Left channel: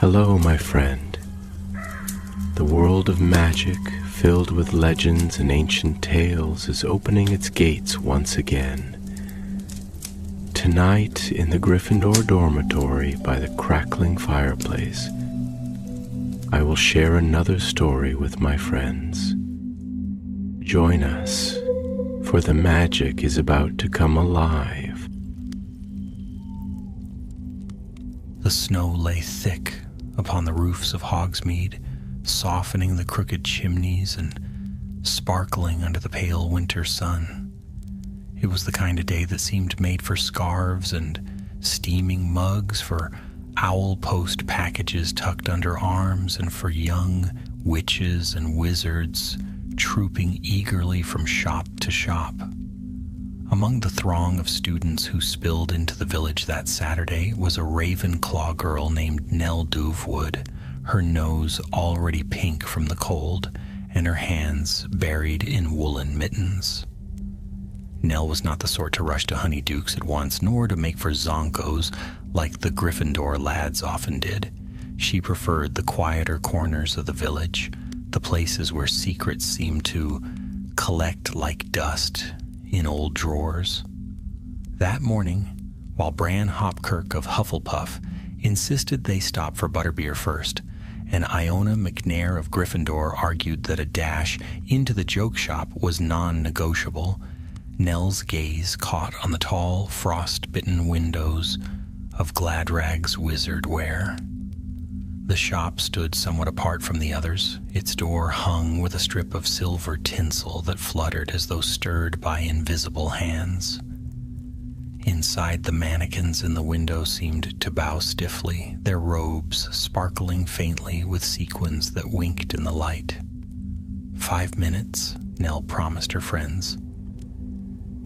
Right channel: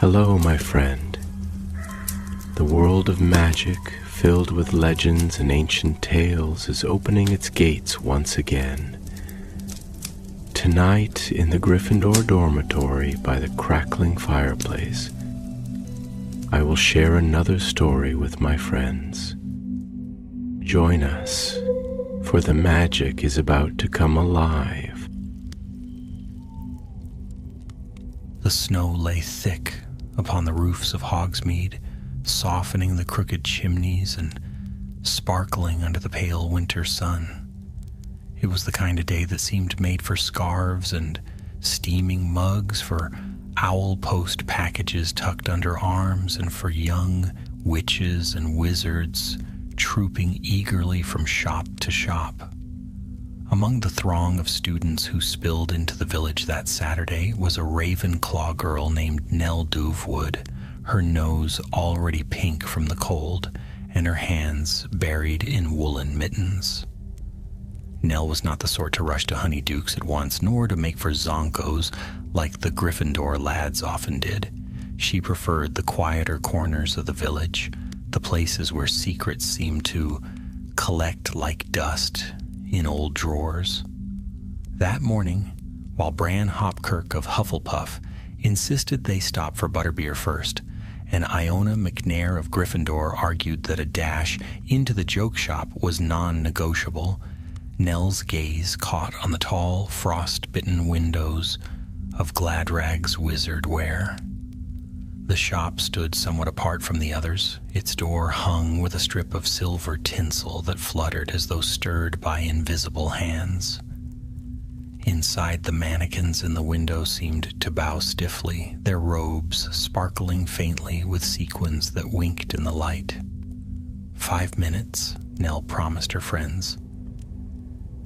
Hello, my friend. The world of magic, filled with legends and ancient tales, is opening its gates once again. Tonight, in the Gryffindor dormitory by the crackling fireplace, I will share another story with my friends. Join us, for the magic is about to come alive. The snow lay thick upon the roofs of Hogsmeade, softening the crooked chimneys and sparkling under the pale winter sun. It was the kind of day that seemed made for scarves and steaming mugs, for owl post packages tucked under arms, and for young witches and wizards trooping eagerly from shop to shop. Among the throng of students who spilled into the village that Saturday was a Ravenclaw girl named Nell Dovewood, her nose already pink from the cold, and her hands buried in woolen mittens. Nell was not the sort to rush to Honeydukes at once, nor to make for Zonkos like the Gryffindor lads often did. She preferred the quieter corners of the village, the places where secrets seemed to collect like dust in old drawers. That morning, while Bran Hopkirk of Hufflepuff insisted they stop for butterbeer first, and Iona McNair of Gryffindor argued that a dash into the joke shop was non-negotiable, Nell's gaze caught on the tall, frost-bitten windows of Gladrag's wizard wear. The shop stood somewhat apart from the others, its door hung with a strip of silver tinsel that fluttered as though stirred by invisible hands. Inside, the mannequins in the window seemed to bow stiffly, their robes sparkling faintly with sequins that winked in the light. 5 minutes, Nell promised her friends.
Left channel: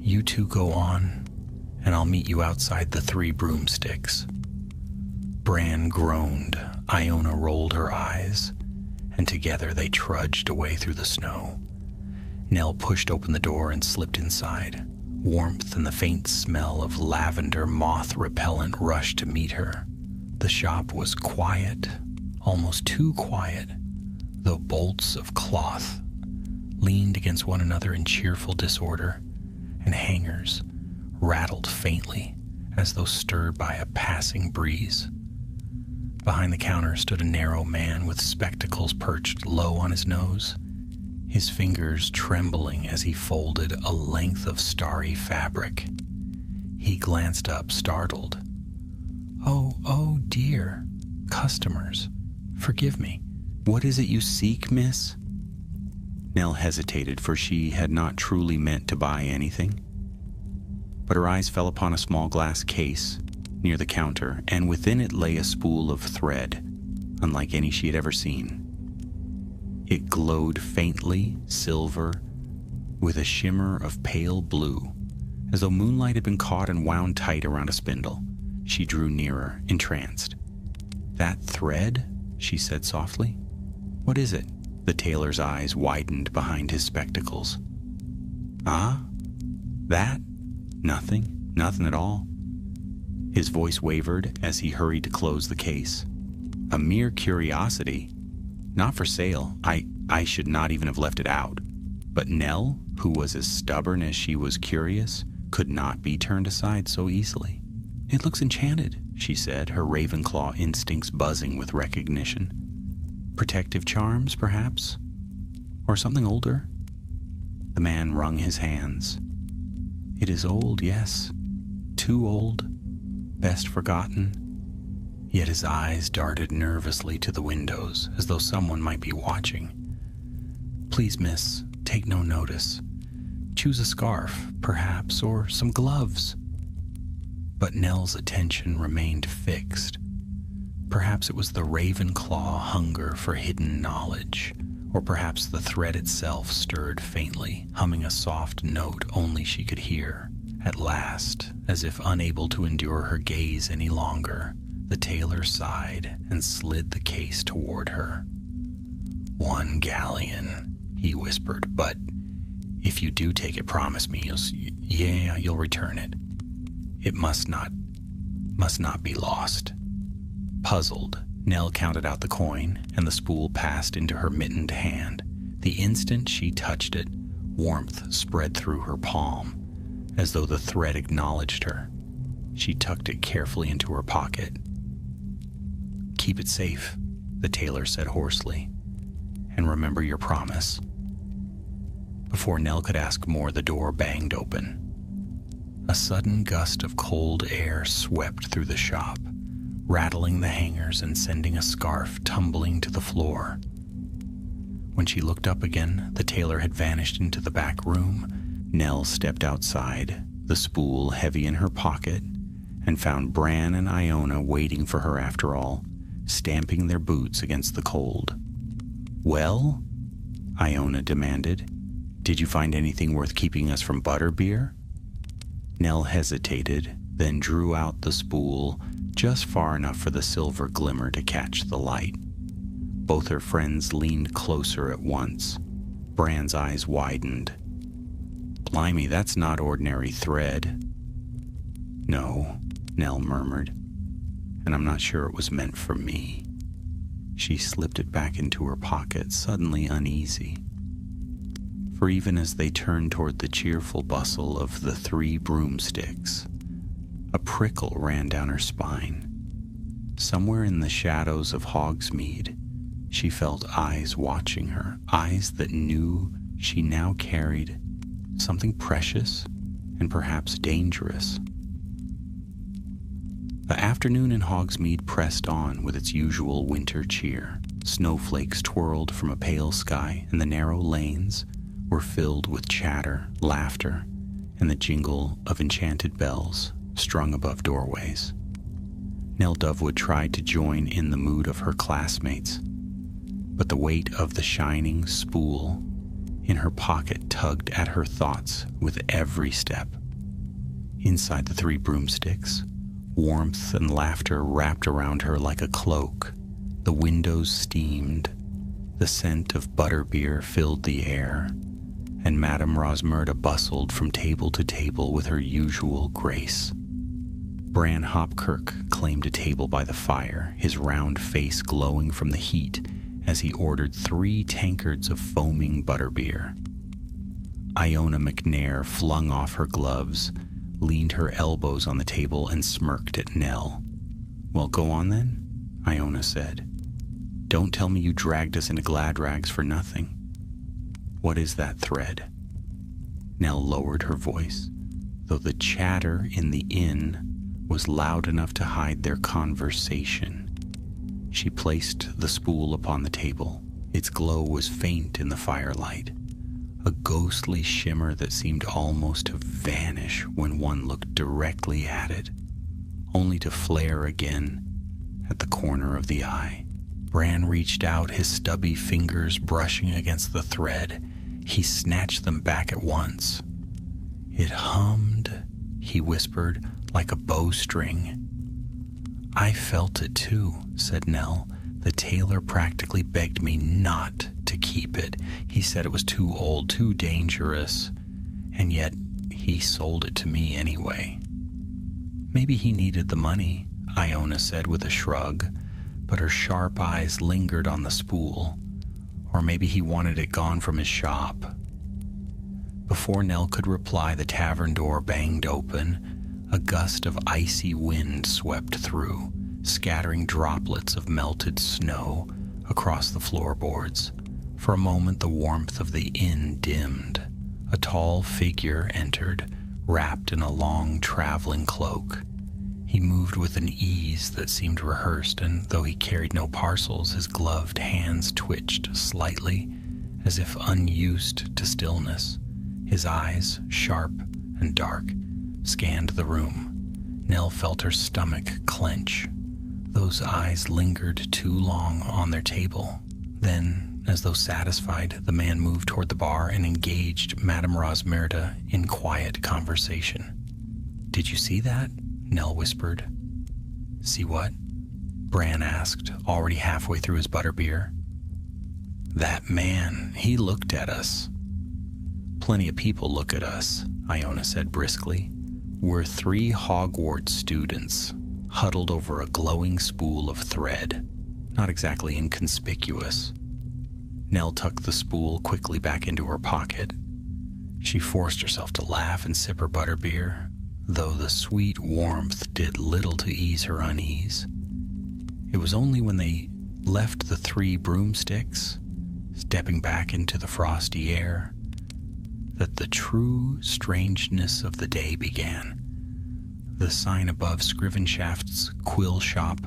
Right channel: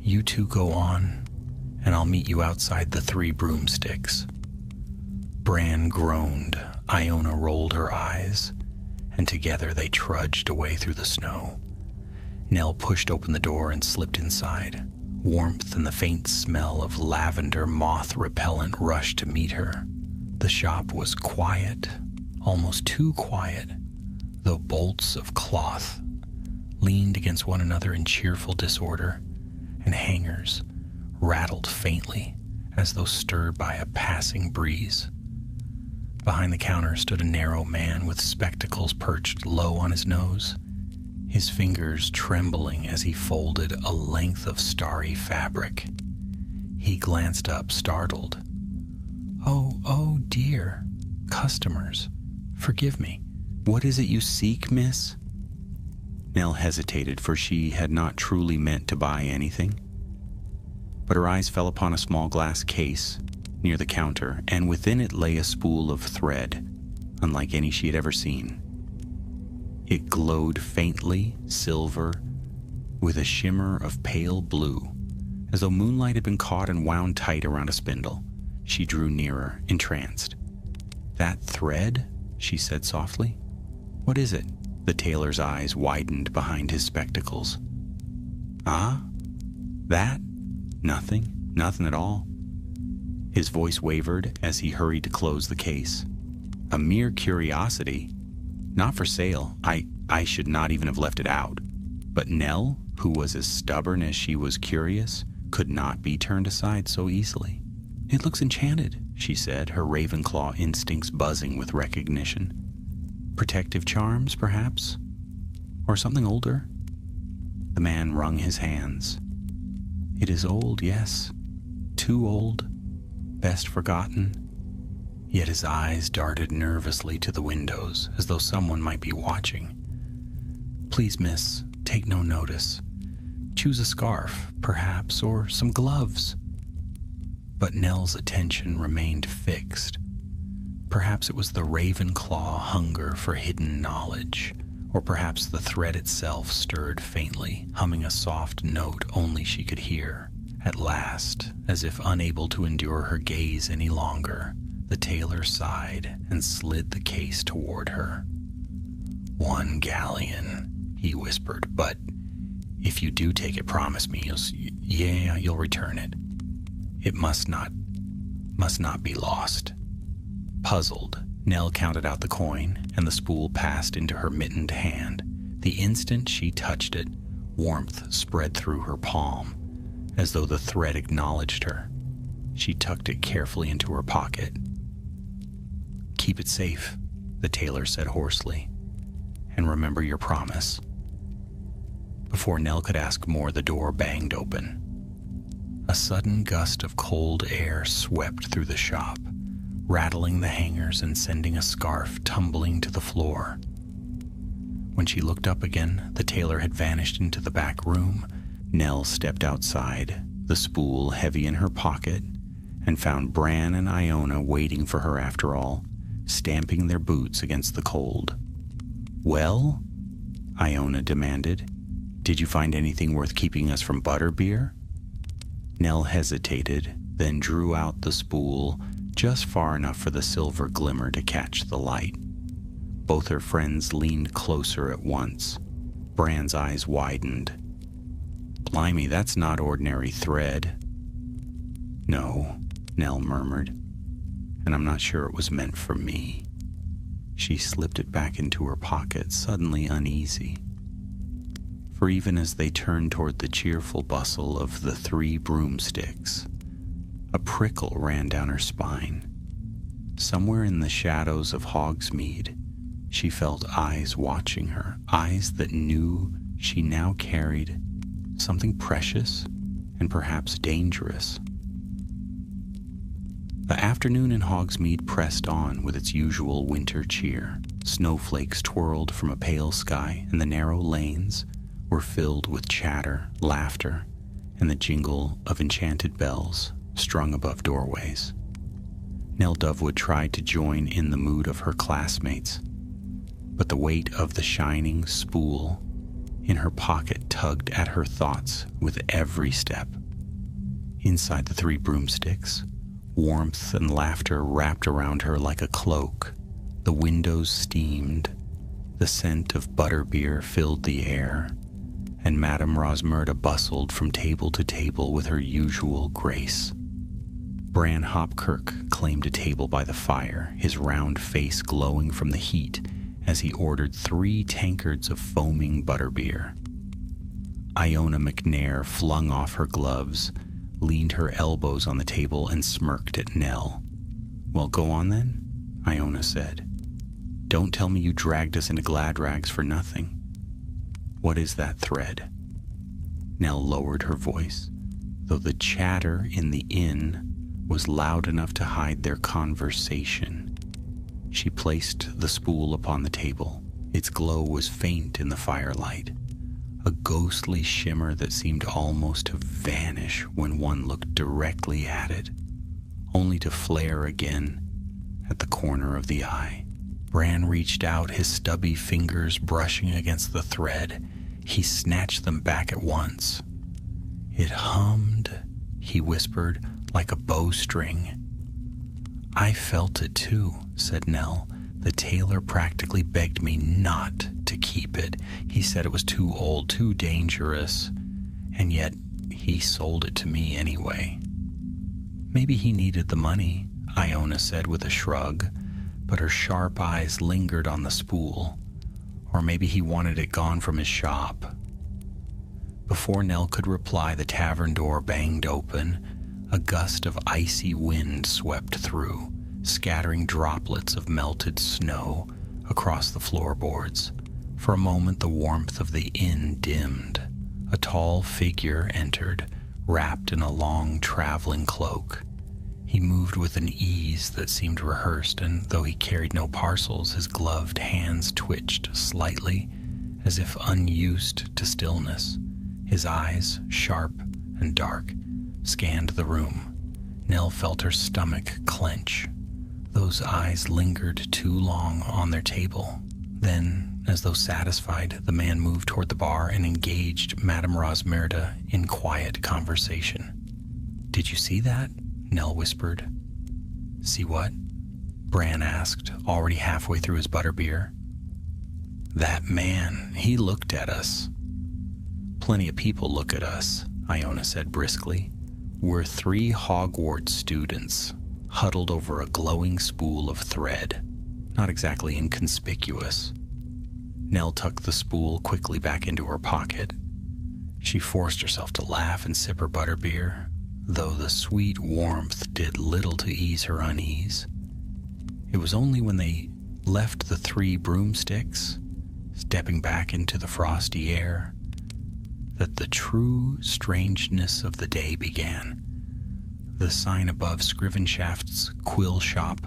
You two go on, and I'll meet you outside the 3 broomsticks. Bran groaned. Iona rolled her eyes, and together they trudged away through the snow. Nell pushed open the door and slipped inside. Warmth and the faint smell of lavender moth repellent rushed to meet her. The shop was quiet, almost too quiet, though bolts of cloth leaned against one another in cheerful disorder, and hangers rattled faintly as though stirred by a passing breeze. Behind the counter stood a narrow man with spectacles perched low on his nose, his fingers trembling as he folded a length of starry fabric. He glanced up, startled. Oh dear. Customers. Forgive me. What is it you seek, miss? Nell hesitated, for she had not truly meant to buy anything. But her eyes fell upon a small glass case near the counter, and within it lay a spool of thread, unlike any she had ever seen. It glowed faintly silver, with a shimmer of pale blue, as though moonlight had been caught and wound tight around a spindle. She drew nearer, entranced. That thread? She said softly. What is it? The tailor's eyes widened behind his spectacles. Ah? That? Nothing at all. His voice wavered as he hurried to close the case. A mere curiosity. Not for sale. I should not even have left it out. But Nell, who was as stubborn as she was curious, could not be turned aside so easily. It looks enchanted, she said, her Ravenclaw instincts buzzing with recognition. Protective charms, perhaps? Or something older? The man wrung his hands. It is old, yes. Too old. Best forgotten. Yet his eyes darted nervously to the windows, as though someone might be watching. Please, miss, take no notice. Choose a scarf, perhaps, or some gloves. But Nell's attention remained fixed. Perhaps it was the Ravenclaw hunger for hidden knowledge, or perhaps the thread itself stirred faintly, humming a soft note only she could hear. At last, as if unable to endure her gaze any longer, the tailor sighed and slid the case toward her. 1 galleon, he whispered, but if you do take it, promise me you'll return it. It must not be lost. Puzzled, Nell counted out the coin, and the spool passed into her mittened hand. The instant she touched it, warmth spread through her palm, as though the thread acknowledged her. She tucked it carefully into her pocket. "Keep it safe," the tailor said hoarsely, "and remember your promise." Before Nell could ask more, the door banged open. A sudden gust of cold air swept through the shop, rattling the hangers and sending a scarf tumbling to the floor. When she looked up again, the tailor had vanished into the back room. Nell stepped outside, the spool heavy in her pocket, and found Bran and Iona waiting for her after all, stamping their boots against the cold. "Well?" Iona demanded. "Did you find anything worth keeping us from butterbeer?" Nell hesitated, then drew out the spool just far enough for the silver glimmer to catch the light. Both her friends leaned closer at once. Bran's eyes widened. "Blimey, that's not ordinary thread." "No," Nell murmured, "and I'm not sure it was meant for me." She slipped it back into her pocket, suddenly uneasy. For even as they turned toward the cheerful bustle of the 3 broomsticks, a prickle ran down her spine. Somewhere in the shadows of Hogsmeade, she felt eyes watching her, eyes that knew she now carried something precious and perhaps dangerous. The afternoon in Hogsmeade pressed on with its usual winter cheer. Snowflakes twirled from a pale sky, and the narrow lanes were filled with chatter, laughter, and the jingle of enchanted bells strung above doorways. Nell Dovewood tried to join in the mood of her classmates, but the weight of the shining spool in her pocket tugged at her thoughts with every step. Inside the 3 broomsticks, warmth and laughter wrapped around her like a cloak. The windows steamed, the scent of butterbeer filled the air, and Madame Rosmerta bustled from table to table with her usual grace. Bran Hopkirk claimed a table by the fire, his round face glowing from the heat as he ordered 3 tankards of foaming butterbeer. Iona McNair flung off her gloves, leaned her elbows on the table, and smirked at Nell. "Well, go on then," Iona said. "Don't tell me you dragged us into Gladrags for nothing. What is that thread?" Nell lowered her voice, though the chatter in the inn was loud enough to hide their conversation. She placed the spool upon the table. Its glow was faint in the firelight, a ghostly shimmer that seemed almost to vanish when one looked directly at it, only to flare again at the corner of the eye. Bran reached out, his stubby fingers brushing against the thread. He snatched them back at once. "It hummed," he whispered, "like a bowstring." "I felt it too," said Nell. "The tailor practically begged me not to keep it. He said it was too old, too dangerous, and yet he sold it to me anyway." "Maybe he needed the money," Iona said with a shrug, but her sharp eyes lingered on the spool. "Or maybe he wanted it gone from his shop." Before Nell could reply, the tavern door banged open. A gust of icy wind swept through, scattering droplets of melted snow across the floorboards. For a moment, the warmth of the inn dimmed. A tall figure entered, wrapped in a long traveling cloak. He moved with an ease that seemed rehearsed, and though he carried no parcels, his gloved hands twitched slightly, as if unused to stillness. His eyes, sharp and dark, scanned the room. Nell felt her stomach clench. Those eyes lingered too long on their table. Then, as though satisfied, the man moved toward the bar and engaged Madame Rosmerta in quiet conversation. "Did you see that?" Nell whispered. "See what?" Bran asked, already halfway through his butterbeer. "That man, he looked at us." "Plenty of people look at us," Iona said briskly. "We're 3 Hogwarts students, huddled over a glowing spool of thread." not exactly inconspicuous. Nell tucked the spool quickly back into her pocket. She forced herself to laugh and sip her butterbeer, though the sweet warmth did little to ease her unease. It was only when they left the 3 broomsticks, stepping back into the frosty air, that the true strangeness of the day began. The sign above Scrivenshaft's quill shop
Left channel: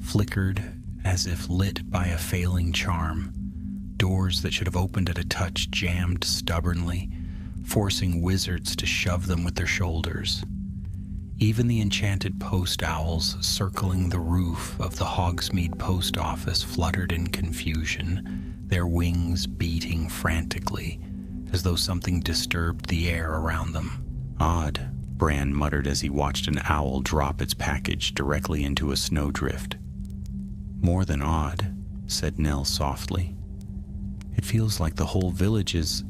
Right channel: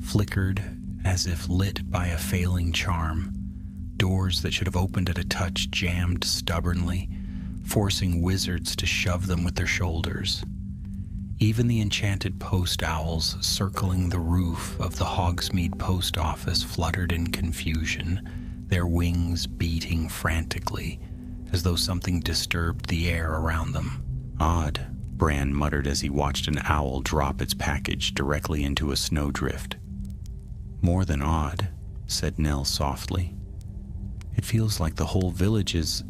flickered as if lit by a failing charm. Doors that should have opened at a touch jammed stubbornly, forcing wizards to shove them with their shoulders. Even the enchanted post owls circling the roof of the Hogsmeade post office fluttered in confusion, their wings beating frantically, as though something disturbed the air around them. "Odd," Bran muttered as he watched an owl drop its package directly into a snowdrift. "More than odd," said Nell softly. "It feels like the whole village is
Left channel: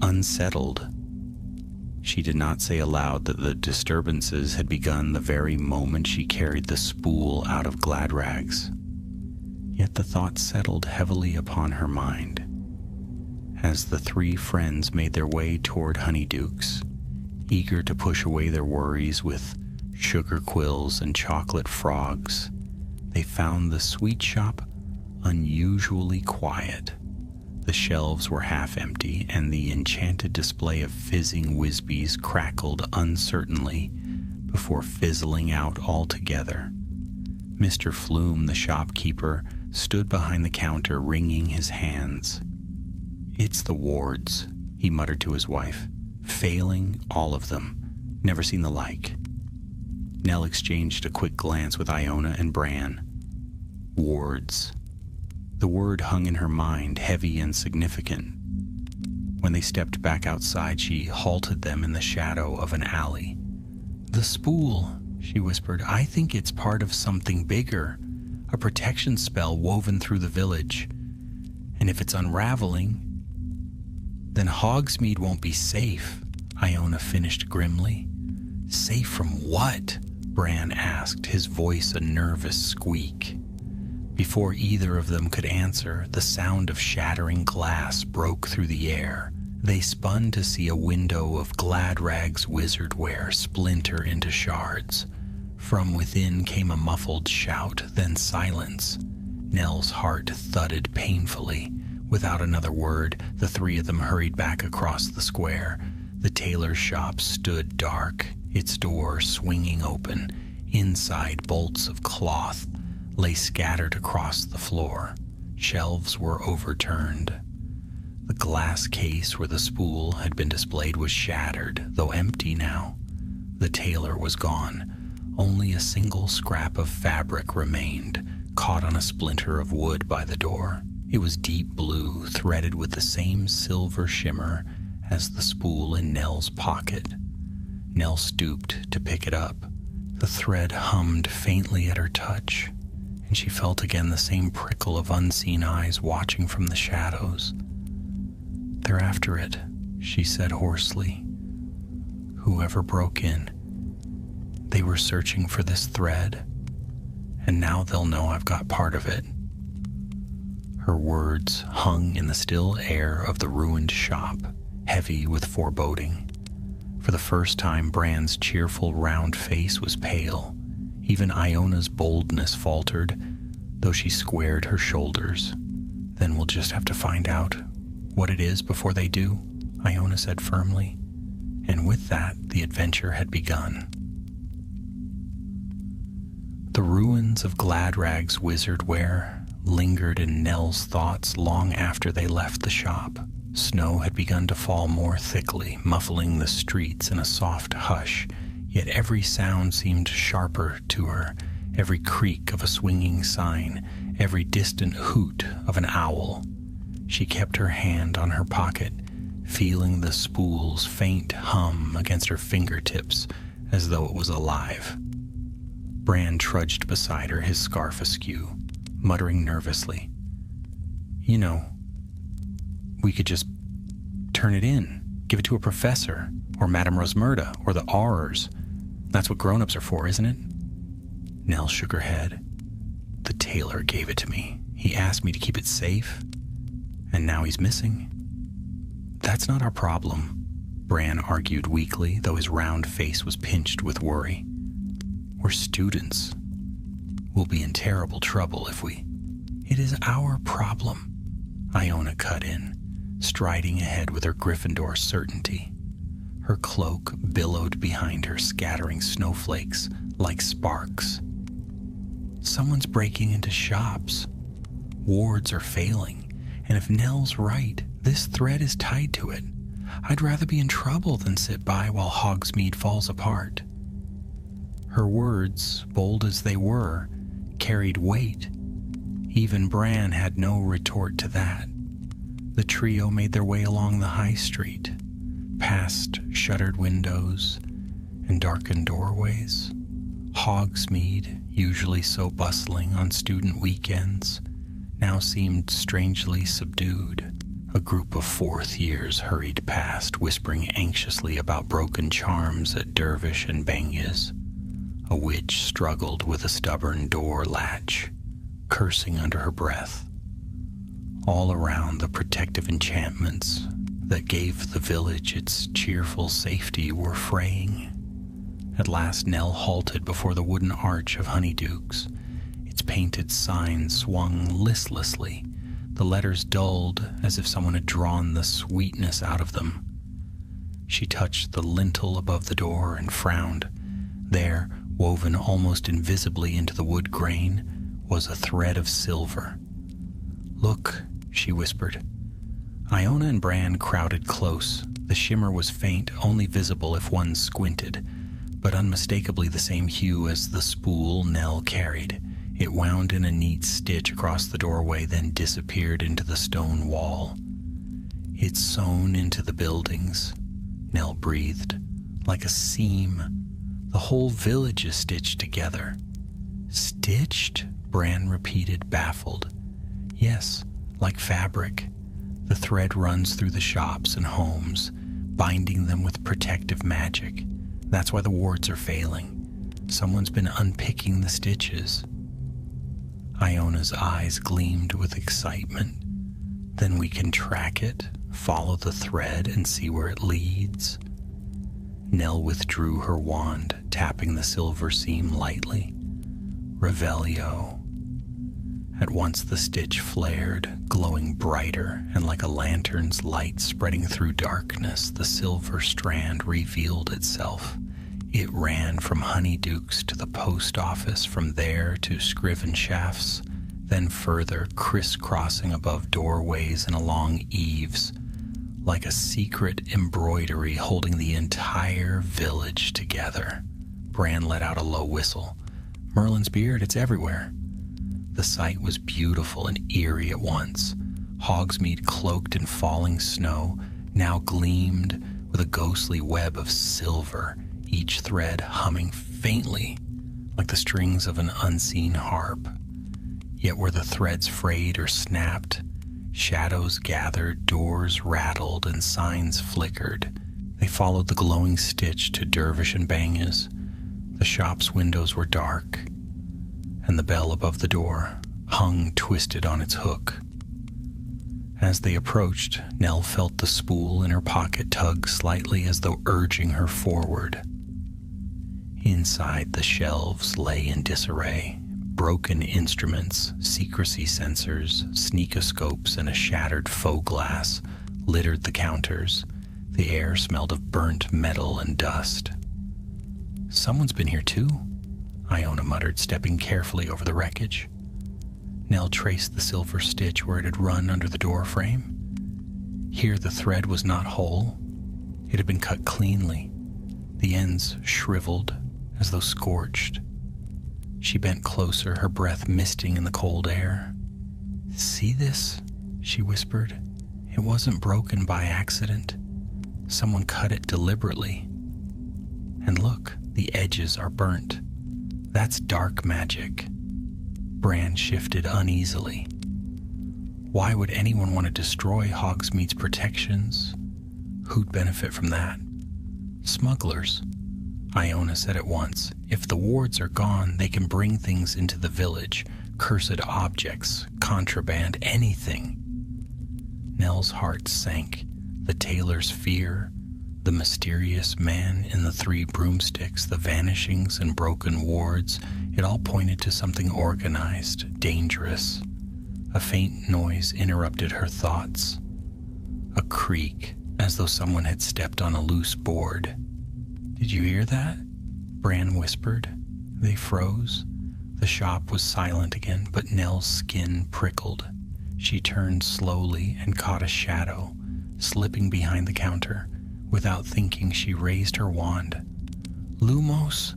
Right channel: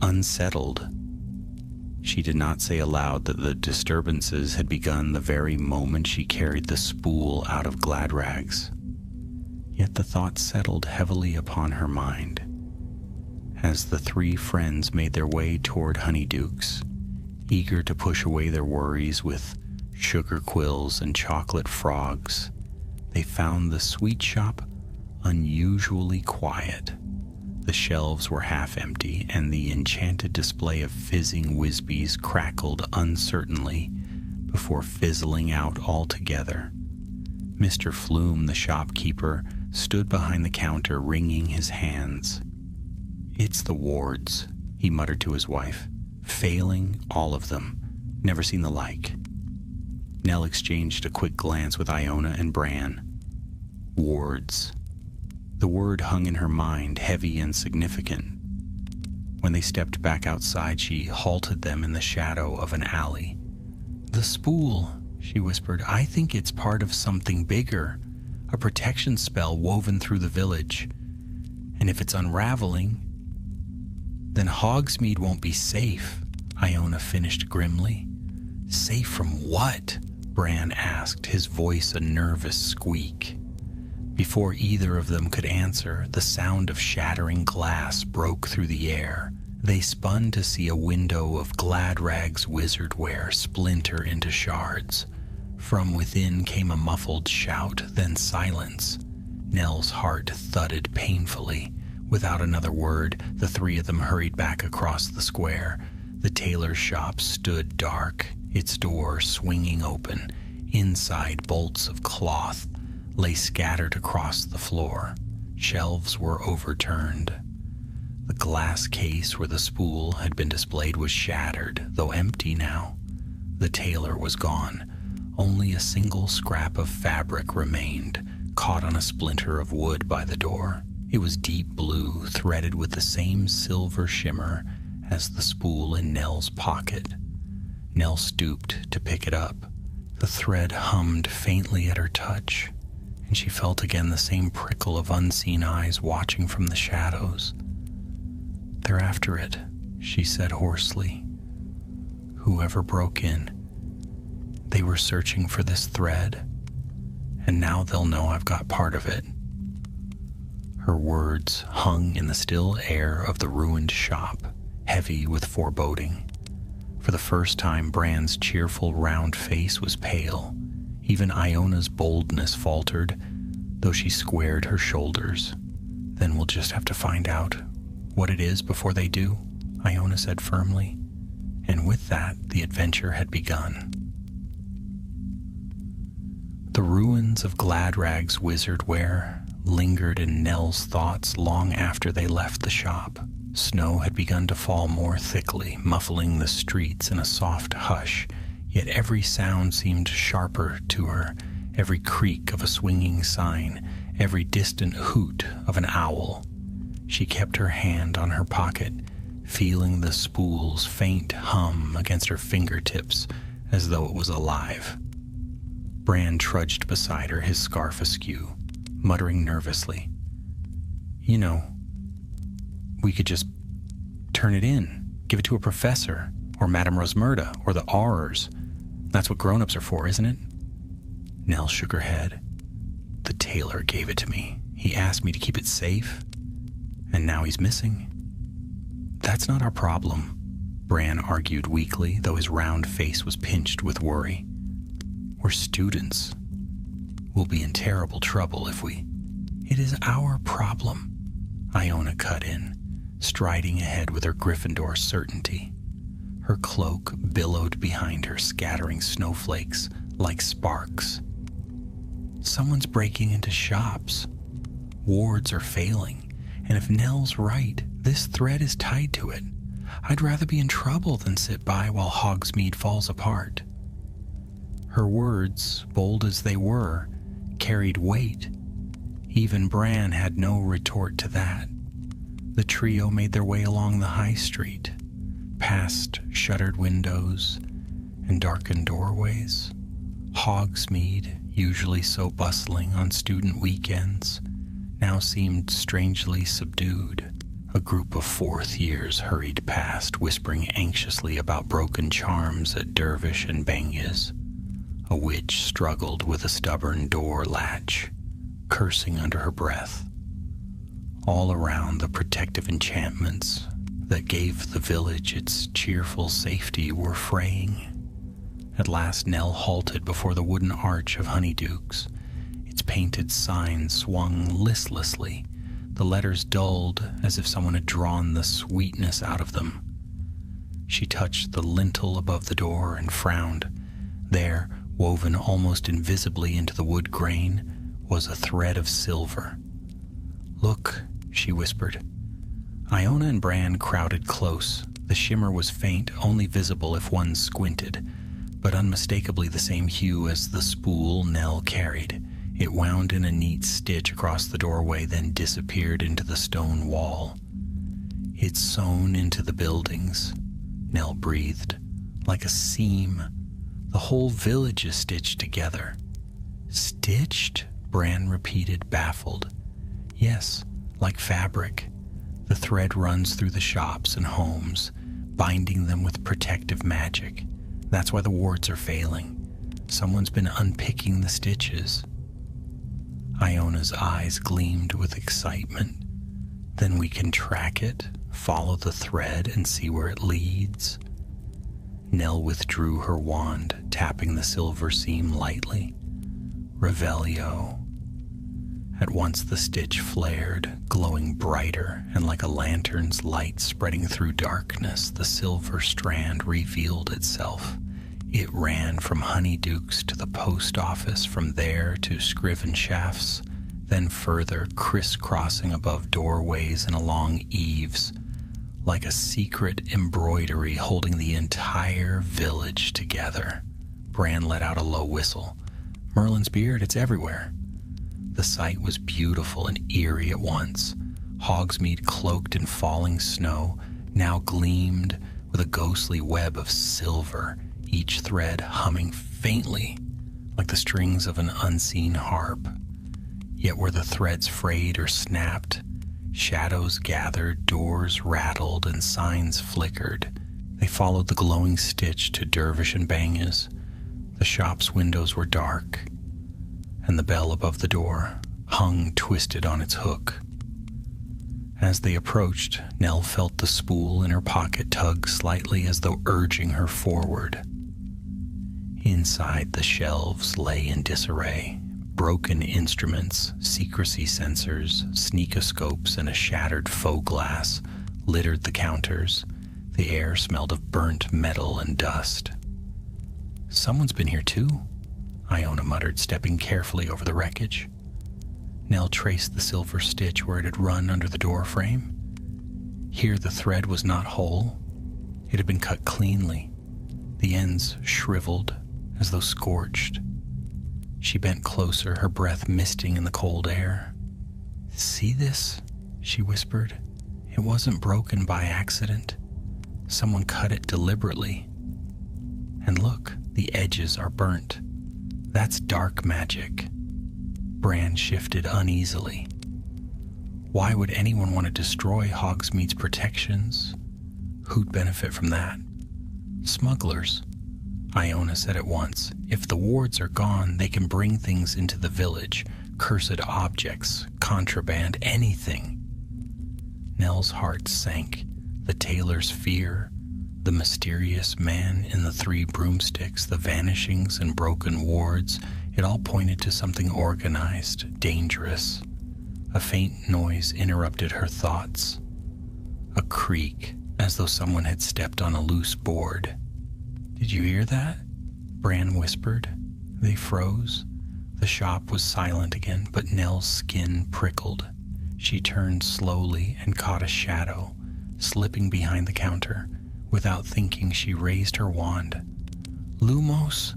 unsettled." She did not say aloud that the disturbances had begun the very moment she carried the spool out of Gladrags. Yet the thought settled heavily upon her mind. As the 3 friends made their way toward Honeydukes, eager to push away their worries with sugar quills and chocolate frogs, they found the sweet shop unusually quiet. The shelves were half empty, and the enchanted display of fizzing Whizbees crackled uncertainly before fizzling out altogether. Mr. Flume, the shopkeeper, stood behind the counter wringing his hands. "It's the wards," he muttered to his wife. "Failing, all of them. Never seen the like." Nell exchanged a quick glance with Iona and Bran. Wards. The word hung in her mind, heavy and significant. When they stepped back outside, she halted them in the shadow of an alley. "The spool," she whispered. "I think it's part of something bigger, a protection spell woven through the village. And if it's unraveling, then Hogsmeade won't be safe," Iona finished grimly. "Safe from what?" Bran asked, his voice a nervous squeak. Before either of them could answer, the sound of shattering glass broke through the air. They spun to see a window of Gladrag's wizardware splinter into shards. From within came a muffled shout, then silence. Nell's heart thudded painfully. Without another word, the 3 of them hurried back across the square. The tailor's shop stood dark, its door swinging open. Inside, bolts of cloth lay scattered across the floor. Shelves were overturned. The glass case where the spool had been displayed was shattered, though empty now. The tailor was gone. Only a single scrap of fabric remained, caught on a splinter of wood by the door. It was deep blue, threaded with the same silver shimmer as the spool in Nell's pocket. Nell stooped to pick it up. The thread hummed faintly at her touch, and she felt again the same prickle of unseen eyes watching from the shadows. "They're after it," she said hoarsely. "Whoever broke in. They were searching for this thread, and now they'll know I've got part of it." Her words hung in the still air of the ruined shop, heavy with foreboding. For the first time, Bran's cheerful round face was pale. Even Iona's boldness faltered, though she squared her shoulders. "Then we'll just have to find out what it is before they do," Iona said firmly. And with that, the adventure had begun. The ruins of Gladrag's wizardware lingered in Nell's thoughts long after they left the shop. Snow had begun to fall more thickly, muffling the streets in a soft hush, yet every sound seemed sharper to her, every creak of a swinging sign, every distant hoot of an owl. She kept her hand on her pocket, feeling the spool's faint hum against her fingertips as though it was alive. Bran trudged beside her, his scarf askew, muttering nervously. "You know, we could just turn it in, give it to a professor, or Madame Rosmerta, or the Aurors. That's what grown-ups are for, isn't it?" Nell shook her head. The tailor gave it to me. He asked me to keep it safe, and now he's missing. That's not our problem, Bran argued weakly, though his round face was pinched with worry. We're students. We'll be in terrible trouble if we... It is our problem, Iona cut in, striding ahead with her Gryffindor certainty. Her cloak billowed behind her, scattering snowflakes like sparks. Someone's breaking into shops. Wards are failing, and if Nell's right, this thread is tied to it. I'd rather be in trouble than sit by while Hogsmeade falls apart. Her words, bold as they were, carried weight. Even Bran had no retort to that. The trio made their way along the high street, past shuttered windows and darkened doorways. Hogsmeade, usually so bustling on student weekends, now seemed strangely subdued. A group of fourth years hurried past, whispering anxiously about broken charms at Dervish and Bangya's. A witch struggled with a stubborn door latch, cursing under her breath. All around, the protective enchantments that gave the village its cheerful safety were fraying. At last Nell halted before the wooden arch of Honeydukes. Its painted sign swung listlessly, the letters dulled as if someone had drawn the sweetness out of them. She touched the lintel above the door and frowned. There, woven almost invisibly into the wood grain, was a thread of silver. "Look," she whispered. Iona and Bran crowded close. The shimmer was faint, only visible if one squinted, but unmistakably the same hue as the spool Nell carried. It wound in a neat stitch across the doorway, then disappeared into the stone wall. "It's sewn into the buildings," Nell breathed, "like a seam. The whole village is stitched together." "Stitched?" Bran repeated, baffled. "Yes, like fabric. The thread runs through the shops and homes, binding them with protective magic. That's why the wards are failing. Someone's been unpicking the stitches." Iona's eyes gleamed with excitement. "Then we can track it, follow the thread, and see where it leads?" Nell withdrew her wand, tapping the silver seam lightly. "Revelio." At once the stitch flared, glowing brighter, and like a lantern's light spreading through darkness, the silver strand revealed itself. It ran from Honeydukes to the post office, from there to Scriven Shafts, then further, crisscrossing above doorways and along eaves, like a secret embroidery holding the entire village together. Bran let out a low whistle. "Merlin's beard, it's everywhere." The sight was beautiful and eerie at once. Hogsmeade, cloaked in falling snow, now gleamed with a ghostly web of silver, each thread humming faintly like the strings of an unseen harp. Yet where the threads frayed or snapped, shadows gathered, doors rattled, and signs flickered. They followed the glowing stitch to Dervish and Bangya's. The shop's windows were dark, and the bell above the door hung twisted on its hook. As they approached, Nell felt the spool in her pocket tug slightly as though urging her forward. Inside, the shelves lay in disarray. Broken instruments, secrecy sensors, sneakoscopes, and a shattered faux glass littered the counters. The air smelled of burnt metal and dust. "Someone's been here too," Iona muttered, stepping carefully over the wreckage. Nell traced the silver stitch where it had run under the door frame. Here the thread was not whole. It had been cut cleanly, the ends shriveled as though scorched. She bent closer, her breath misting in the cold air. "See this?" she whispered. "It wasn't broken by accident. Someone cut it deliberately. And look, the edges are burnt. That's dark magic." Bran shifted uneasily. Why would anyone want to destroy Hogsmeade's protections? Who'd benefit from that? Smugglers, Iona said at once. If the wards are gone, they can bring things into the village, Cursed objects, contraband, anything. Nell's heart sank. The tailor's fear, the mysterious man in the 3 broomsticks, the vanishings and broken wards, it all pointed to something organized, dangerous. A faint noise interrupted her thoughts. A creak, as though someone had stepped on a loose board. "Did you hear that?" Bran whispered. They froze. The shop was silent again, but Nell's skin prickled. She turned slowly and caught a shadow, slipping behind the counter. Without thinking, she raised her wand. "Lumos?"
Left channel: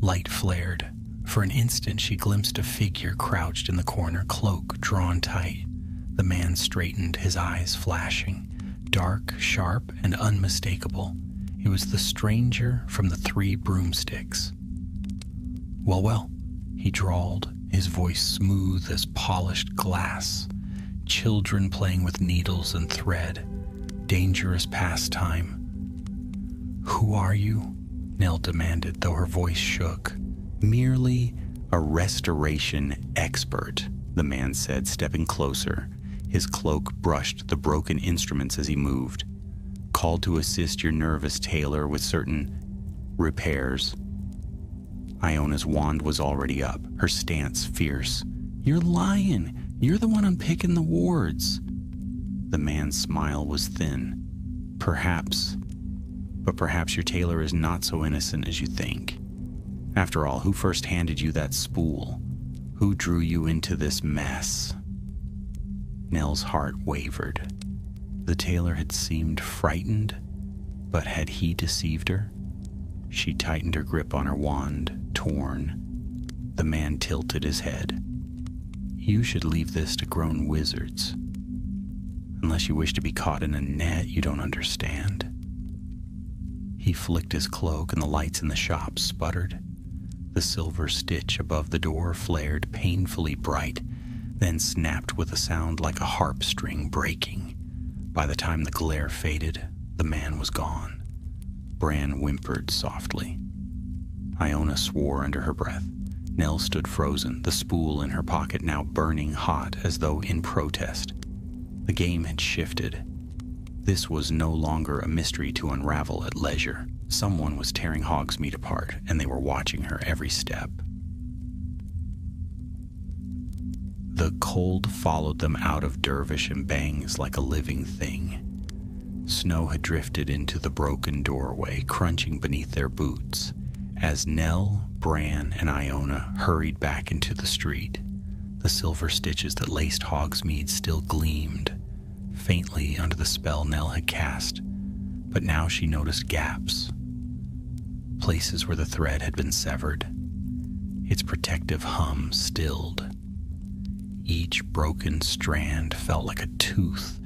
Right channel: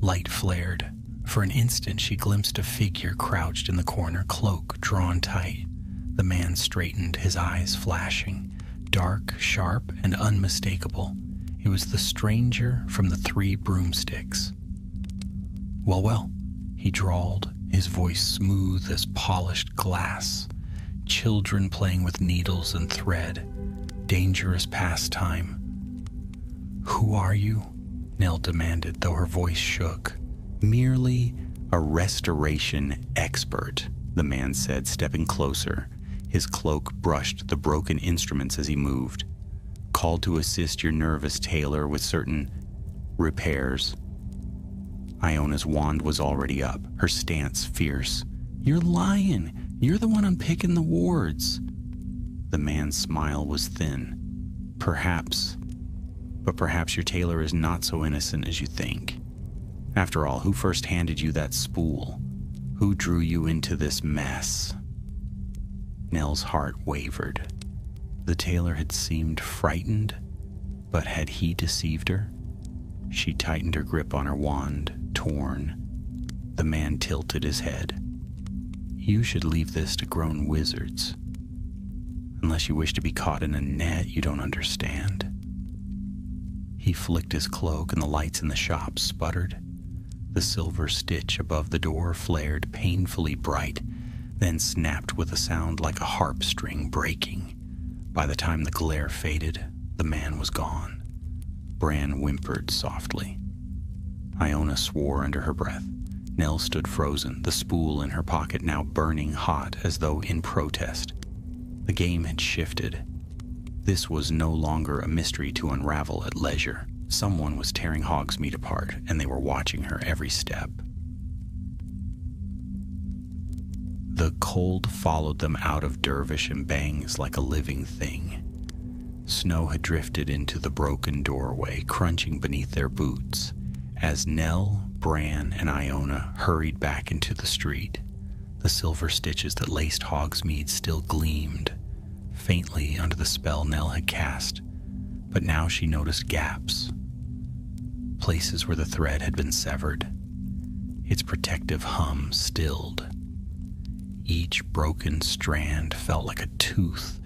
Light flared. For an instant, she glimpsed a figure crouched in the corner, cloak drawn tight. The man straightened, his eyes flashing, dark, sharp, and unmistakable. It was the stranger from the 3 broomsticks. "Well, well," he drawled, his voice smooth as polished glass. Children playing with needles and thread. Dangerous pastime. "Who are you?" Nell demanded, though her voice shook. "Merely a restoration expert," the man said, stepping closer. His cloak brushed the broken instruments as he moved. "Called to assist your nervous tailor with certain repairs." Iona's wand was already up, her stance fierce. "You're lying. You're the one unpicking the wards." The man's smile was thin. "Perhaps. But perhaps your tailor is not so innocent as you think. After all, who first handed you that spool? Who drew you into this mess?" Nell's heart wavered. The tailor had seemed frightened, but had he deceived her? She tightened her grip on her wand, torn. The man tilted his head. "You should leave this to grown wizards. Unless you wish to be caught in a net you don't understand." He flicked his cloak and the lights in the shop sputtered. The silver stitch above the door flared painfully bright, then snapped with a sound like a harp string breaking. By the time the glare faded, the man was gone. Bran whimpered softly. Iona swore under her breath. Nell stood frozen, the spool in her pocket now burning hot as though in protest. The game had shifted. This was no longer a mystery to unravel at leisure. Someone was tearing Hogsmeade apart, and they were watching her every step. The cold followed them out of Dervish and Bangs like a living thing. Snow had drifted into the broken doorway, crunching beneath their boots, as Nell, Bran, and Iona hurried back into the street. The silver stitches that laced Hogsmeade still gleamed, faintly under the spell Nell had cast, but now she noticed gaps, places where the thread had been severed. Its protective hum stilled. Each broken strand felt like a tooth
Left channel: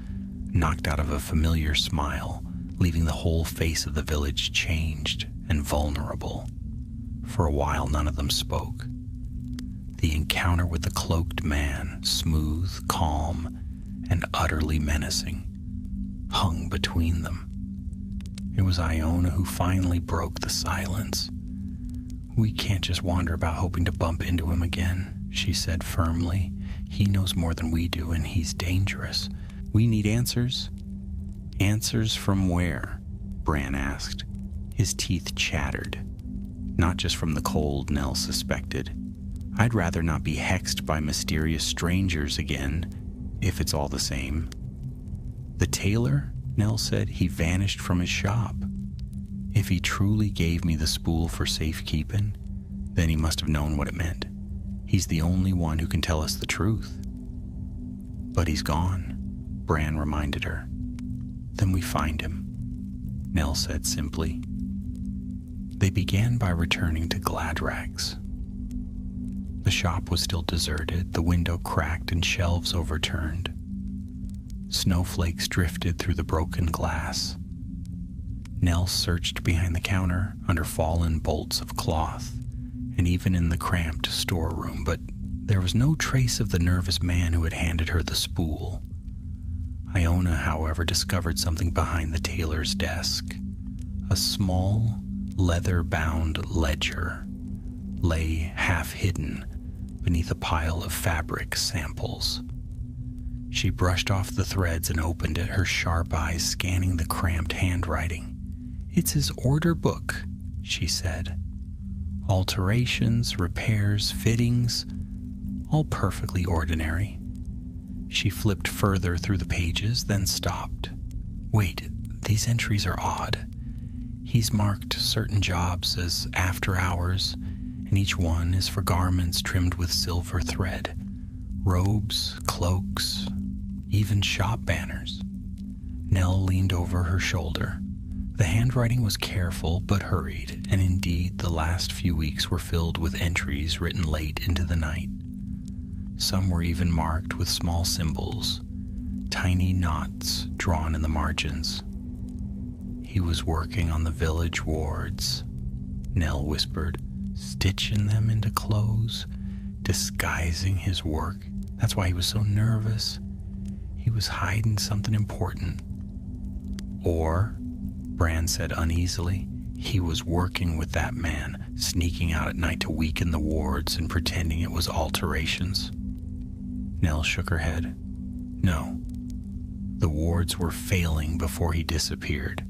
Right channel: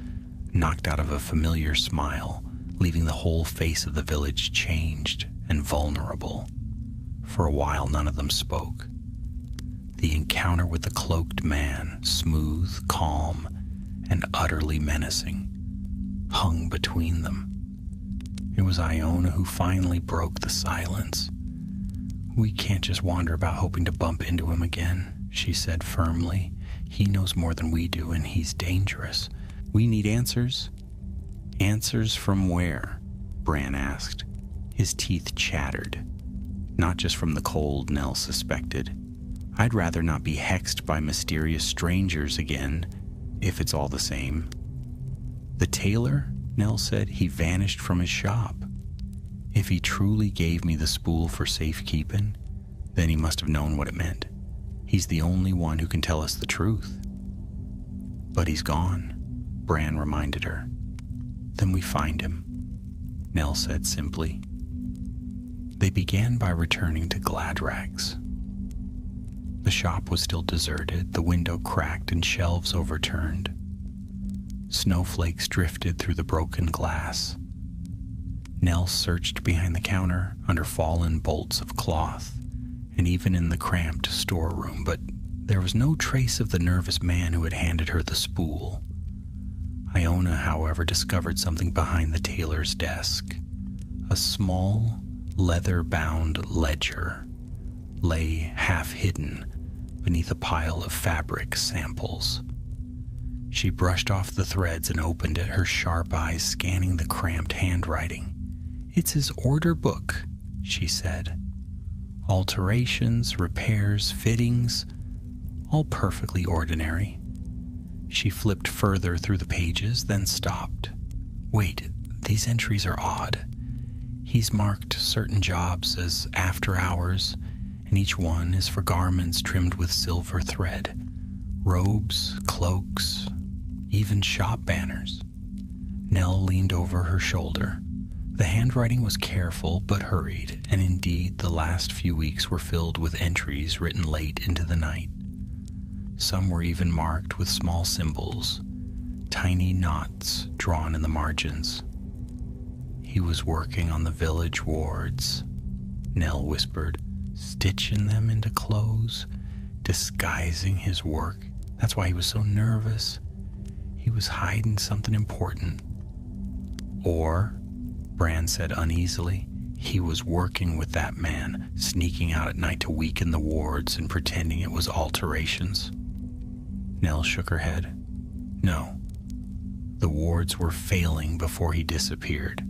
knocked out of a familiar smile, leaving the whole face of the village changed and vulnerable. For a while, none of them spoke. The encounter with the cloaked man, smooth, calm, and utterly menacing, hung between them. It was Iona who finally broke the silence. "We can't just wander about hoping to bump into him again," she said firmly. "He knows more than we do, and he's dangerous. We need answers." "Answers from where?" Bran asked. His teeth chattered. Not just from the cold, Nell suspected. "I'd rather not be hexed by mysterious strangers again, if it's all the same." "The tailor?" Nell said. "He vanished from his shop. If he truly gave me the spool for safekeeping, then he must have known what it meant. He's the only one who can tell us the truth." "But he's gone," Bran reminded her. "Then we find him," Nell said simply. They began by returning to Gladrag's. The shop was still deserted, the window cracked and shelves overturned. Snowflakes drifted through the broken glass. Nell searched behind the counter, under fallen bolts of cloth, and even in the cramped storeroom, but there was no trace of the nervous man who had handed her the spool. Iona, however, discovered something behind the tailor's desk. A small, leather-bound ledger lay half hidden, beneath a pile of fabric samples. She brushed off the threads and opened it, her sharp eyes scanning the cramped handwriting. "It's his order book," she said. "Alterations, repairs, fittings, all perfectly ordinary." She flipped further through the pages, then stopped. "Wait, these entries are odd. He's marked certain jobs as after hours, and each one is for garments trimmed with silver thread. Robes, cloaks, even shop banners." Nell leaned over her shoulder. The handwriting was careful but hurried, and indeed the last few weeks were filled with entries written late into the night. Some were even marked with small symbols, tiny knots drawn in the margins. "He was working on the village wards," Nell whispered, "stitching them into clothes, disguising his work. That's why he was so nervous. He was hiding something important." "Or," Bran said uneasily, "he was working with that man, sneaking out at night to weaken the wards and pretending it was alterations." Nell shook her head. "No. The wards were failing before he disappeared.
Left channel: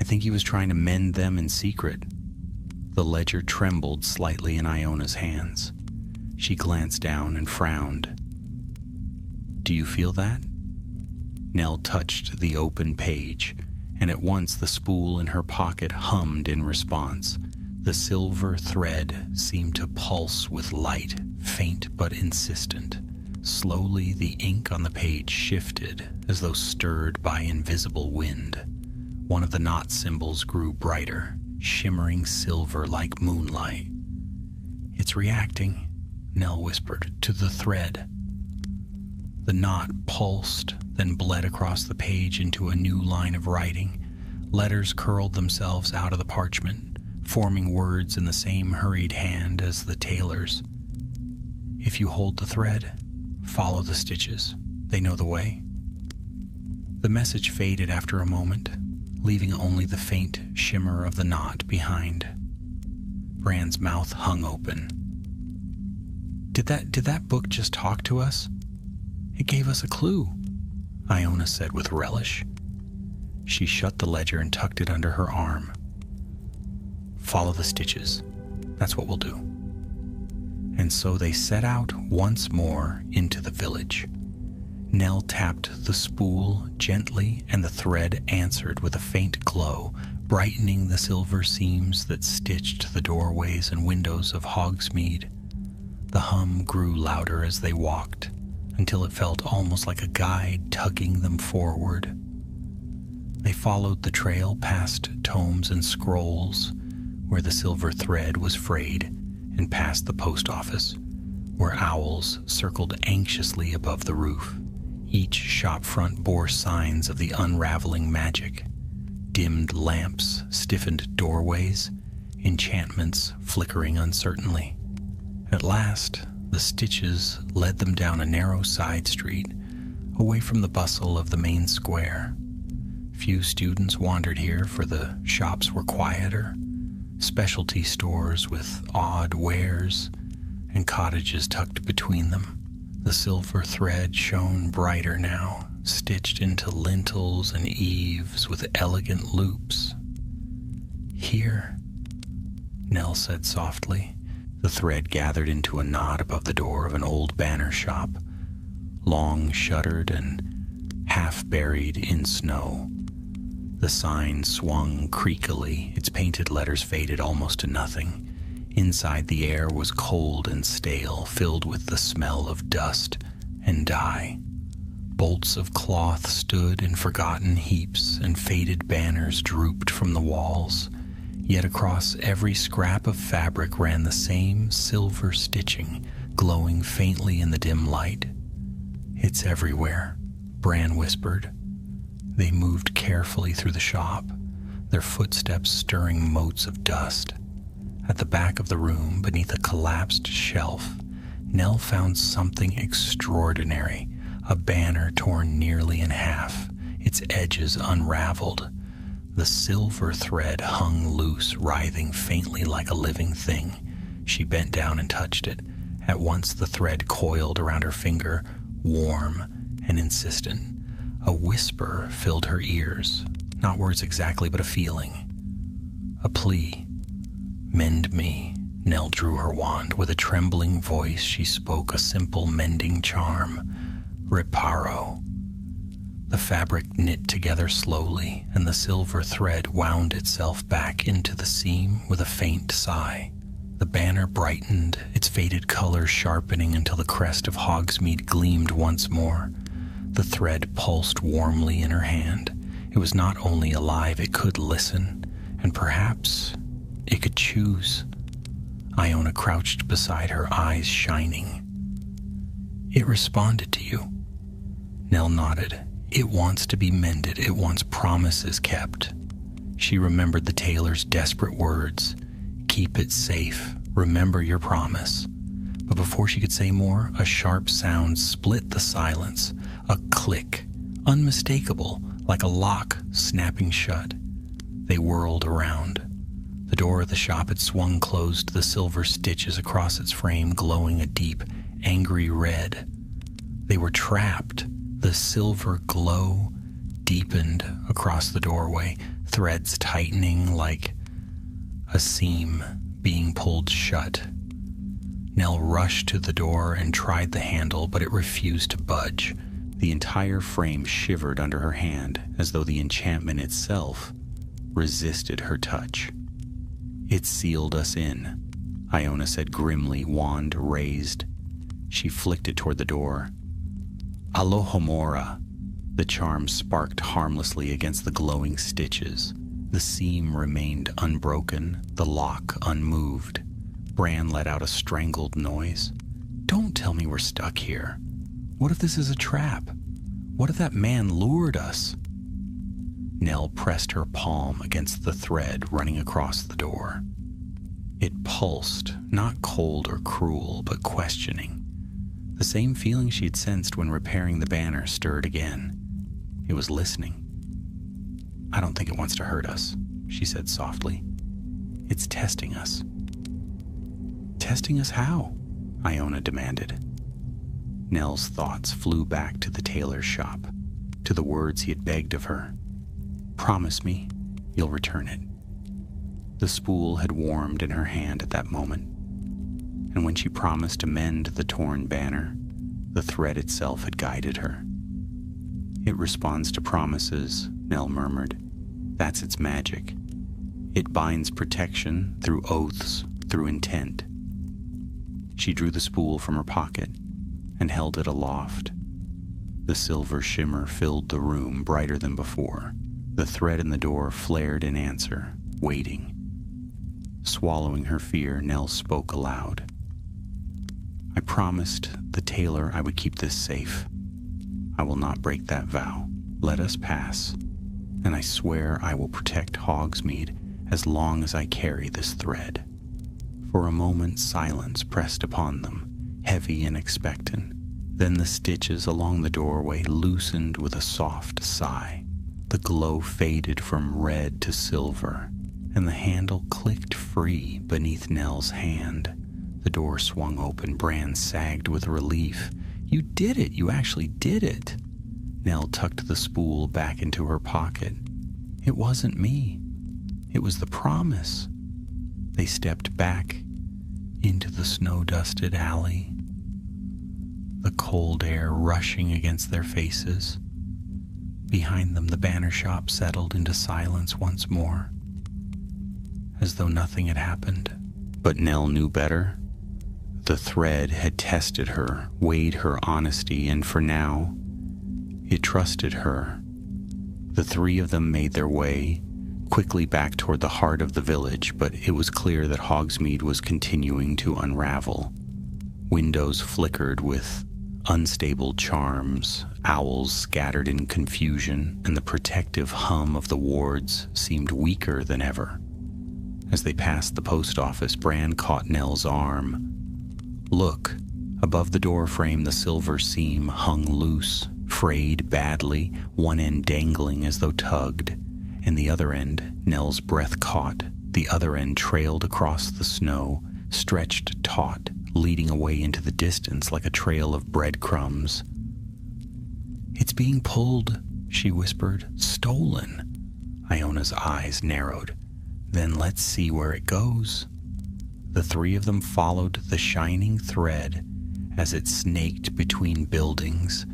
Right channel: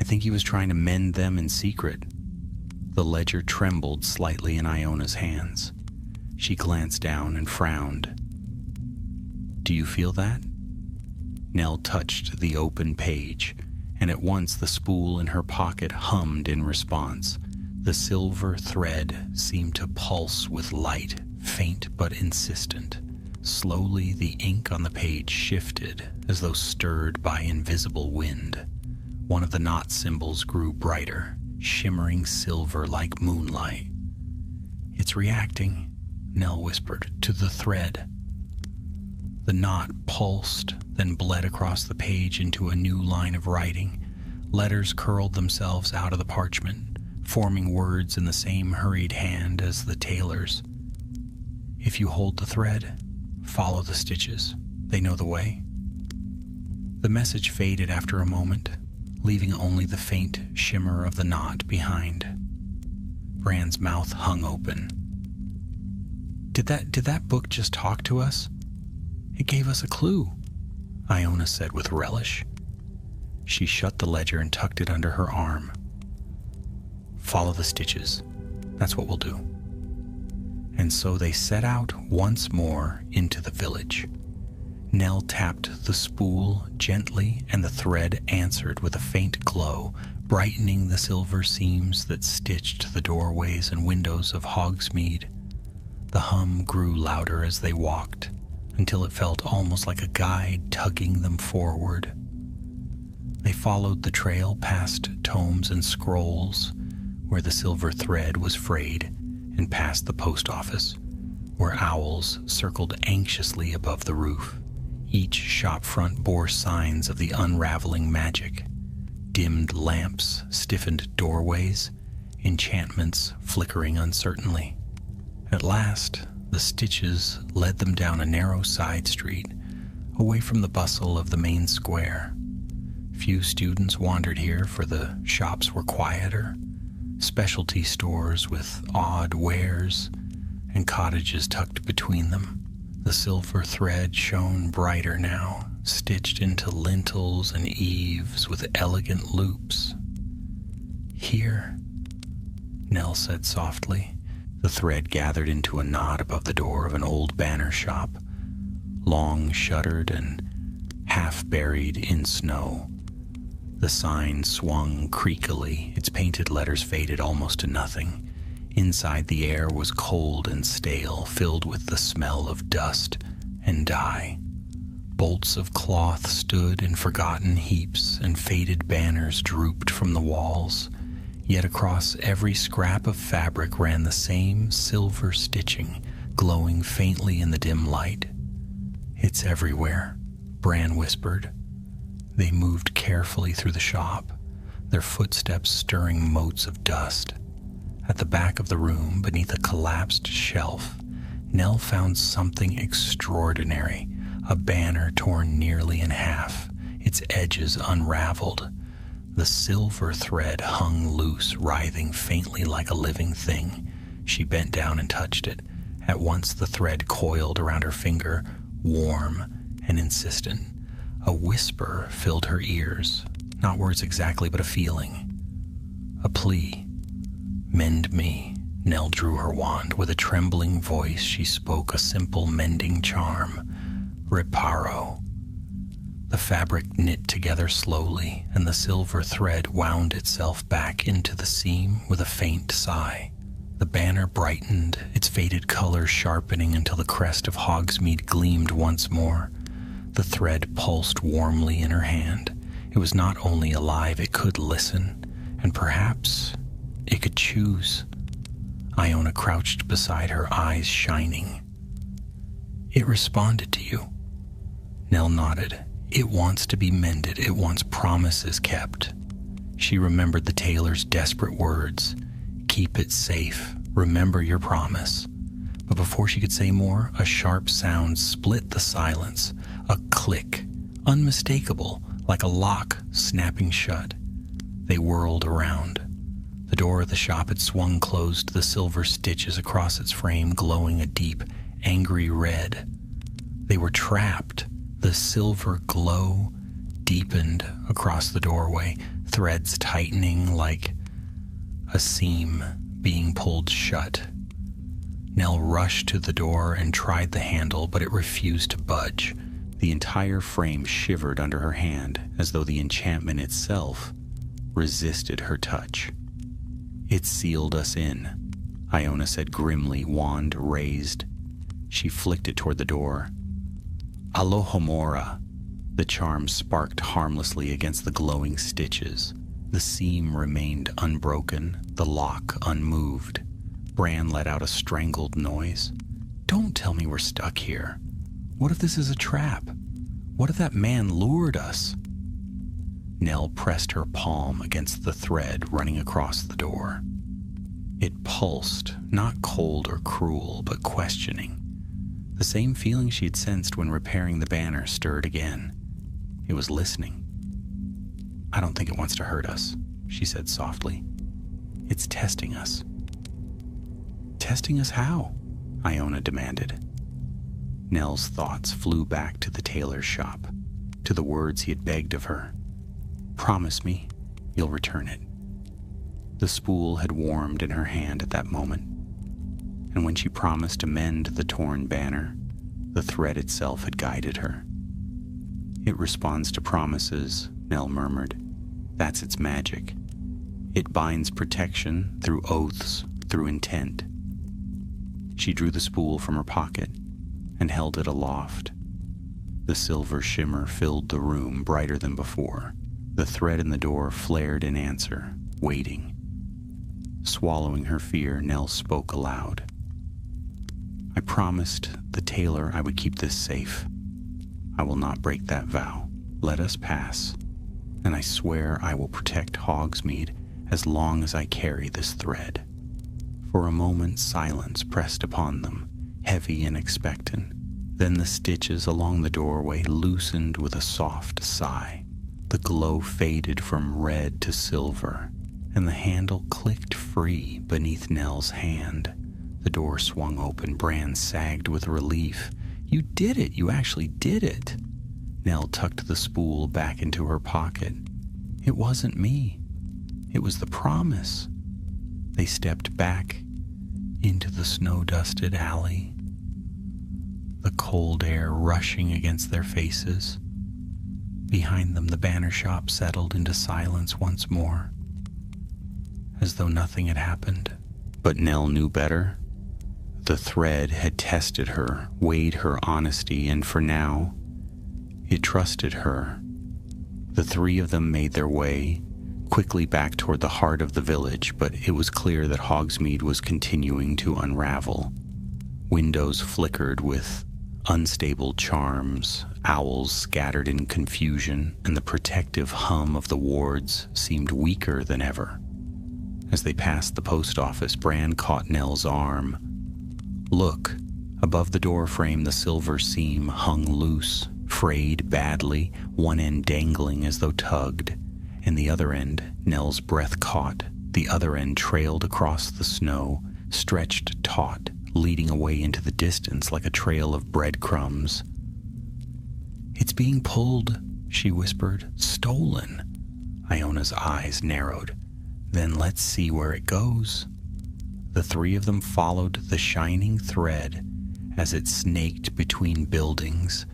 I think he was trying to mend them in secret." The ledger trembled slightly in Iona's hands. She glanced down and frowned. "Do you feel that?" Nell touched the open page, and at once the spool in her pocket hummed in response. The silver thread seemed to pulse with light, faint but insistent. Slowly the ink on the page shifted, as though stirred by invisible wind. One of the knot symbols grew brighter, shimmering silver like moonlight. "It's reacting," Nell whispered, "to the thread." The knot pulsed, then bled across the page into a new line of writing. Letters curled themselves out of the parchment, forming words in the same hurried hand as the tailor's. "If you hold the thread, follow the stitches. They know the way." The message faded after a moment, leaving only the faint shimmer of the knot behind. Bran's mouth hung open. Did that book just talk to us? It gave us a clue," Iona said with relish. She shut the ledger and tucked it under her arm. "Follow the stitches. That's what we'll do." And so they set out once more into the village. Nell tapped the spool gently, and the thread answered with a faint glow, brightening the silver seams that stitched the doorways and windows of Hogsmeade. The hum grew louder as they walked, until it felt almost like a guide tugging them forward. They followed the trail past tomes and scrolls, where the silver thread was frayed, and past the post office, where owls circled anxiously above the roof. Each shop front bore signs of the unraveling magic. Dimmed lamps stiffened doorways, enchantments flickering uncertainly. At last, the stitches led them down a narrow side street, away from the bustle of the main square. Few students wandered here, for the shops were quieter. Specialty stores with odd wares, and cottages tucked between them. The silver thread shone brighter now, stitched into lintels and eaves with elegant loops. "Here," Nell said softly. The thread gathered into a knot above the door of an old banner shop, long shuttered and half buried in snow. The sign swung creakily, its painted letters faded almost to nothing. Inside, the air was cold and stale, filled with the smell of dust and dye. Bolts of cloth stood in forgotten heaps, and faded banners drooped from the walls. Yet across every scrap of fabric ran the same silver stitching, glowing faintly in the dim light. "It's everywhere," Bran whispered. They moved carefully through the shop, their footsteps stirring motes of dust. At the back of the room, beneath a collapsed shelf, Nell found something extraordinary, a banner torn nearly in half, its edges unraveled. The silver thread hung loose, writhing faintly like a living thing. She bent down and touched it, At once the thread coiled around her finger, warm and insistent. A whisper filled her ears, not words exactly, but a feeling. A plea. "Mend me." Nell drew her wand. With a trembling voice, she spoke a simple mending charm. "Reparo." The fabric knit together slowly, and the silver thread wound itself back into the seam with a faint sigh. The banner brightened, its faded color sharpening until the crest of Hogsmeade gleamed once more. The thread pulsed warmly in her hand. It was not only alive, it could listen, and perhaps it could choose. Iona crouched beside her, eyes shining. "It responded to you." Nell nodded. "It wants to be mended. It wants promises kept." She remembered the tailor's desperate words. "Keep it safe. Remember your promise." But before she could say more, a sharp sound split the silence. A click, unmistakable, like a lock snapping shut. They whirled around. The door of the shop had swung closed, the silver stitches across its frame glowing a deep, angry red. They were trapped. The silver glow deepened across the doorway, threads tightening like a seam being pulled shut. Nell rushed to the door and tried the handle, but it refused to budge. The entire frame shivered under her hand, as though the enchantment itself resisted her touch. "It sealed us in," Iona said grimly, wand raised. She flicked it toward the door. "Alohomora." The charm sparked harmlessly against the glowing stitches. The seam remained unbroken, the lock unmoved. Bran let out a strangled noise. "Don't tell me we're stuck here. What if this is a trap? What if that man lured us?" Nell pressed her palm against the thread running across the door. It pulsed, not cold or cruel, but questioning. The same feeling she'd sensed when repairing the banner stirred again. It was listening. "I don't think it wants to hurt us," she said softly. "It's testing us." "Testing us how?" Iona demanded. Nell's thoughts flew back to the tailor's shop, to the words he had begged of her. "Promise me you'll return it." The spool had warmed in her hand at that moment, and when she promised to mend the torn banner, the thread itself had guided her. "It responds to promises," Nell murmured. "That's its magic. It binds protection through oaths, through intent." She drew the spool from her pocket and held it aloft. The silver shimmer filled the room brighter than before. The thread in the door flared in answer, waiting. Swallowing her fear, Nell spoke aloud. "I promised the tailor I would keep this safe. I will not break that vow. Let us pass, and I swear I will protect Hogsmeade as long as I carry this thread." For a moment, silence pressed upon them, heavy and expectant. Then the stitches along the doorway loosened with a soft sigh. The glow faded from red to silver, and the handle clicked free beneath Nell's hand. The door swung open. Bran sagged with relief. "You did it! You actually did it!" Nell tucked the spool back into her pocket. "It wasn't me. It was the promise." They stepped back into the snow-dusted alley, the cold air rushing against their faces. Behind them, the banner shop settled into silence once more, as though nothing had happened. But Nell knew better. The thread had tested her, weighed her honesty, and for now, it trusted her. The three of them made their way quickly back toward the heart of the village, but it was clear that Hogsmeade was continuing to unravel. Windows flickered with unstable charms, owls scattered in confusion, and the protective hum of the wards seemed weaker than ever. As they passed the post office, Bran caught Nell's arm. "Look." Above the door frame, the silver seam hung loose, frayed badly, one end dangling as though tugged, and the other end, Nell's breath caught. The other end trailed across the snow, stretched taut, leading away into the distance like a trail of breadcrumbs. "It's being pulled," she whispered. "Stolen." Iona's eyes narrowed. "Then let's see where it goes." The three of them followed the shining thread as it snaked between buildings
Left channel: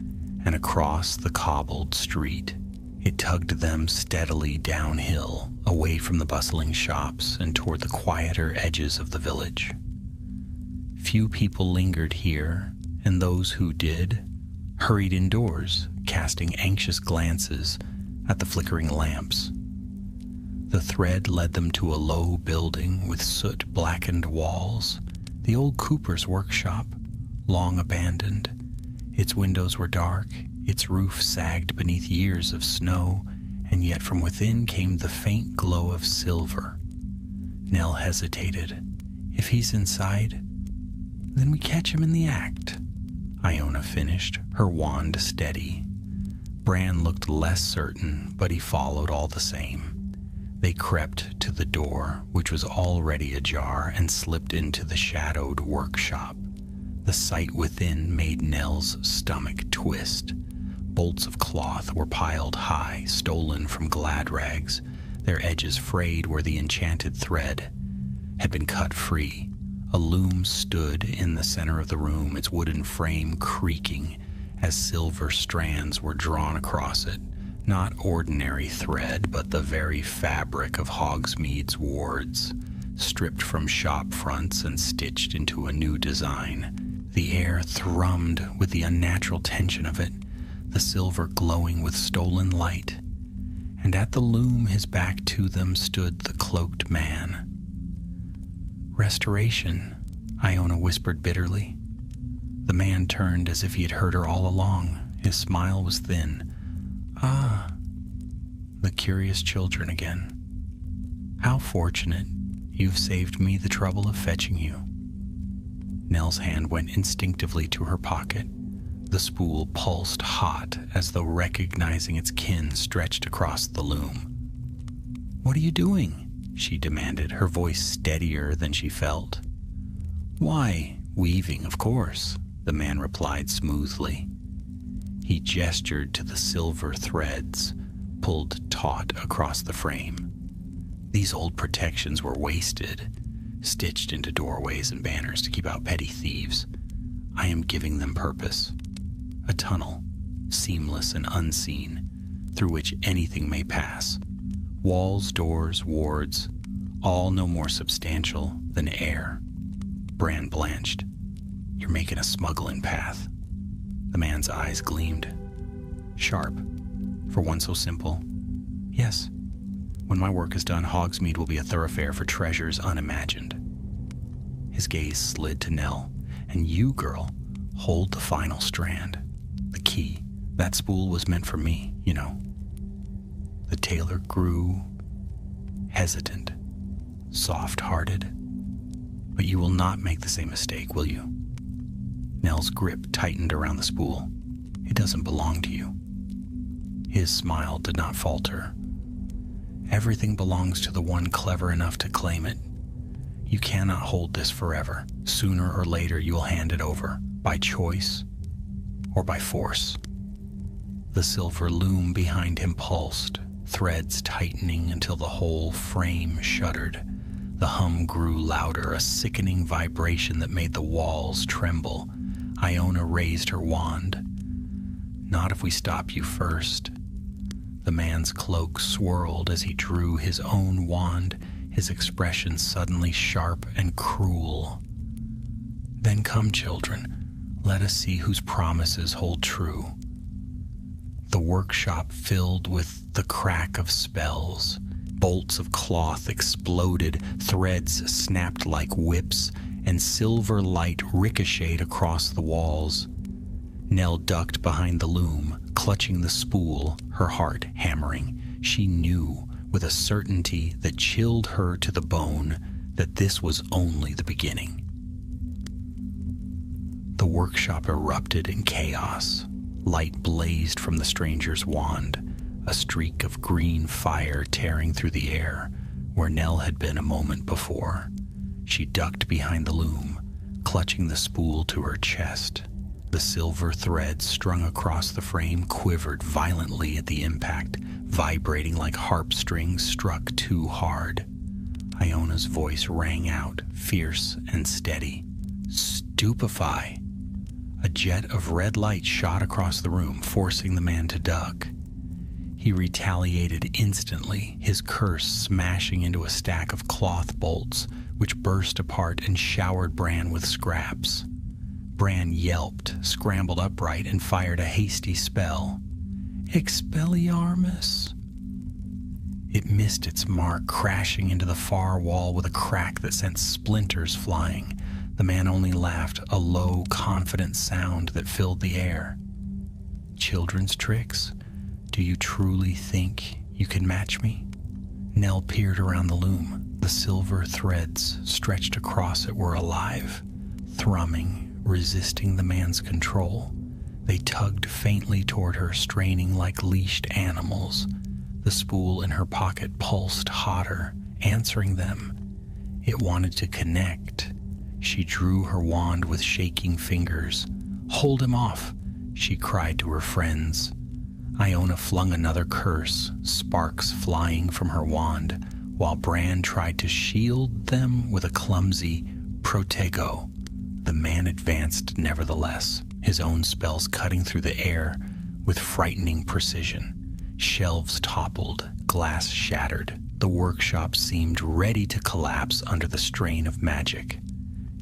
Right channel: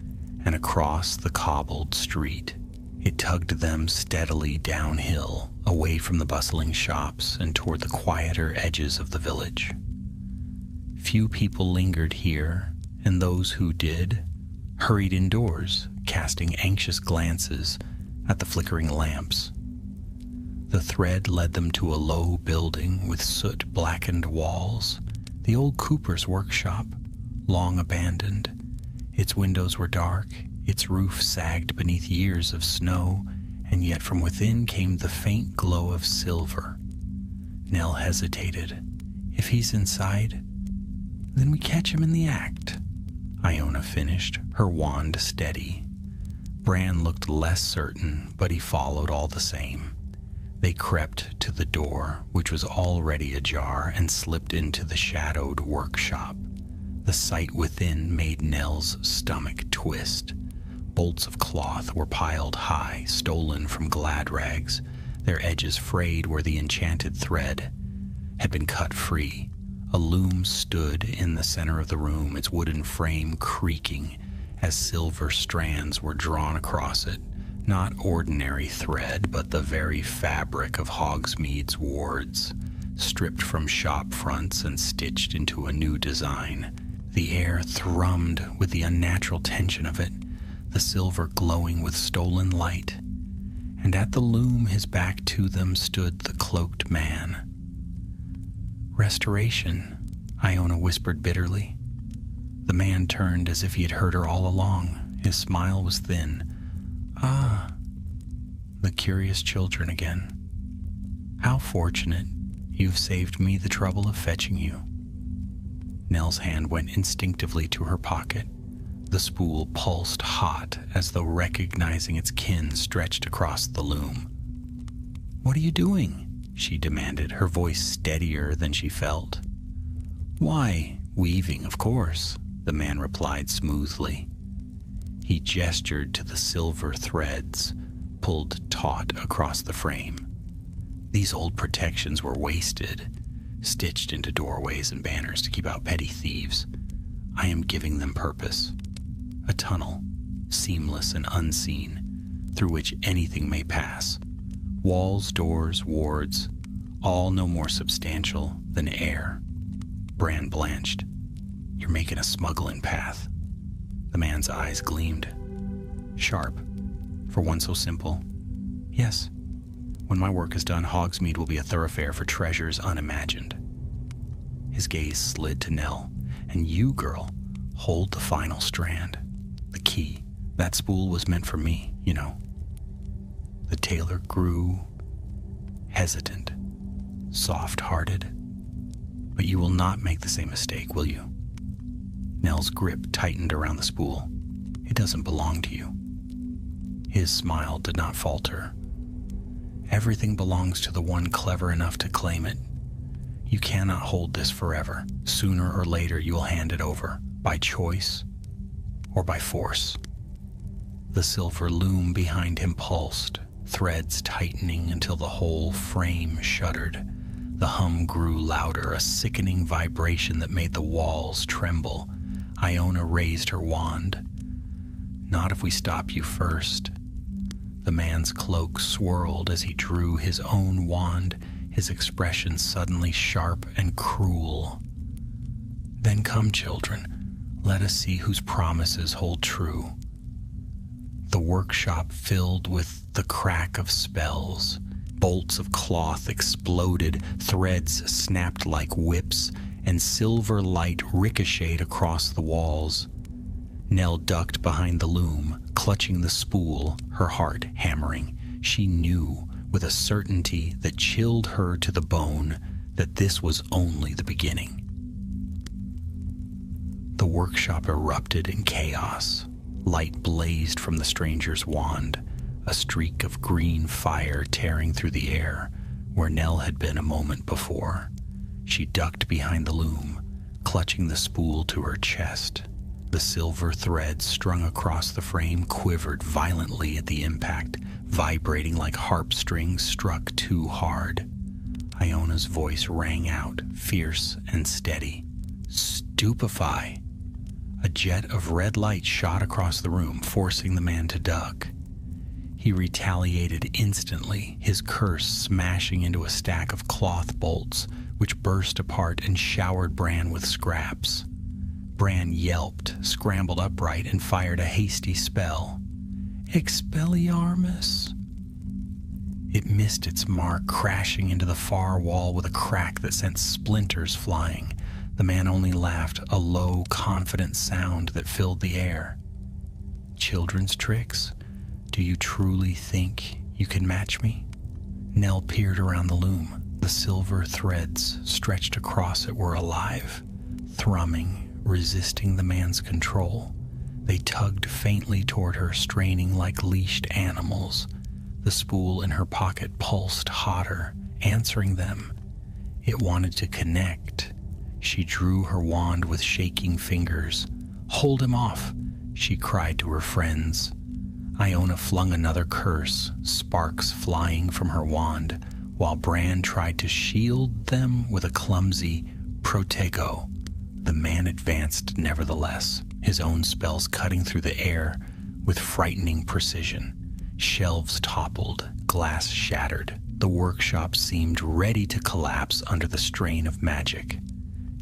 and across the cobbled street. It tugged them steadily downhill, away from the bustling shops and toward the quieter edges of the village. Few people lingered here, and those who did hurried indoors, casting anxious glances at the flickering lamps. The thread led them to a low building with soot-blackened walls, the old cooper's workshop, long abandoned. Its windows were dark, its roof sagged beneath years of snow, and yet from within came the faint glow of silver. Nell hesitated. "If he's inside, then we catch him in the act," Iona finished, her wand steady. Bran looked less certain, but he followed all the same. They crept to the door, which was already ajar, and slipped into the shadowed workshop. The sight within made Nell's stomach twist. Bolts of cloth were piled high, stolen from glad rags, their edges frayed where the enchanted thread had been cut free. A loom stood in the center of the room, its wooden frame creaking as silver strands were drawn across it. Not ordinary thread, but the very fabric of Hogsmeade's wards, stripped from shop fronts and stitched into a new design. The air thrummed with the unnatural tension of it, the silver glowing with stolen light. And at the loom, his back to them, stood the cloaked man. "Restoration," Iona whispered bitterly. The man turned as if he had heard her all along. His smile was thin. "Ah, the curious children again. How fortunate. You've saved me the trouble of fetching you." Nell's hand went instinctively to her pocket. The spool pulsed hot, as though recognizing its kin stretched across the loom. "What are you doing?" she demanded, her voice steadier than she felt. "Why, weaving, of course," the man replied smoothly. He gestured to the silver threads, pulled taut across the frame. These old protections were wasted, stitched into doorways and banners to keep out petty thieves. I am giving them purpose. A tunnel, seamless and unseen, through which anything may pass. Walls, doors, wards, all no more substantial than air. Bran blanched. "You're making a smuggling path." The man's eyes gleamed. Sharp, for one so simple. "Yes. When my work is done, Hogsmeade will be a thoroughfare for treasures unimagined." His gaze slid to Nell. "And you, girl, hold the final strand. The key. That spool was meant for me, you know." The tailor grew hesitant, soft-hearted. "But you will not make the same mistake, will you?" Nell's grip tightened around the spool. "It doesn't belong to you." His smile did not falter. "Everything belongs to the one clever enough to claim it. You cannot hold this forever. Sooner or later you will hand it over, by choice or by force." The silver loom behind him pulsed, threads tightening until the whole frame shuddered. The hum grew louder, a sickening vibration that made the walls tremble. Iona raised her wand. "Not if we stop you first." The man's cloak swirled as he drew his own wand, his expression suddenly sharp and cruel. "Then come, children, let us see whose promises hold true." The workshop filled with the crack of spells. Bolts of cloth exploded, threads snapped like whips, and silver light ricocheted across the walls. Nell ducked behind the loom, clutching the spool, her heart hammering. She knew, with a certainty that chilled her to the bone, that this was only the beginning. The workshop erupted in chaos. Light blazed from the stranger's wand, a streak of green fire tearing through the air where Nell had been a moment before. She ducked behind the loom, clutching the spool to her chest. The silver threads strung across the frame quivered violently at the impact, vibrating like harp strings struck too hard. Iona's voice rang out, fierce and steady. "Stupefy!" A jet of red light shot across the room, forcing the man to duck. He retaliated instantly, his curse smashing into a stack of cloth bolts, which burst apart and showered Bran with scraps. Bran yelped, scrambled upright, and fired a hasty spell. Expelliarmus! It missed its mark, crashing into the far wall with a crack that sent splinters flying. The man only laughed, a low, confident sound that filled the air. Children's tricks? Do you truly think you can match me? Nell peered around the loom. The silver threads stretched across it were alive, thrumming, resisting the man's control. They tugged faintly toward her, straining like leashed animals. The spool in her pocket pulsed hotter, answering them. It wanted to connect. She drew her wand with shaking fingers. "Hold him off," she cried to her friends. Iona flung another curse, sparks flying from her wand, while Bran tried to shield them with a clumsy protego. The man advanced nevertheless, his own spells cutting through the air with frightening precision. Shelves toppled, glass shattered. The workshop seemed ready to collapse under the strain of magic.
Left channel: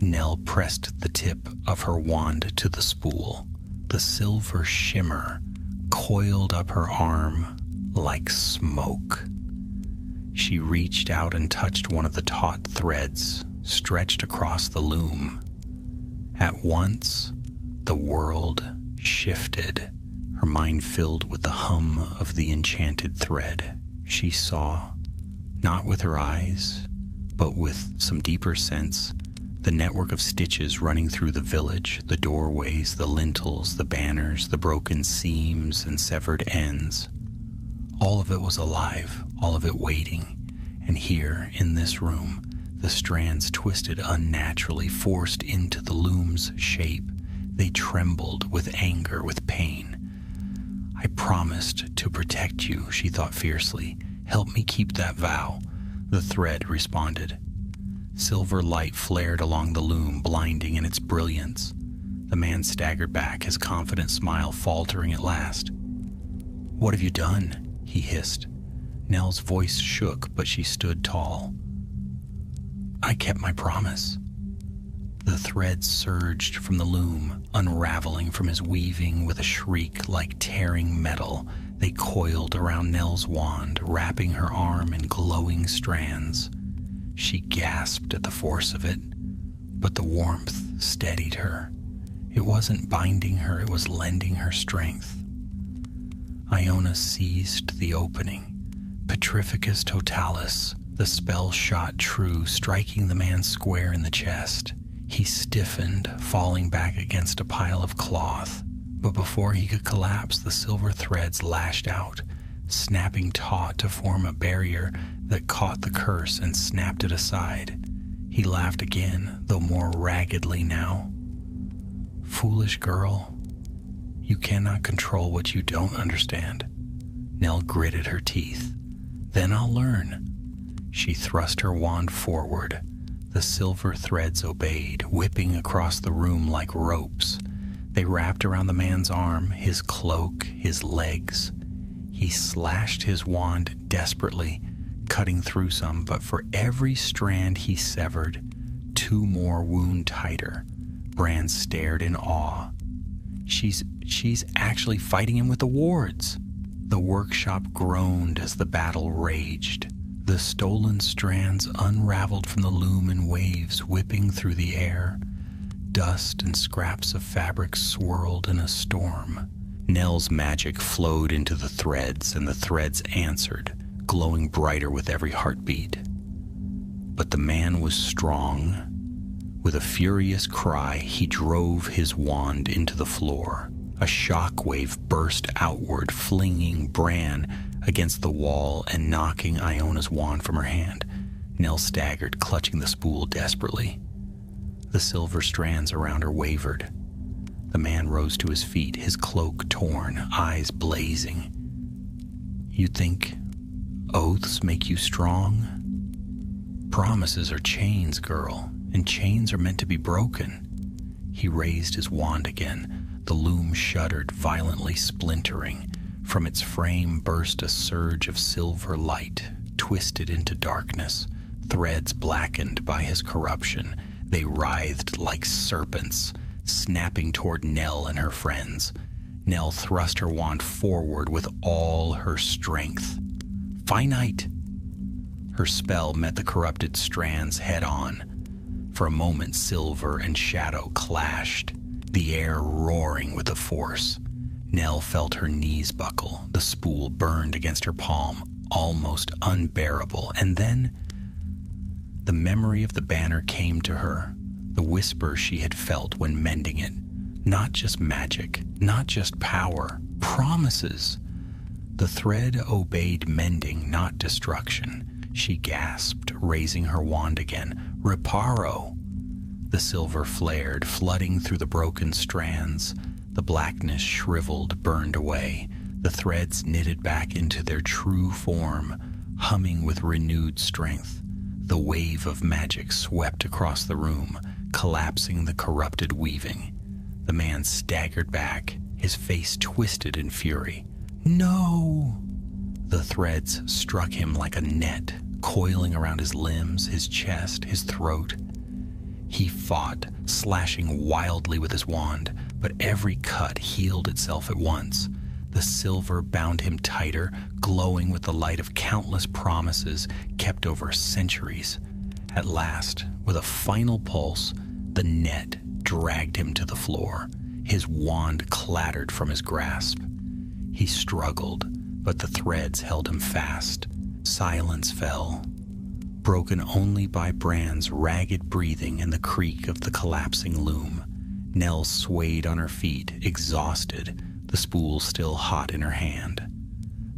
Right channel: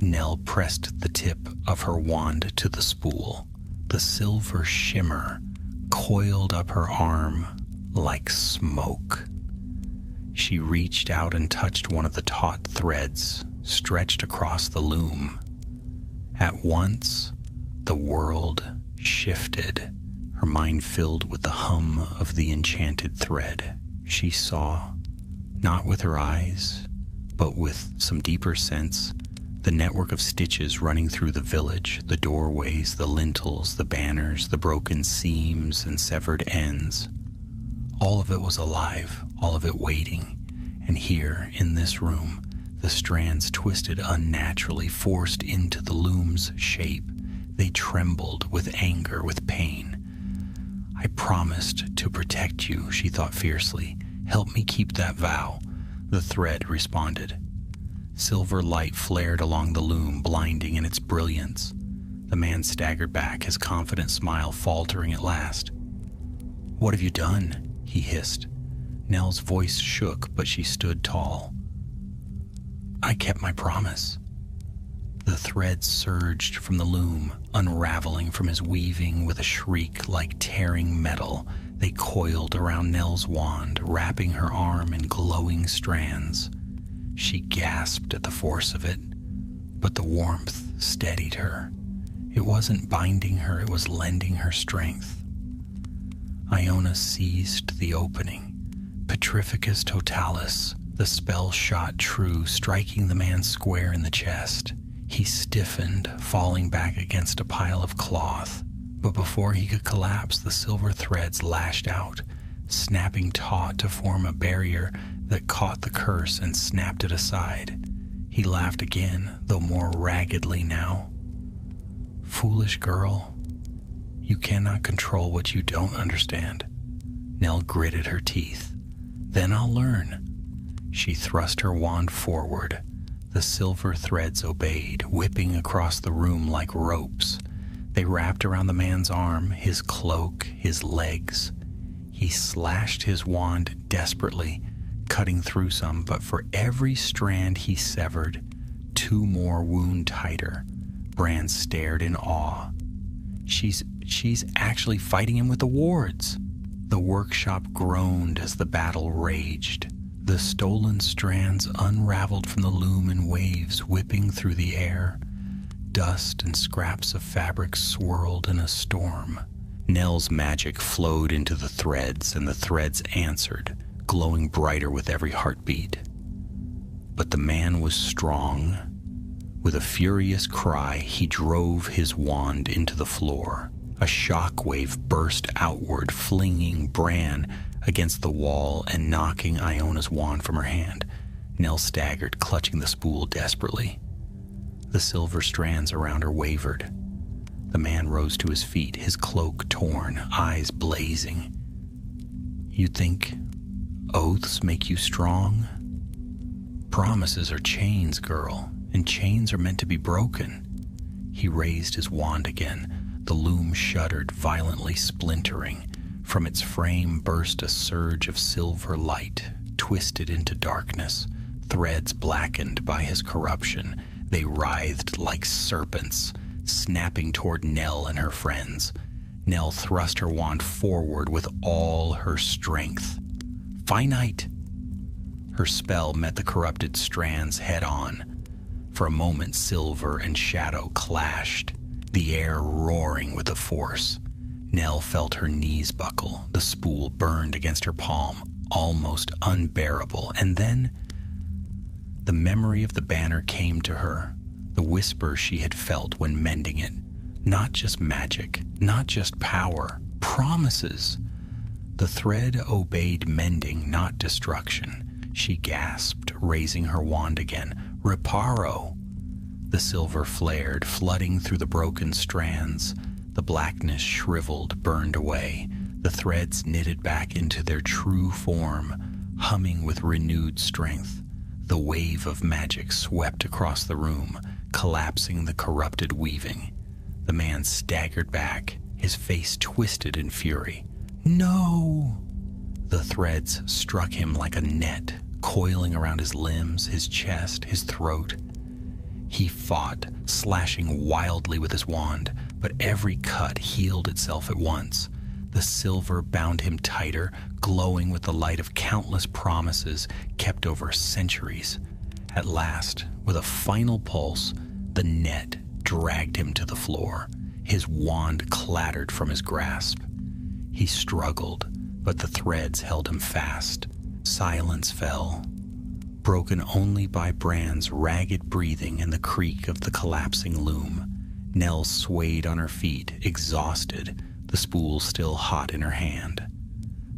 Nell pressed the tip of her wand to the spool. The silver shimmer coiled up her arm like smoke. She reached out and touched one of the taut threads stretched across the loom. At once, the world shifted. Her mind filled with the hum of the enchanted thread. She saw, not with her eyes, but with some deeper sense, the network of stitches running through the village, the doorways, the lintels, the banners, the broken seams and severed ends. All of it was alive, all of it waiting. And here, in this room, the strands twisted unnaturally, forced into the loom's shape. They trembled with anger, with pain. "I promised to protect you," she thought fiercely. "Help me keep that vow." The thread responded. Silver light flared along the loom, blinding in its brilliance. The man staggered back, his confident smile faltering at last. "What have you done?" he hissed. Nell's voice shook, but she stood tall. "I kept my promise." The threads surged from the loom, unraveling from his weaving with a shriek like tearing metal. They coiled around Nell's wand, wrapping her arm in glowing strands. She gasped at the force of it, but the warmth steadied her. It wasn't binding her, it was lending her strength. Iona seized the opening. Petrificus totalis. The spell shot true, striking the man square in the chest. He stiffened, falling back against a pile of cloth. But before he could collapse, the silver threads lashed out, snapping taut to form a barrier that caught the curse and snapped it aside. He laughed again, though more raggedly now. "Foolish girl, you cannot control what you don't understand." Nell gritted her teeth. "Then I'll learn." She thrust her wand forward. The silver threads obeyed, whipping across the room like ropes. They wrapped around the man's arm, his cloak, his legs. He slashed his wand desperately, cutting through some, but for every strand he severed, two more wound tighter. Bran stared in awe. She's actually fighting him with the wards." The workshop groaned as the battle raged. The stolen strands unraveled from the loom in waves, whipping through the air. Dust and scraps of fabric swirled in a storm. Nell's magic flowed into the threads, and the threads answered, glowing brighter with every heartbeat. But the man was strong. With a furious cry, he drove his wand into the floor. A shockwave burst outward, flinging Bran against the wall and knocking Iona's wand from her hand. Nell staggered, clutching the spool desperately. The silver strands around her wavered. The man rose to his feet, his cloak torn, eyes blazing. "You think oaths make you strong? Promises are chains, girl, and chains are meant to be broken." He raised his wand again. The loom shuddered, violently splintering. From its frame burst a surge of silver light, twisted into darkness. Threads blackened by his corruption, they writhed like serpents, snapping toward Nell and her friends. Nell thrust her wand forward with all her strength. Finite! Her spell met the corrupted strands head-on. For a moment, silver and shadow clashed, the air roaring with the force. Nell felt her knees buckle. The spool burned against her palm, almost unbearable. And then the memory of the banner came to her, the whisper she had felt when mending it. Not just magic, not just power, promises. The thread obeyed mending, not destruction. She gasped, raising her wand again. Reparo! The silver flared, flooding through the broken strands. The blackness shriveled, burned away. The threads knitted back into their true form, humming with renewed strength. The wave of magic swept across the room, collapsing the corrupted weaving. The man staggered back, his face twisted in fury. No! The threads struck him like a net, coiling around his limbs, his chest, his throat. He fought, slashing wildly with his wand, but every cut healed itself at once. The silver bound him tighter, glowing with the light of countless promises kept over centuries. At last, with a final pulse, the net dragged him to the floor. His wand clattered from his grasp. He struggled, but the threads held him fast. Silence fell, broken only by Bran's ragged breathing and the creak of the collapsing loom. Nell swayed on her feet, exhausted, the spool still hot in her hand.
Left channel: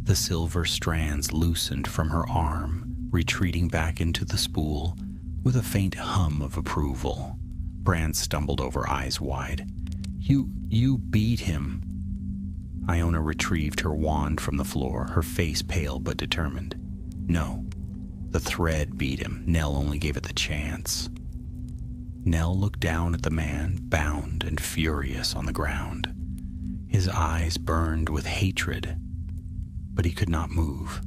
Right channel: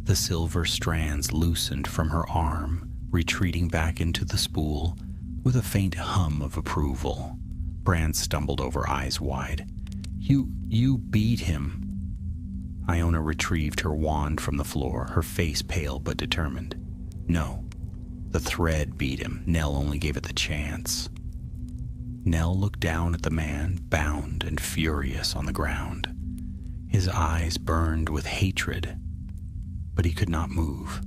The silver strands loosened from her arm, retreating back into the spool with a faint hum of approval. Bran stumbled over, eyes wide. You beat him." Iona retrieved her wand from the floor, her face pale but determined. "No, the thread beat him. Nell only gave it the chance." Nell looked down at the man, bound and furious on the ground. His eyes burned with hatred, but he could not move.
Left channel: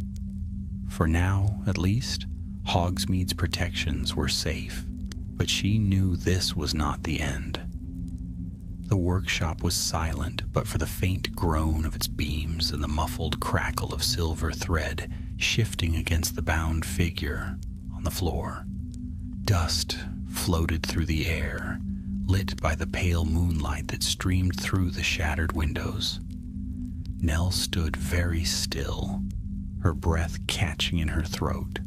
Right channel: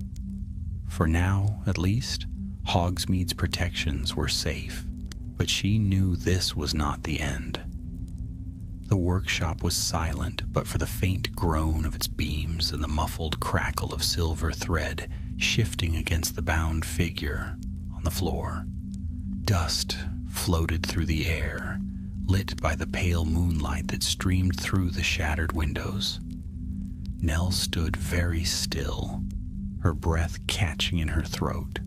For now, at least, Hogsmeade's protections were safe, but she knew this was not the end. The workshop was silent, but for the faint groan of its beams and the muffled crackle of silver thread shifting against the bound figure on the floor. Dust floated through the air, lit by the pale moonlight that streamed through the shattered windows. Nell stood very still, her breath catching in her throat,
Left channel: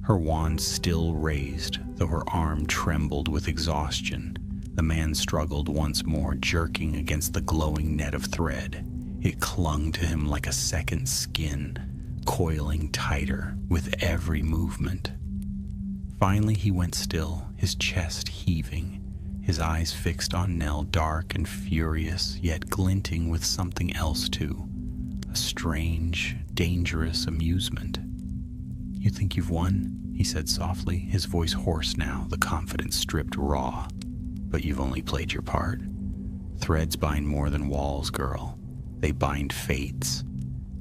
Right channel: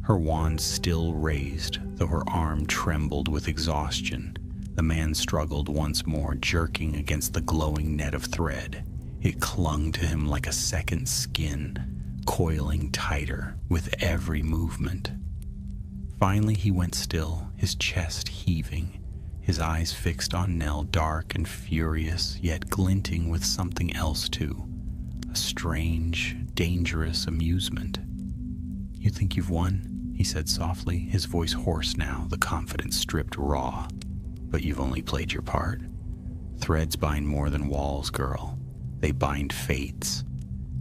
her wand still raised, though her arm trembled with exhaustion. The man struggled once more, jerking against the glowing net of thread. It clung to him like a second skin, coiling tighter with every movement. Finally he went still, his chest heaving, his eyes fixed on Nell, dark and furious, yet glinting with something else too, a strange, dangerous amusement. "You think you've won?" he said softly, his voice hoarse now, the confidence stripped raw. "But you've only played your part. Threads bind more than walls, girl. They bind fates,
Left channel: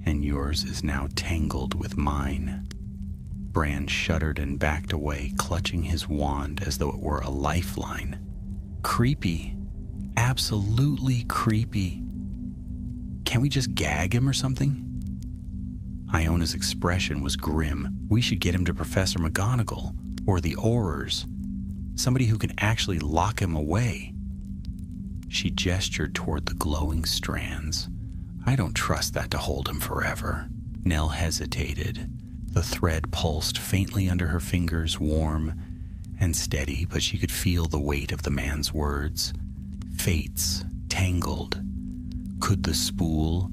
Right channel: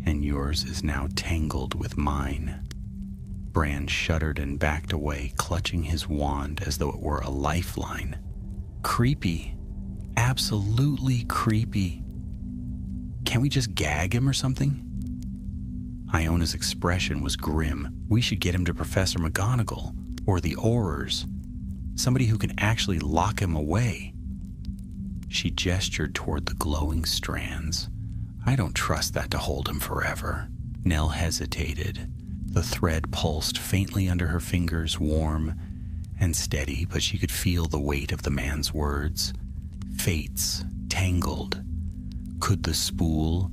and yours is now tangled with mine." Bran shuddered and backed away, clutching his wand as though it were a lifeline. Creepy. Absolutely creepy. Can't we just gag him or something? Iona's expression was grim. We should get him to Professor McGonagall, or the Aurors. Somebody who can actually lock him away. She gestured toward the glowing strands. "I don't trust that to hold him forever." Nell hesitated. The thread pulsed faintly under her fingers, warm and steady, but she could feel the weight of the man's words. Fates, tangled. Could the spool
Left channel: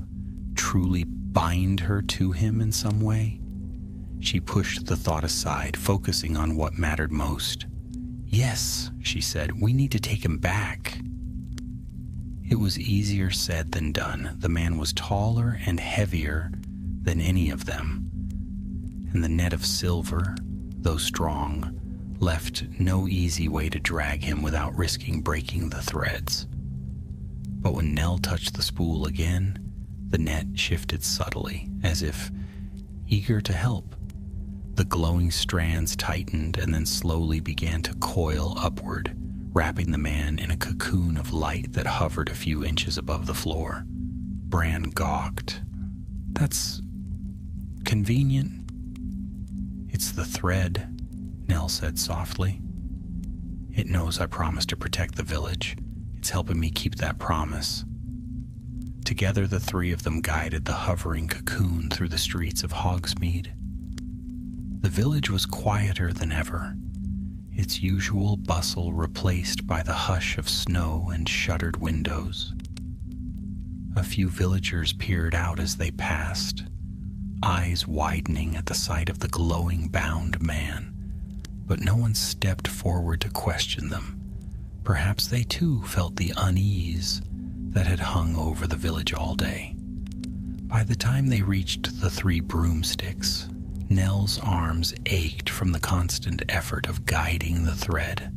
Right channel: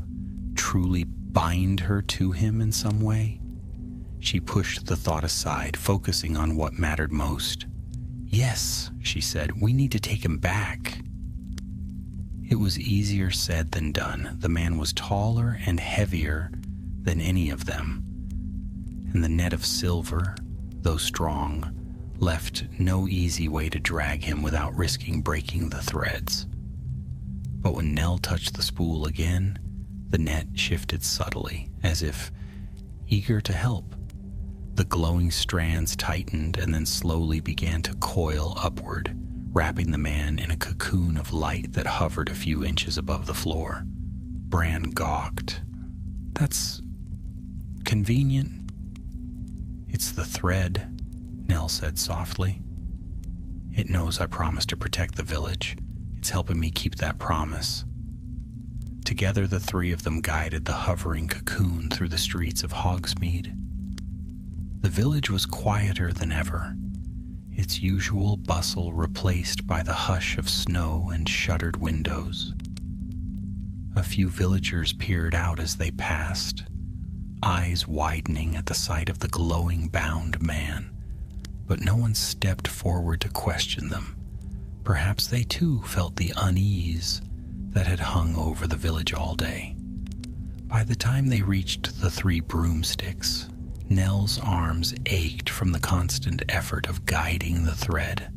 truly bind her to him in some way? She pushed the thought aside, focusing on what mattered most. "Yes," she said, "we need to take him back." It was easier said than done. The man was taller and heavier than any of them, and the net of silver, though strong, left no easy way to drag him without risking breaking the threads. But when Nell touched the spool again, the net shifted subtly, as if eager to help. The glowing strands tightened and then slowly began to coil upward, wrapping the man in a cocoon of light that hovered a few inches above the floor. Bran gawked. "That's convenient." "It's the thread," Nell said softly. "It knows I promised to protect the village. It's helping me keep that promise." Together, the three of them guided the hovering cocoon through the streets of Hogsmeade. The village was quieter than ever, its usual bustle replaced by the hush of snow and shuttered windows. A few villagers peered out as they passed, eyes widening at the sight of the glowing bound man, but no one stepped forward to question them. Perhaps they too felt the unease that had hung over the village all day. By the time they reached the three broomsticks, Nell's arms ached from the constant effort of guiding the thread.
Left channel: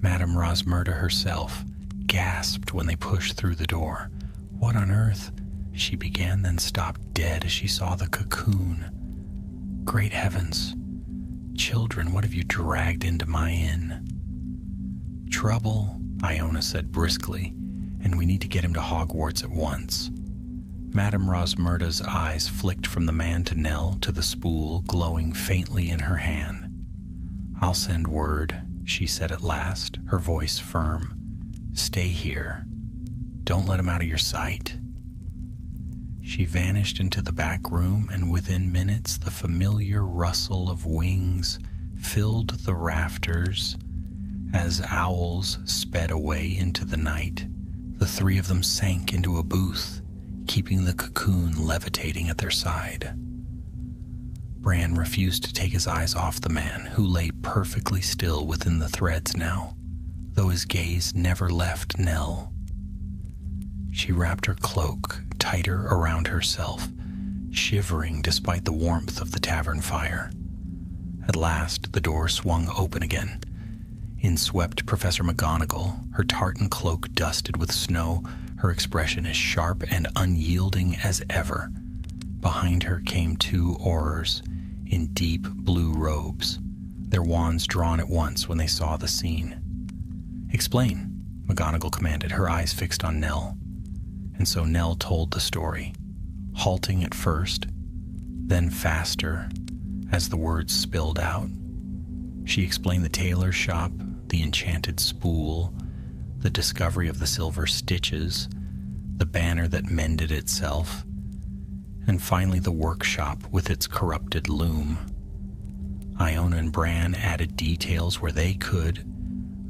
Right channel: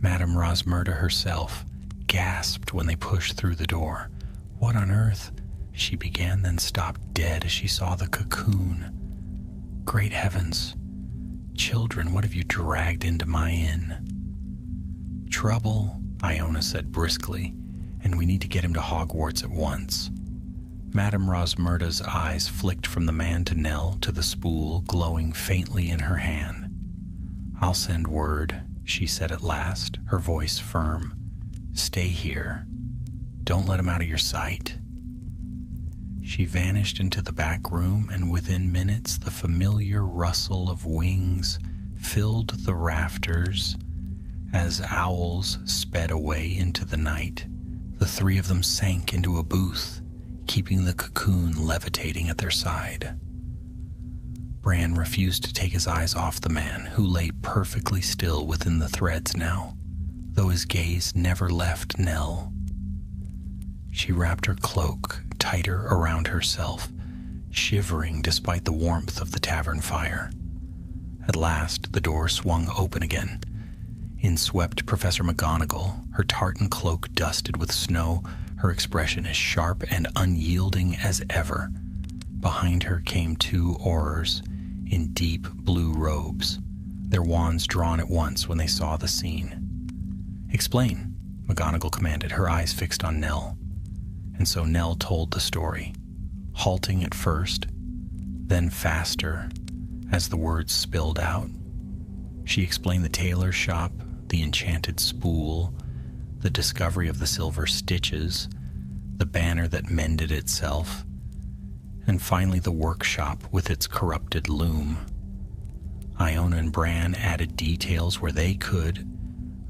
Madame Rosmerta herself gasped when they pushed through the door. "What on earth?" she began, then stopped dead as she saw the cocoon. "Great heavens! Children, what have you dragged into my inn?" "Trouble," Iona said briskly, "and we need to get him to Hogwarts at once." Madame Rosmerta's eyes flicked from the man to Nell to the spool glowing faintly in her hand. "I'll send word," she said at last, her voice firm. "Stay here. Don't let him out of your sight." She vanished into the back room, and within minutes the familiar rustle of wings filled the rafters as owls sped away into the night. The three of them sank into a booth, keeping the cocoon levitating at their side. Bran refused to take his eyes off the man, who lay perfectly still within the threads now, though his gaze never left Nell. She wrapped her cloak tighter around herself, shivering despite the warmth of the tavern fire. At last, the door swung open again. In swept Professor McGonagall, her tartan cloak dusted with snow, her expression as sharp and unyielding as ever. Behind her came two Aurors in deep blue robes, their wands drawn at once when they saw the scene. "Explain," McGonagall commanded, her eyes fixed on Nell. And so Nell told the story, halting at first, then faster as the words spilled out. She explained the tailor's shop, the enchanted spool, the discovery of the silver stitches, the banner that mended itself, and finally the workshop with its corrupted loom. Iona and Bran added details where they could,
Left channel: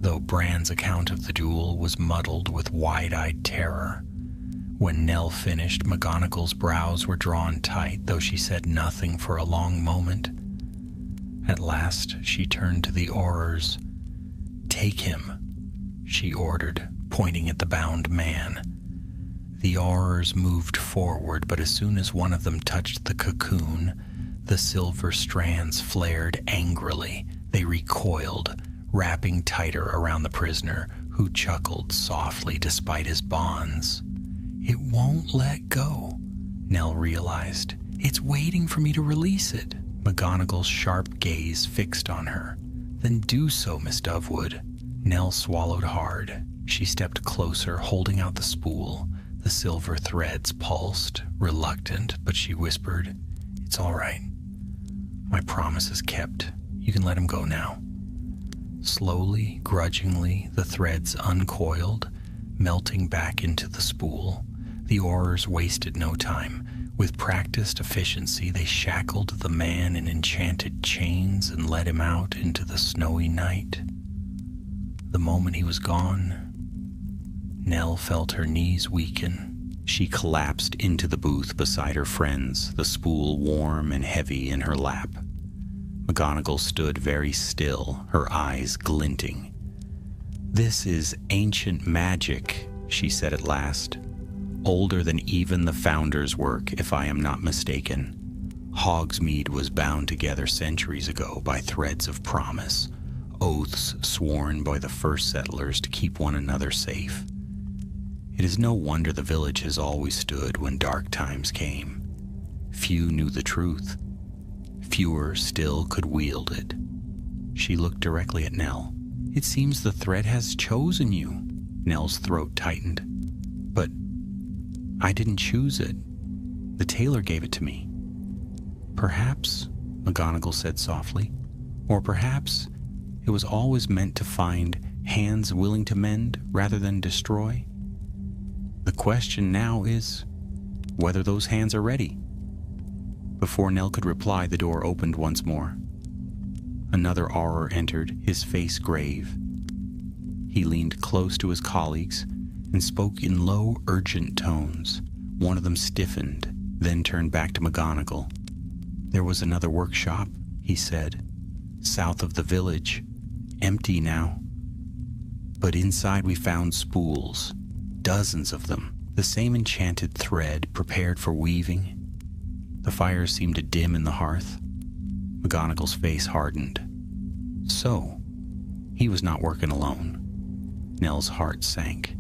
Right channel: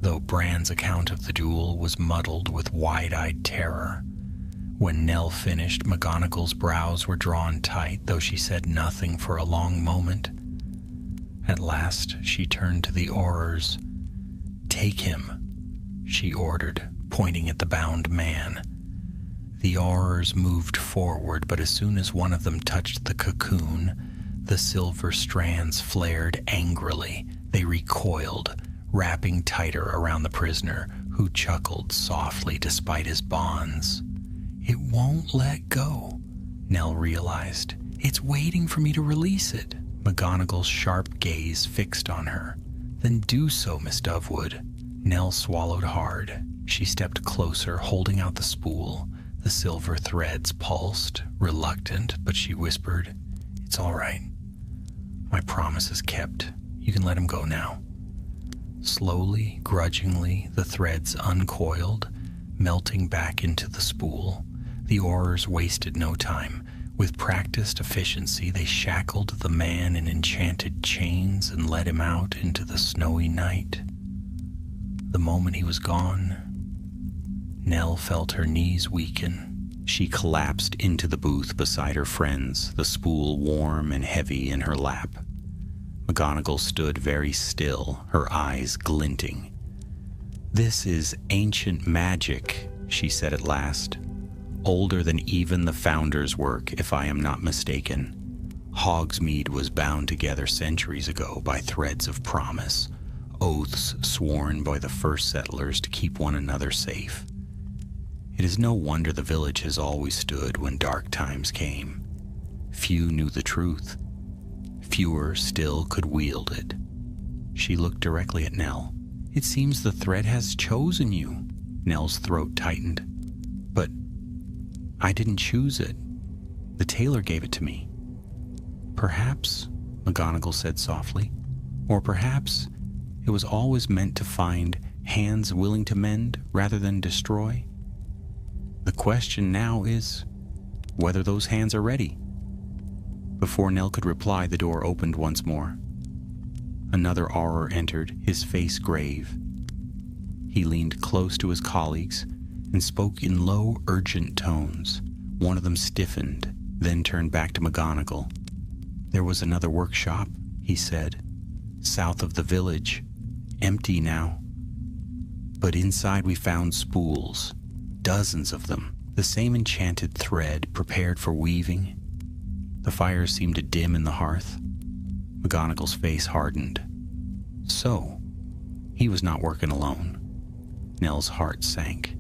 though Bran's account of the duel was muddled with wide-eyed terror. When Nell finished, McGonagall's brows were drawn tight, though she said nothing for a long moment. At last, she turned to the Aurors. "Take him," she ordered, pointing at the bound man. The Aurors moved forward, but as soon as one of them touched the cocoon, the silver strands flared angrily. They recoiled, wrapping tighter around the prisoner, who chuckled softly despite his bonds. "It won't let go," Nell realized. "It's waiting for me to release it." McGonagall's sharp gaze fixed on her. "Then do so, Miss Dovewood." Nell swallowed hard. She stepped closer, holding out the spool. The silver threads pulsed, reluctant, but she whispered, "It's all right. My promise is kept. You can let him go now." Slowly, grudgingly, the threads uncoiled, melting back into the spool. The Aurors wasted no time. With practiced efficiency, they shackled the man in enchanted chains and led him out into the snowy night. The moment he was gone, Nell felt her knees weaken. She collapsed into the booth beside her friends, the spool warm and heavy in her lap. McGonagall stood very still, her eyes glinting. "This is ancient magic," she said at last. "Older than even the Founder's work, if I am not mistaken. Hogsmeade was bound together centuries ago by threads of promise, oaths sworn by the first settlers to keep one another safe. It is no wonder the village has always stood when dark times came. Few knew the truth. Fewer still could wield it." She looked directly at Nell. "It seems the thread has chosen you." Nell's throat tightened. "But I didn't choose it. The tailor gave it to me." "Perhaps," McGonagall said softly, "or perhaps it was always meant to find hands willing to mend rather than destroy. The question now is whether those hands are ready." Before Nell could reply, the door opened once more. Another Auror entered, his face grave. He leaned close to his colleagues and spoke in low, urgent tones. One of them stiffened, then turned back to McGonagall. "There was another workshop," he said, "south of the village, empty now. But inside we found spools, dozens of them, the same enchanted thread prepared for weaving." The fire seemed to dim in the hearth. McGonagall's face hardened. So, he was not working alone. Nell's heart sank.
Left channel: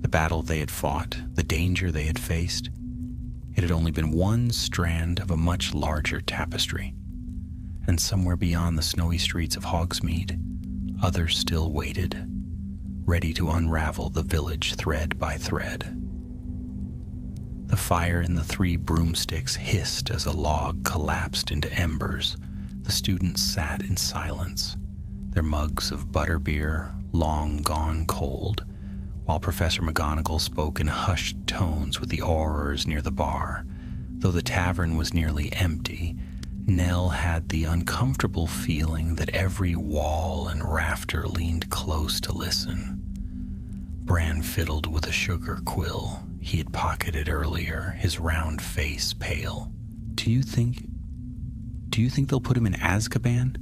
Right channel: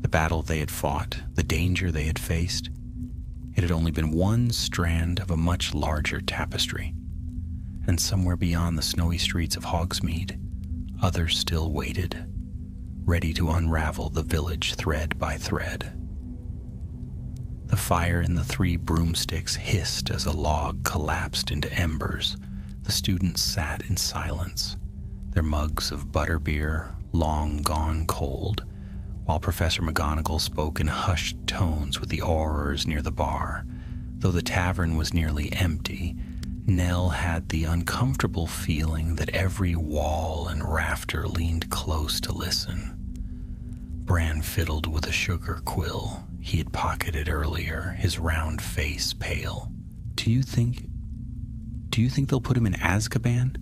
The battle they had fought, the danger they had faced, it had only been one strand of a much larger tapestry. And somewhere beyond the snowy streets of Hogsmeade, others still waited, ready to unravel the village thread by thread. The fire in the 3 broomsticks hissed as a log collapsed into embers. The students sat in silence, their mugs of butterbeer long gone cold, while Professor McGonagall spoke in hushed tones with the Aurors near the bar. Though the tavern was nearly empty, Nell had the uncomfortable feeling that every wall and rafter leaned close to listen. Bran fiddled with a sugar quill he had pocketed earlier, his round face pale. Do you think they'll put him in Azkaban?"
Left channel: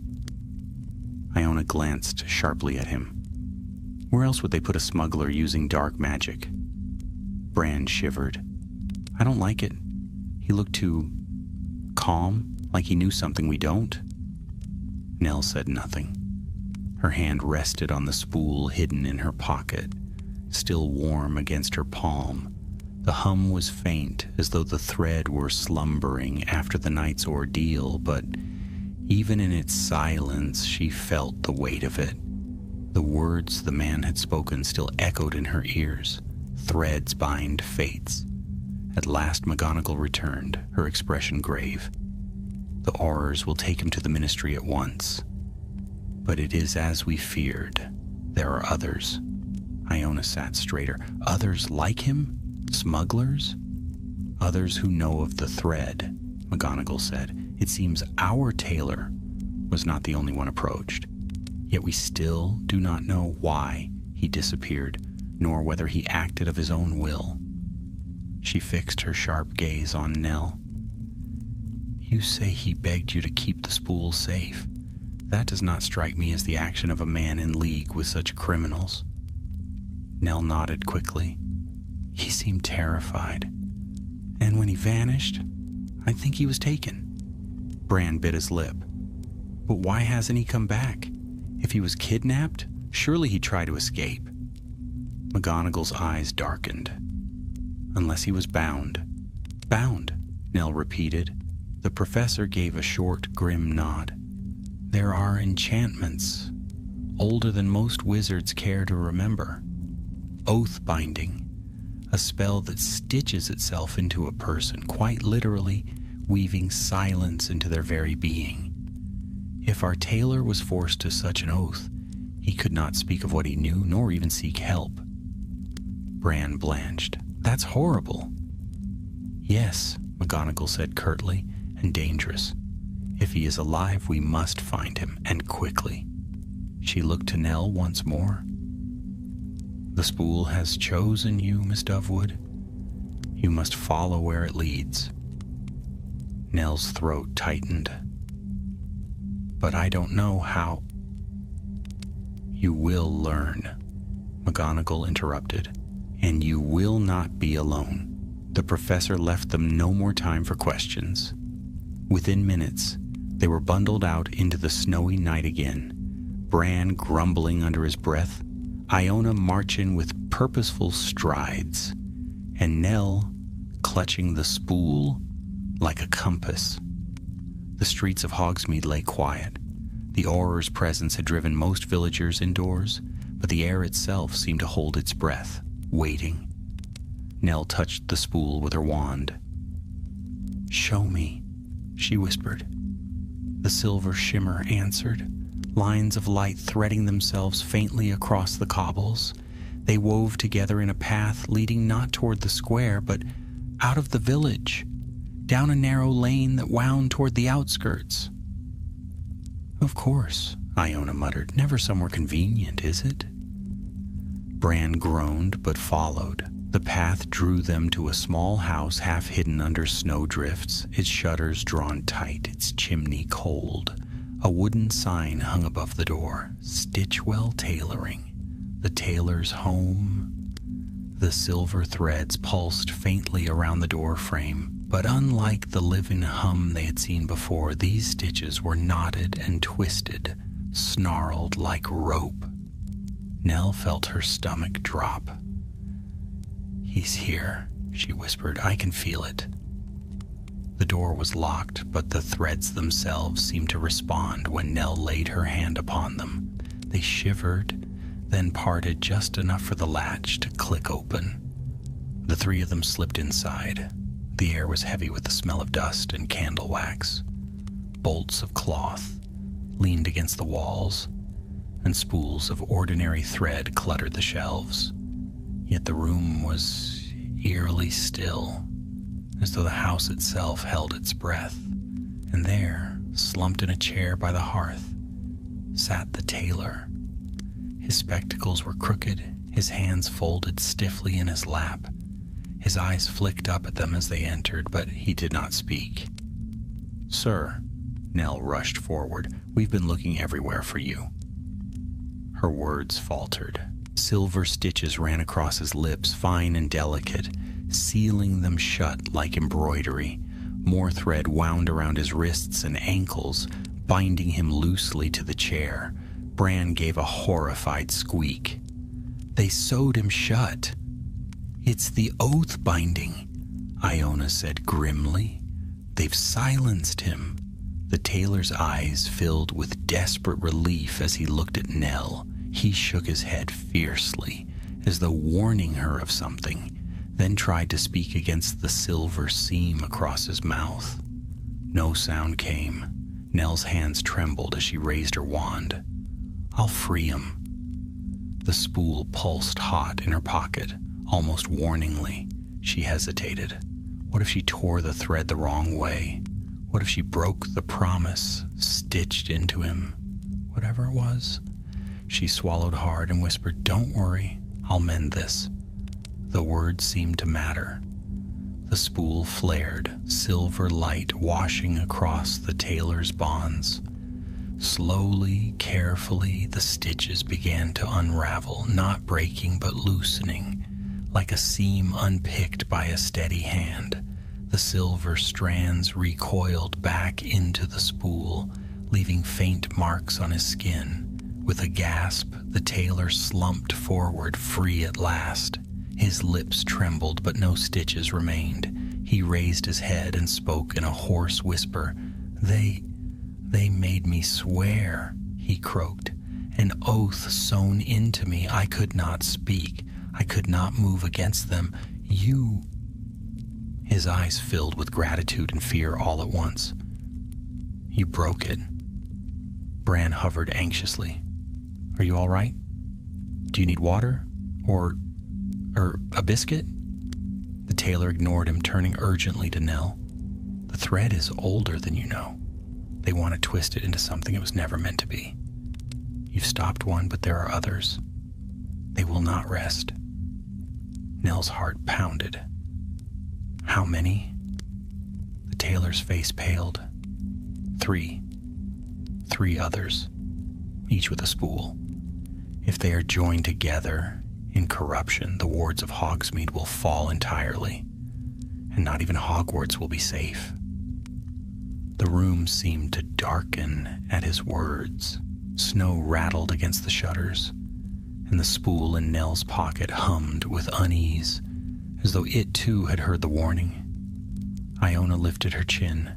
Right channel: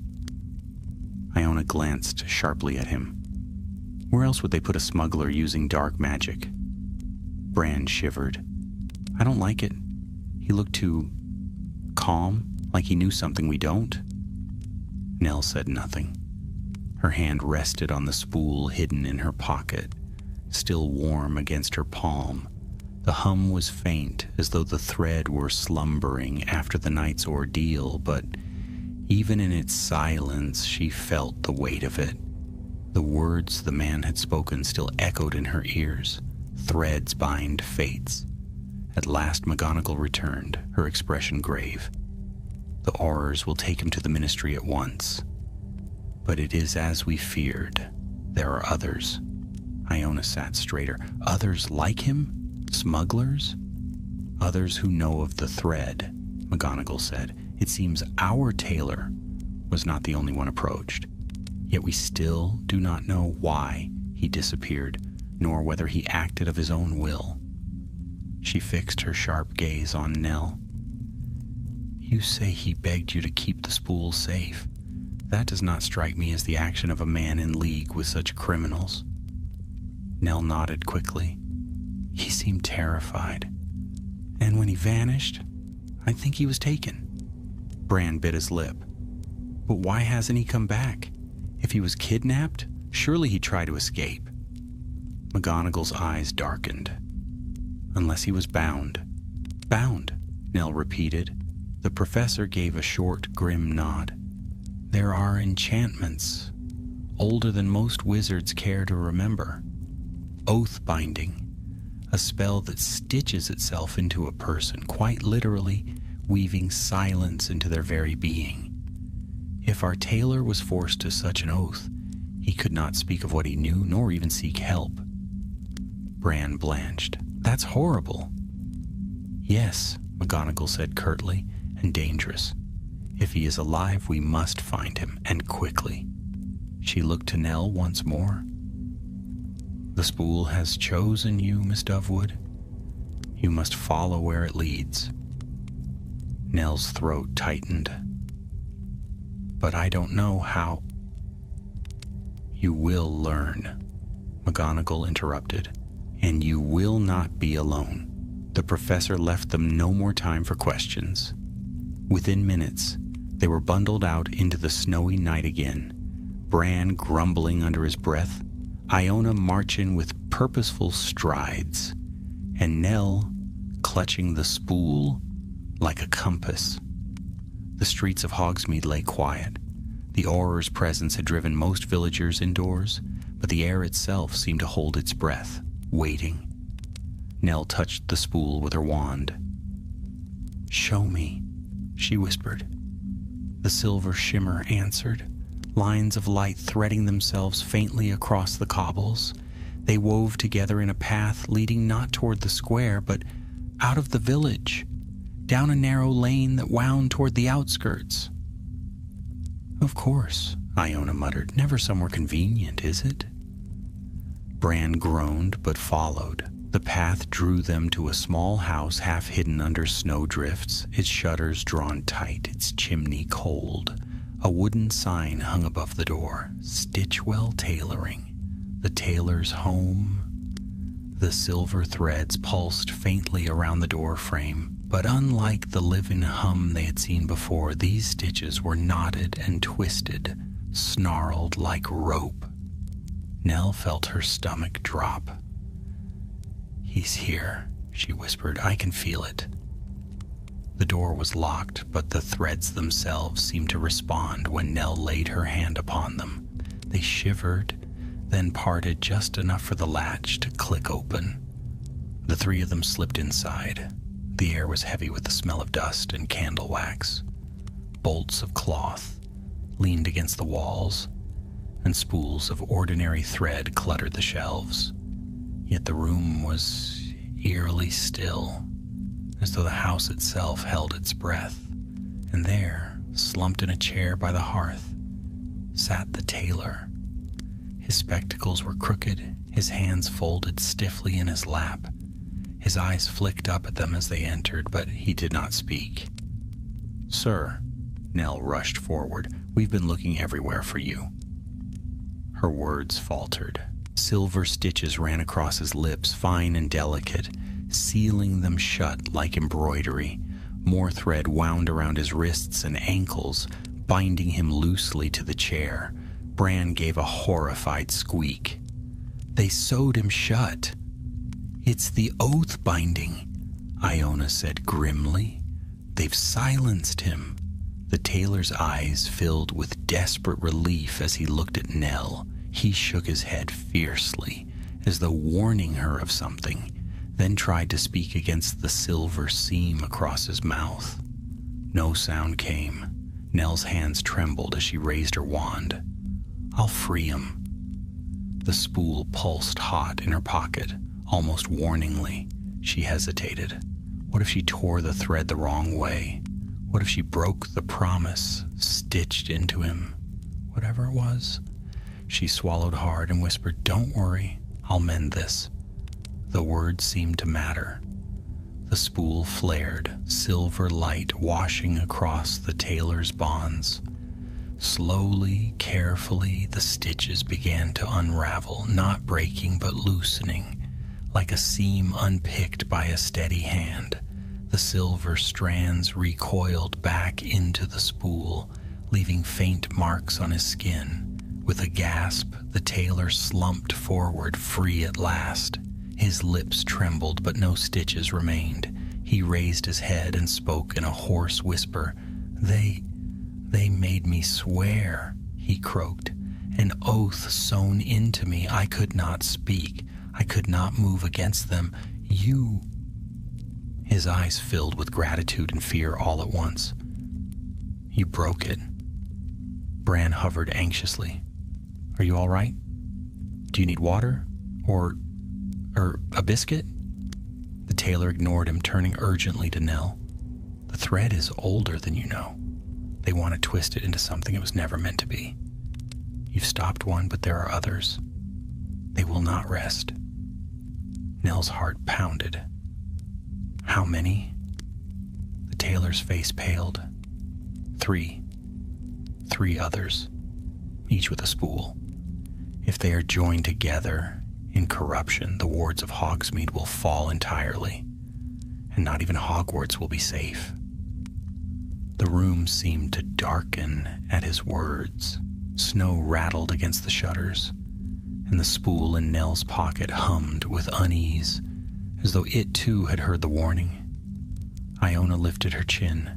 Iona glanced sharply at him. "Where else would they put a smuggler using dark magic?" Bran shivered. "I don't like it. He looked too calm, like he knew something we don't." Nell said nothing. Her hand rested on the spool hidden in her pocket, still warm against her palm. The hum was faint, as though the thread were slumbering after the night's ordeal, but even in its silence she felt the weight of it. The words the man had spoken still echoed in her ears. Threads bind fates. At last McGonagall returned, her expression grave. "The Aurors will take him to the Ministry at once. But it is as we feared. There are others." Iona sat straighter. "Others like him? Smugglers?" "Others who know of the thread," McGonagall said. "It seems our tailor was not the only one approached. Yet we still do not know why he disappeared, nor whether he acted of his own will." She fixed her sharp gaze on Nell. "You say he begged you to keep the spool safe. That does not strike me as the action of a man in league with such criminals." Nell nodded quickly. "He seemed terrified. And when he vanished, I think he was taken." Bran bit his lip. "But why hasn't he come back? If he was kidnapped, surely he'd try to escape." McGonagall's eyes darkened. "Unless he was bound." "Bound," Nell repeated. The professor gave a short, grim nod. "There are enchantments, older than most wizards care to remember. Oath-binding, a spell that stitches itself into a person, quite literally weaving silence into their very being. If our tailor was forced to such an oath, he could not speak of what he knew, nor even seek help." Bran blanched. "That's horrible." "Yes," McGonagall said curtly, "and dangerous. If he is alive, we must find him, and quickly." She looked to Nell once more. "The spool has chosen you, Miss Dovewood. You must follow where it leads." Nell's throat tightened. but I don't know how." "You will learn," McGonagall interrupted, "and you will not be alone." The professor left them no more time for questions. Within minutes, they were bundled out into the snowy night again, Bran grumbling under his breath, Iona marching with purposeful strides, and Nell clutching the spool like a compass. The streets of Hogsmeade lay quiet. The Auror's presence had driven most villagers indoors, but the air itself seemed to hold its breath, waiting. Nell touched the spool with her wand. "Show me," she whispered. The silver shimmer answered, lines of light threading themselves faintly across the cobbles. They wove together in a path leading not toward the square, but out of the village, down a narrow lane that wound toward the outskirts. "Of course," Iona muttered. "Never somewhere convenient, is it?" Bran groaned but followed. The path drew them to a small house half hidden under snowdrifts, its shutters drawn tight, its chimney cold. A wooden sign hung above the door, "Stitchwell Tailoring, the tailor's home." The silver threads pulsed faintly around the door frame, but unlike the living hum they had seen before, these stitches were knotted and twisted, snarled like rope. Nell felt her stomach drop. "He's here," she whispered. "I can feel it." The door was locked, but the threads themselves seemed to respond when Nell laid her hand upon them. They shivered, then parted just enough for the latch to click open. The three of them slipped inside. The air was heavy with the smell of dust and candle wax. Bolts of cloth leaned against the walls, and spools of ordinary thread cluttered the shelves. Yet the room was eerily still, as though the house itself held its breath. And there, slumped in a chair by the hearth, sat the tailor. His spectacles were crooked, his hands folded stiffly in his lap. His eyes flicked up at them as they entered, but he did not speak. "Sir," Nell rushed forward, "we've been looking everywhere for you." Her words faltered. Silver stitches ran across his lips, fine and delicate, sealing them shut like embroidery. More thread wound around his wrists and ankles, binding him loosely to the chair. Bran gave a horrified squeak. "They sewed him shut." "It's the oath binding," Iona said grimly. "They've silenced him." The tailor's eyes filled with desperate relief as he looked at Nell. He shook his head fiercely, as though warning her of something, then tried to speak against the silver seam across his mouth. No sound came. Nell's hands trembled as she raised her wand. "I'll free him." The spool pulsed hot in her pocket, almost warningly. She hesitated. What if she tore the thread the wrong way? What if she broke the promise stitched into him? Whatever it was. She swallowed hard and whispered, "Don't worry, I'll mend this." The words seemed to matter. The spool flared, silver light washing across the tailor's bonds. Slowly, carefully, the stitches began to unravel, not breaking but loosening, like a seam unpicked by a steady hand. The silver strands recoiled back into the spool, leaving faint marks on his skin. With a gasp, the tailor slumped forward, free at last. His lips trembled, but no stitches remained. He raised his head and spoke in a hoarse whisper. They made me swear," he croaked. "An oath sewn into me. I could not speak. I could not move against them. You..." His eyes filled with gratitude and fear all at once. "You broke it." Bran hovered anxiously. "Are you all right? Do you need water? Or a biscuit?" The tailor ignored him, turning urgently to Nell. "The thread is older than you know. They want to twist it into something it was never meant to be. You've stopped one, but there are others. They will not rest." Nell's heart pounded. "How many?" The tailor's face paled. Three 3 others, each with a spool. If they are joined together in corruption, the wards of Hogsmeade will fall entirely, and not even Hogwarts will be safe. The room seemed to darken at his words. Snow rattled against the shutters, and the spool in Nell's pocket hummed with unease, as though it too had heard the warning. Iona lifted her chin.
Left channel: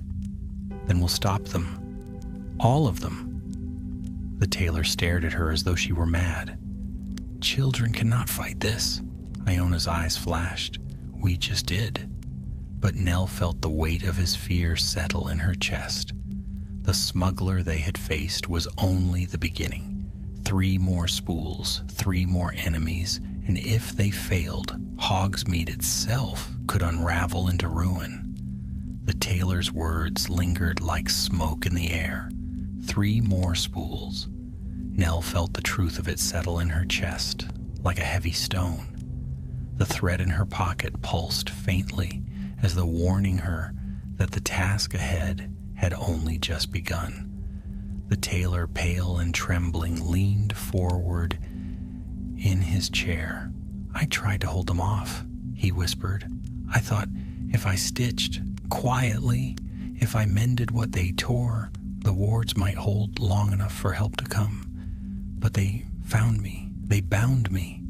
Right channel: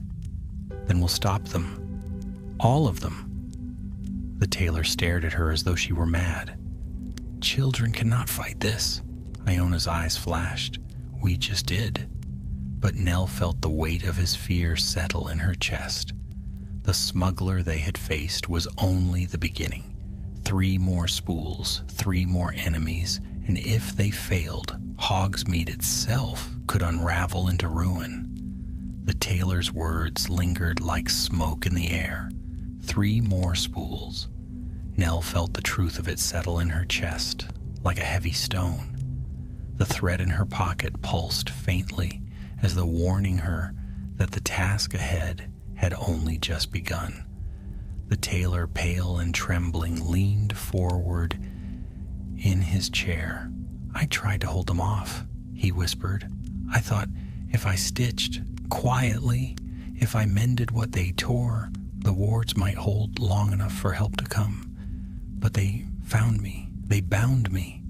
Then we'll stop them. All of them. The tailor stared at her as though she were mad. Children cannot fight this. Iona's eyes flashed. We just did. But Nell felt the weight of his fear settle in her chest. The smuggler they had faced was only the beginning. 3 more spools, 3 more enemies, and if they failed, Hogsmeade itself could unravel into ruin. The tailor's words lingered like smoke in the air. 3 more spools. Nell felt the truth of it settle in her chest, like a heavy stone. The thread in her pocket pulsed faintly, as though warning her that the task ahead had only just begun. The tailor, pale and trembling, leaned forward in his chair. I tried to hold them off, he whispered. I thought if I stitched quietly, if I mended what they tore, the wards might hold long enough for help to come. But they found me, they bound me,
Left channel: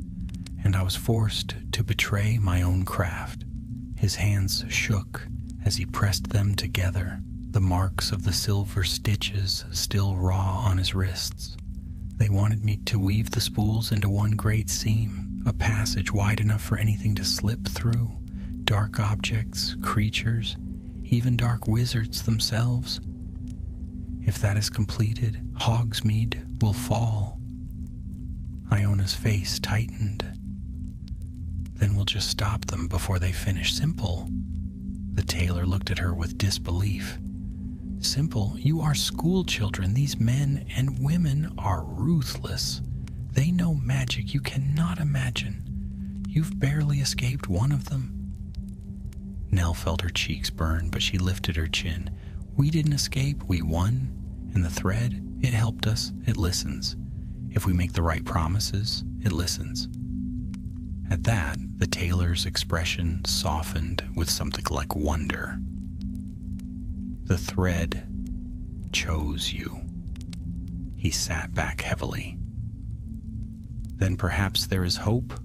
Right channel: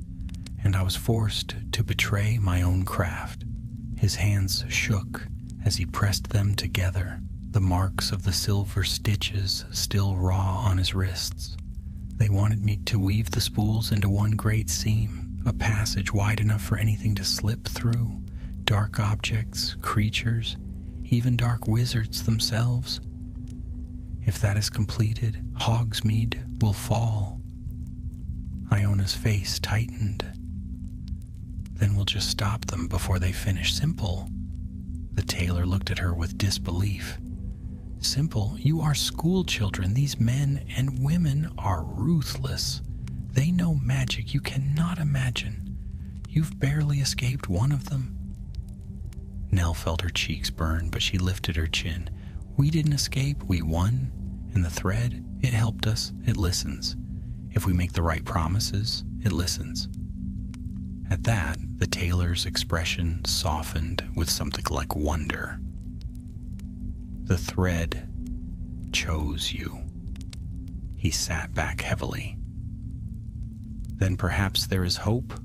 and I was forced to betray my own craft. His hands shook as he pressed them together, the marks of the silver stitches still raw on his wrists. They wanted me to weave the spools into one great seam, a passage wide enough for anything to slip through, dark objects, creatures, even dark wizards themselves. If that is completed, Hogsmeade will fall. Iona's face tightened. Then we'll just stop them before they finish. Simple. The tailor looked at her with disbelief. Simple? You are school children. These men and women are ruthless. They know magic you cannot imagine. You've barely escaped one of them. Nell felt her cheeks burn, but she lifted her chin. We didn't escape, we won. And the thread, it helped us, it listens. If we make the right promises, it listens. At that, the tailor's expression softened with something like wonder. The thread chose you. He sat back heavily. Then perhaps there is hope?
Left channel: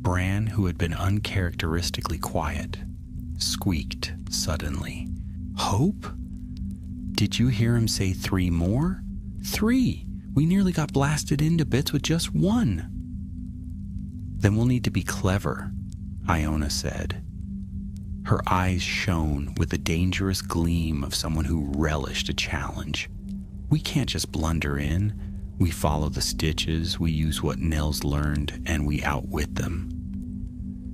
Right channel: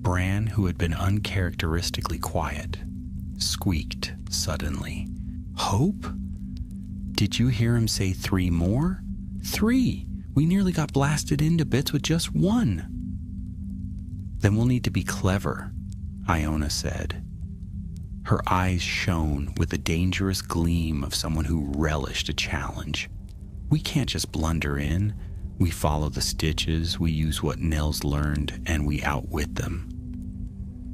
Bran, who had been uncharacteristically quiet, squeaked suddenly. Hope? Did you hear him say 3 more? 3! We nearly got blasted into bits with just 1. Then we'll need to be clever, Iona said. Her eyes shone with the dangerous gleam of someone who relished a challenge. We can't just blunder in. We follow the stitches, we use what Nell's learned, and we outwit them.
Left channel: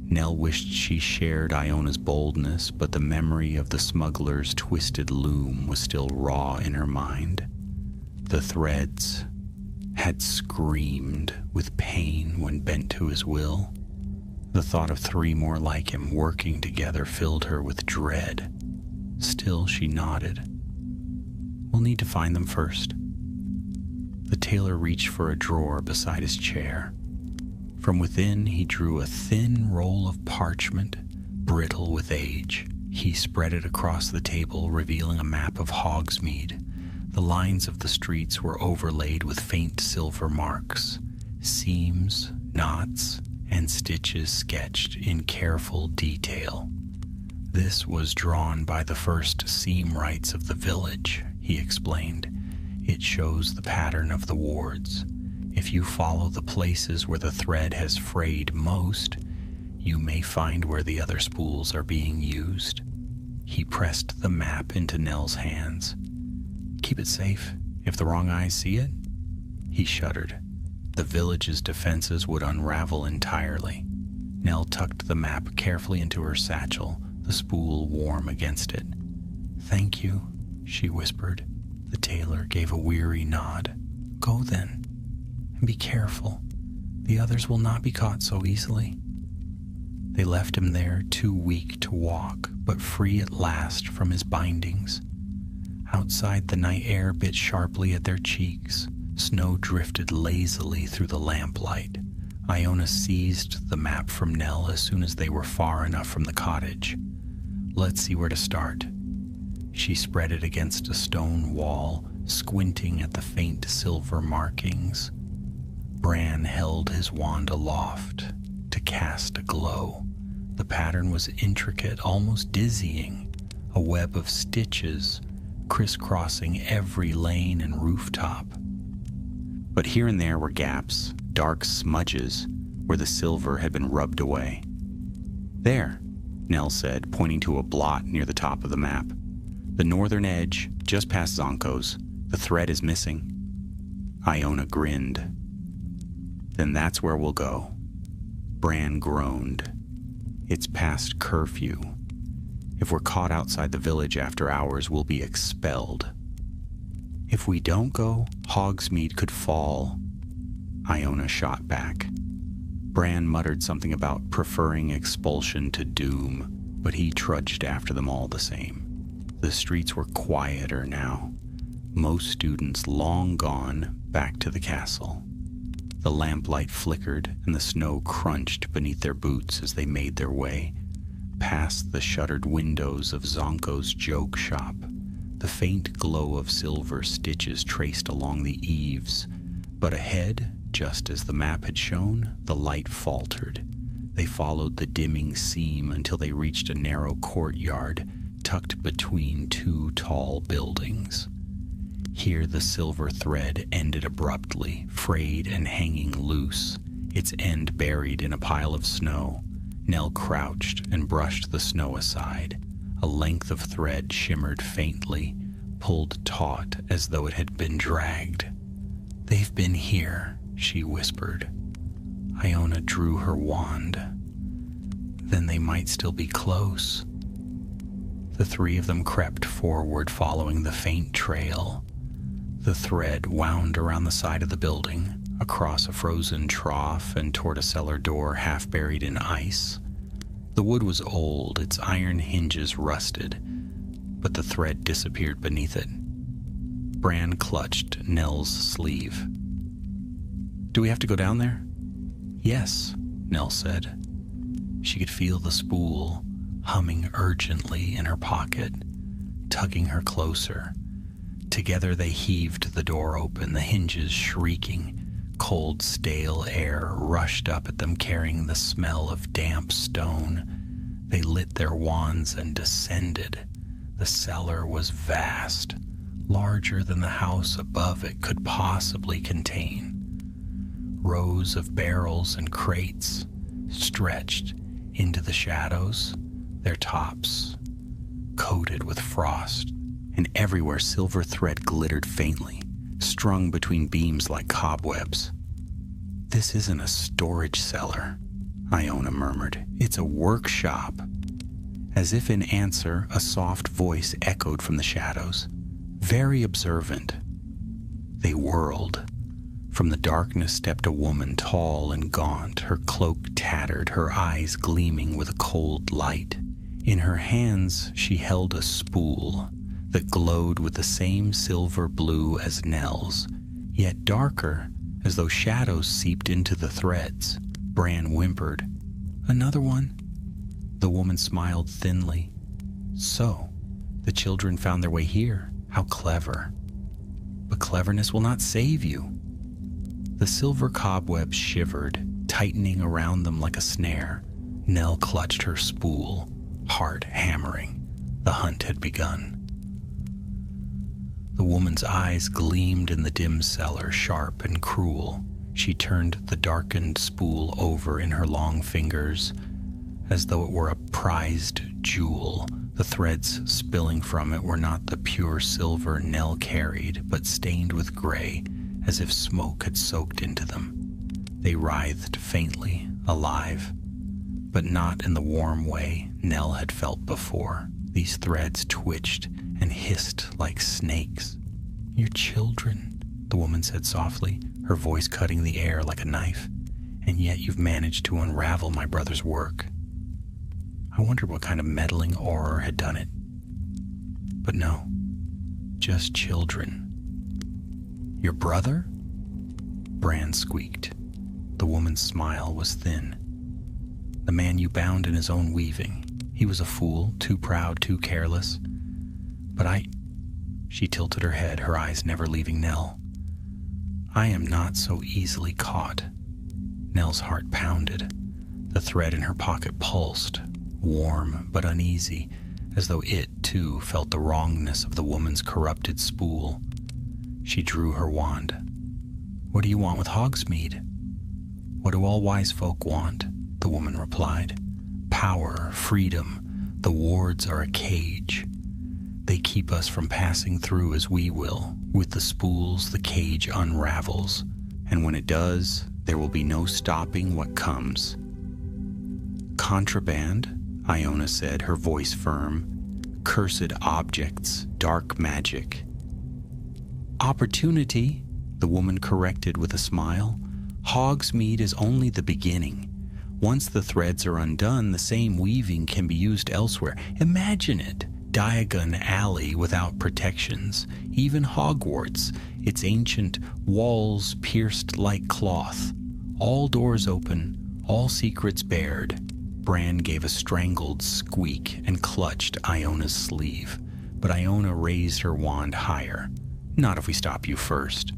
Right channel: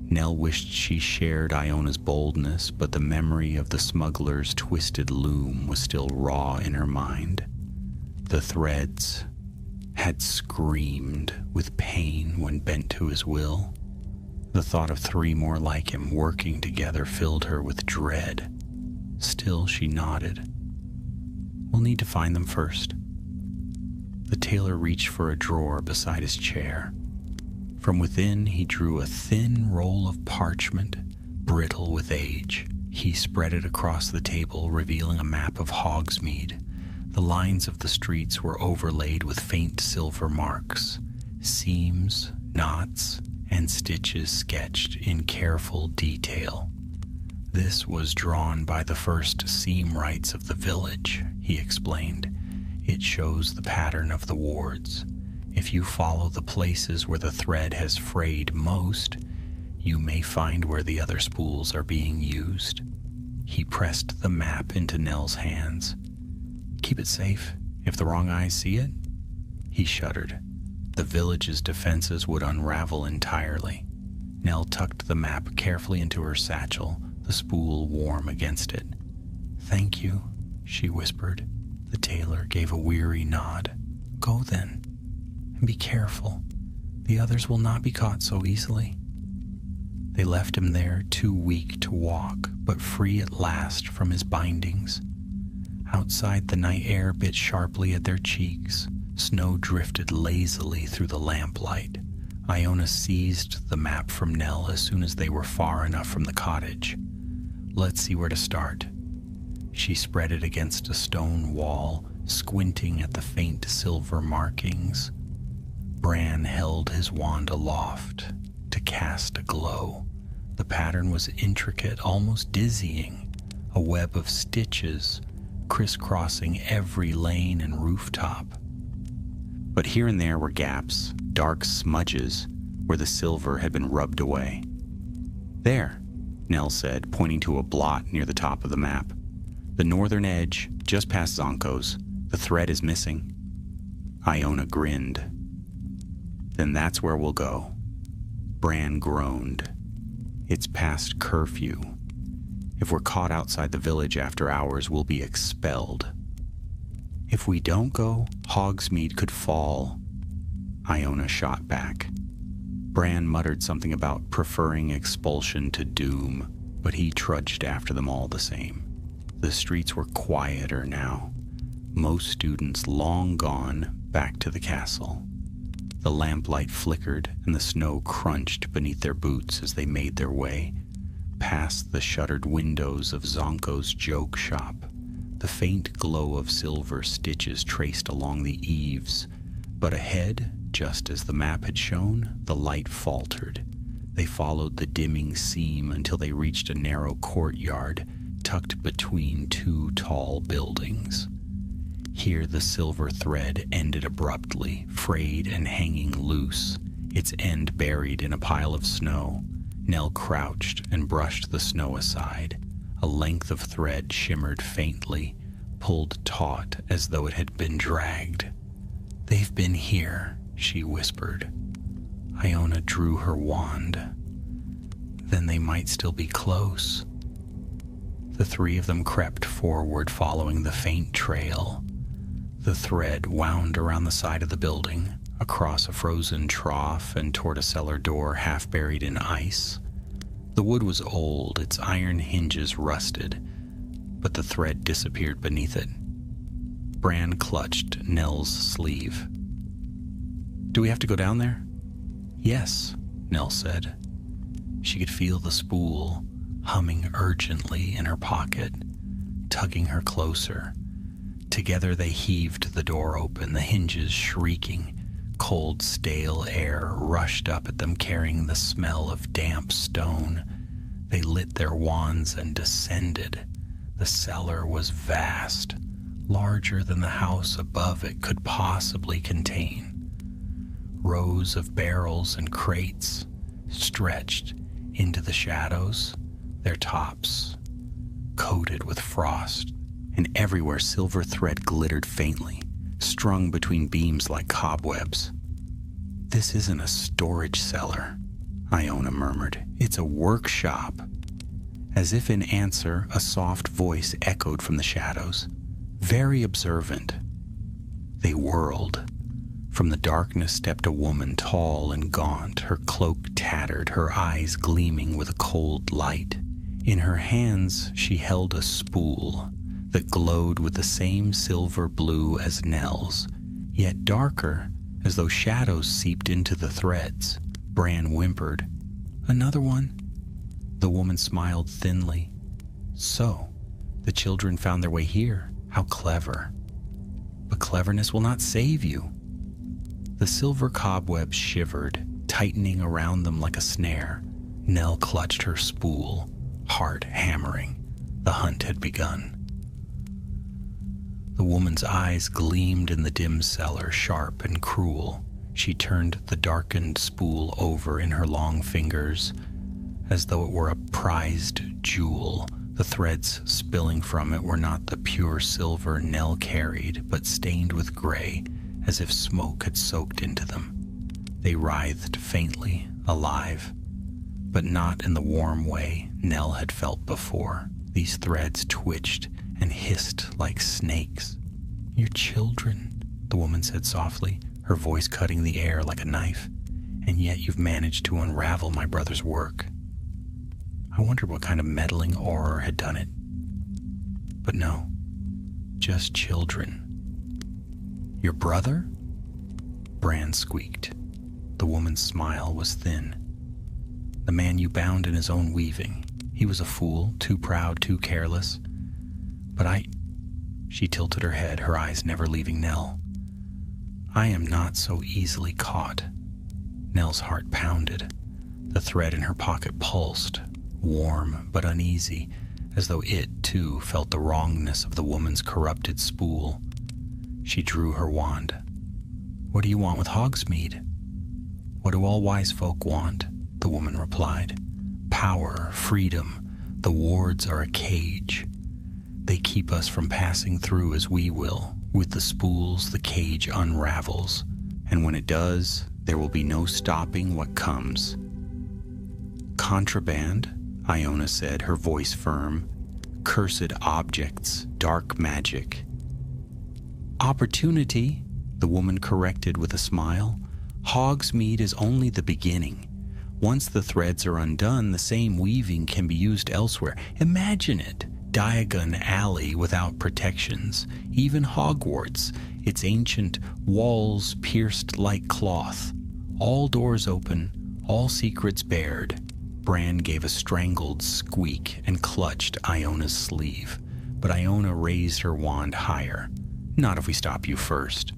Nell wished she shared Iona's boldness, but the memory of the smuggler's twisted loom was still raw in her mind. The threads had screamed with pain when bent to his will. The thought of 3 more like him working together filled her with dread. Still, she nodded. We'll need to find them first. The tailor reached for a drawer beside his chair. From within, he drew a thin roll of parchment, brittle with age. He spread it across the table, revealing a map of Hogsmeade. The lines of the streets were overlaid with faint silver marks, seams, knots, and stitches sketched in careful detail. This was drawn by the first seam rights of the village, he explained. It shows the pattern of the wards. If you follow the places where the thread has frayed most, you may find where the other spools are being used. He pressed the map into Nell's hands. Keep it safe. If the wrong eyes see it, he shuddered. The village's defenses would unravel entirely. Nell tucked the map carefully into her satchel, the spool warm against it. Thank you, she whispered. The tailor gave a weary nod. Go then, and be careful. The others will not be caught so easily. They left him there, too weak to walk, but free at last from his bindings. Outside, the night air bit sharply at their cheeks. Snow drifted lazily through the lamplight. Iona seized the map from Nell as soon as they were far enough from the cottage. Let's see where to start. She spread it against a stone wall, squinting at the faint silver markings. Bran held his wand aloft to cast a glow. The pattern was intricate, almost dizzying, a web of stitches crisscrossing every lane and rooftop. But here and there were gaps, dark smudges, where the silver had been rubbed away. There, Nell said, pointing to a blot near the top of the map. The northern edge, just past Zonko's. The thread is missing. Iona grinned. Then that's where we'll go. Bran groaned. It's past curfew. If we're caught outside the village after hours, we'll be expelled. If we don't go, Hogsmeade could fall. Iona shot back. Bran muttered something about preferring expulsion to doom, but he trudged after them all the same. The streets were quieter now. Most students long gone back to the castle. The lamplight flickered and the snow crunched beneath their boots as they made their way past the shuttered windows of Zonko's joke shop. The faint glow of silver stitches traced along the eaves, but ahead, just as the map had shown, the light faltered. They followed the dimming seam until they reached a narrow courtyard tucked between two tall buildings. Here the silver thread ended abruptly, frayed and hanging loose, its end buried in a pile of snow. Nell crouched and brushed the snow aside. A length of thread shimmered faintly, pulled taut as though it had been dragged. "They've been here," she whispered. Iona drew her wand. "Then they might still be close." The three of them crept forward, following the faint trail. The thread wound around the side of the building, across a frozen trough and toward a cellar door half buried in ice. The wood was old, its iron hinges rusted, but the thread disappeared beneath it. Bran clutched Nell's sleeve. "Do we have to go down there?" "Yes," Nell said. She could feel the spool humming urgently in her pocket, tugging her closer. Together they heaved the door open, the hinges shrieking. Cold, stale air rushed up at them, carrying the smell of damp stone. They lit their wands and descended. The cellar was vast, larger than the house above it could possibly contain. Rows of barrels and crates stretched into the shadows, their tops coated with frost, and everywhere silver thread glittered faintly, strung between beams like cobwebs. "This isn't a storage cellar," Iona murmured. "It's a workshop." As if in answer, a soft voice echoed from the shadows, very observant. They whirled. From the darkness stepped a woman, tall and gaunt, her cloak tattered, her eyes gleaming with a cold light. In her hands she held a spool that glowed with the same silver blue as Nell's, yet darker, as though shadows seeped into the threads. Bran whimpered, "Another one?" The woman smiled thinly. "So, the children found their way here. How clever. But cleverness will not save you." The silver cobwebs shivered, tightening around them like a snare. Nell clutched her spool, heart hammering. The hunt had begun. The woman's eyes gleamed in the dim cellar, sharp and cruel. She turned the darkened spool over in her long fingers, as though it were a prized jewel. The threads spilling from it were not the pure silver Nell carried, but stained with gray, as if smoke had soaked into them. They writhed faintly, alive, but not in the warm way Nell had felt before. These threads twitched and hissed like snakes. "Your children," the woman said softly, her voice cutting the air like a knife. "And yet you've managed to unravel my brother's work." I wondered what kind of meddling auror had done it. But no, Just children. Your brother? Bran squeaked. The woman's smile was thin. The man you bound in his own weaving. He was a fool, too proud, too careless. But She tilted her head, her eyes never leaving Nell. I am not so easily caught. Nell's heart pounded. The thread in her pocket pulsed, warm but uneasy, as though it, too, felt the wrongness of the woman's corrupted spool. She drew her wand. What do you want with Hogsmeade? What do all wise folk want? The woman replied. Power, freedom. The wards are a cage. They keep us from passing through as we will. With the spools, the cage unravels. And when it does, there will be no stopping what comes. Contraband, Iona said, her voice firm. Cursed objects, dark magic. Opportunity, the woman corrected with a smile. Hogsmeade is only the beginning. Once the threads are undone, the same weaving can be used elsewhere. Imagine it. Diagon Alley without protections. Even Hogwarts, its ancient walls pierced like cloth. All doors open, all secrets bared. Bran gave a strangled squeak and clutched Iona's sleeve. But Iona raised her wand higher. Not if we stop you first.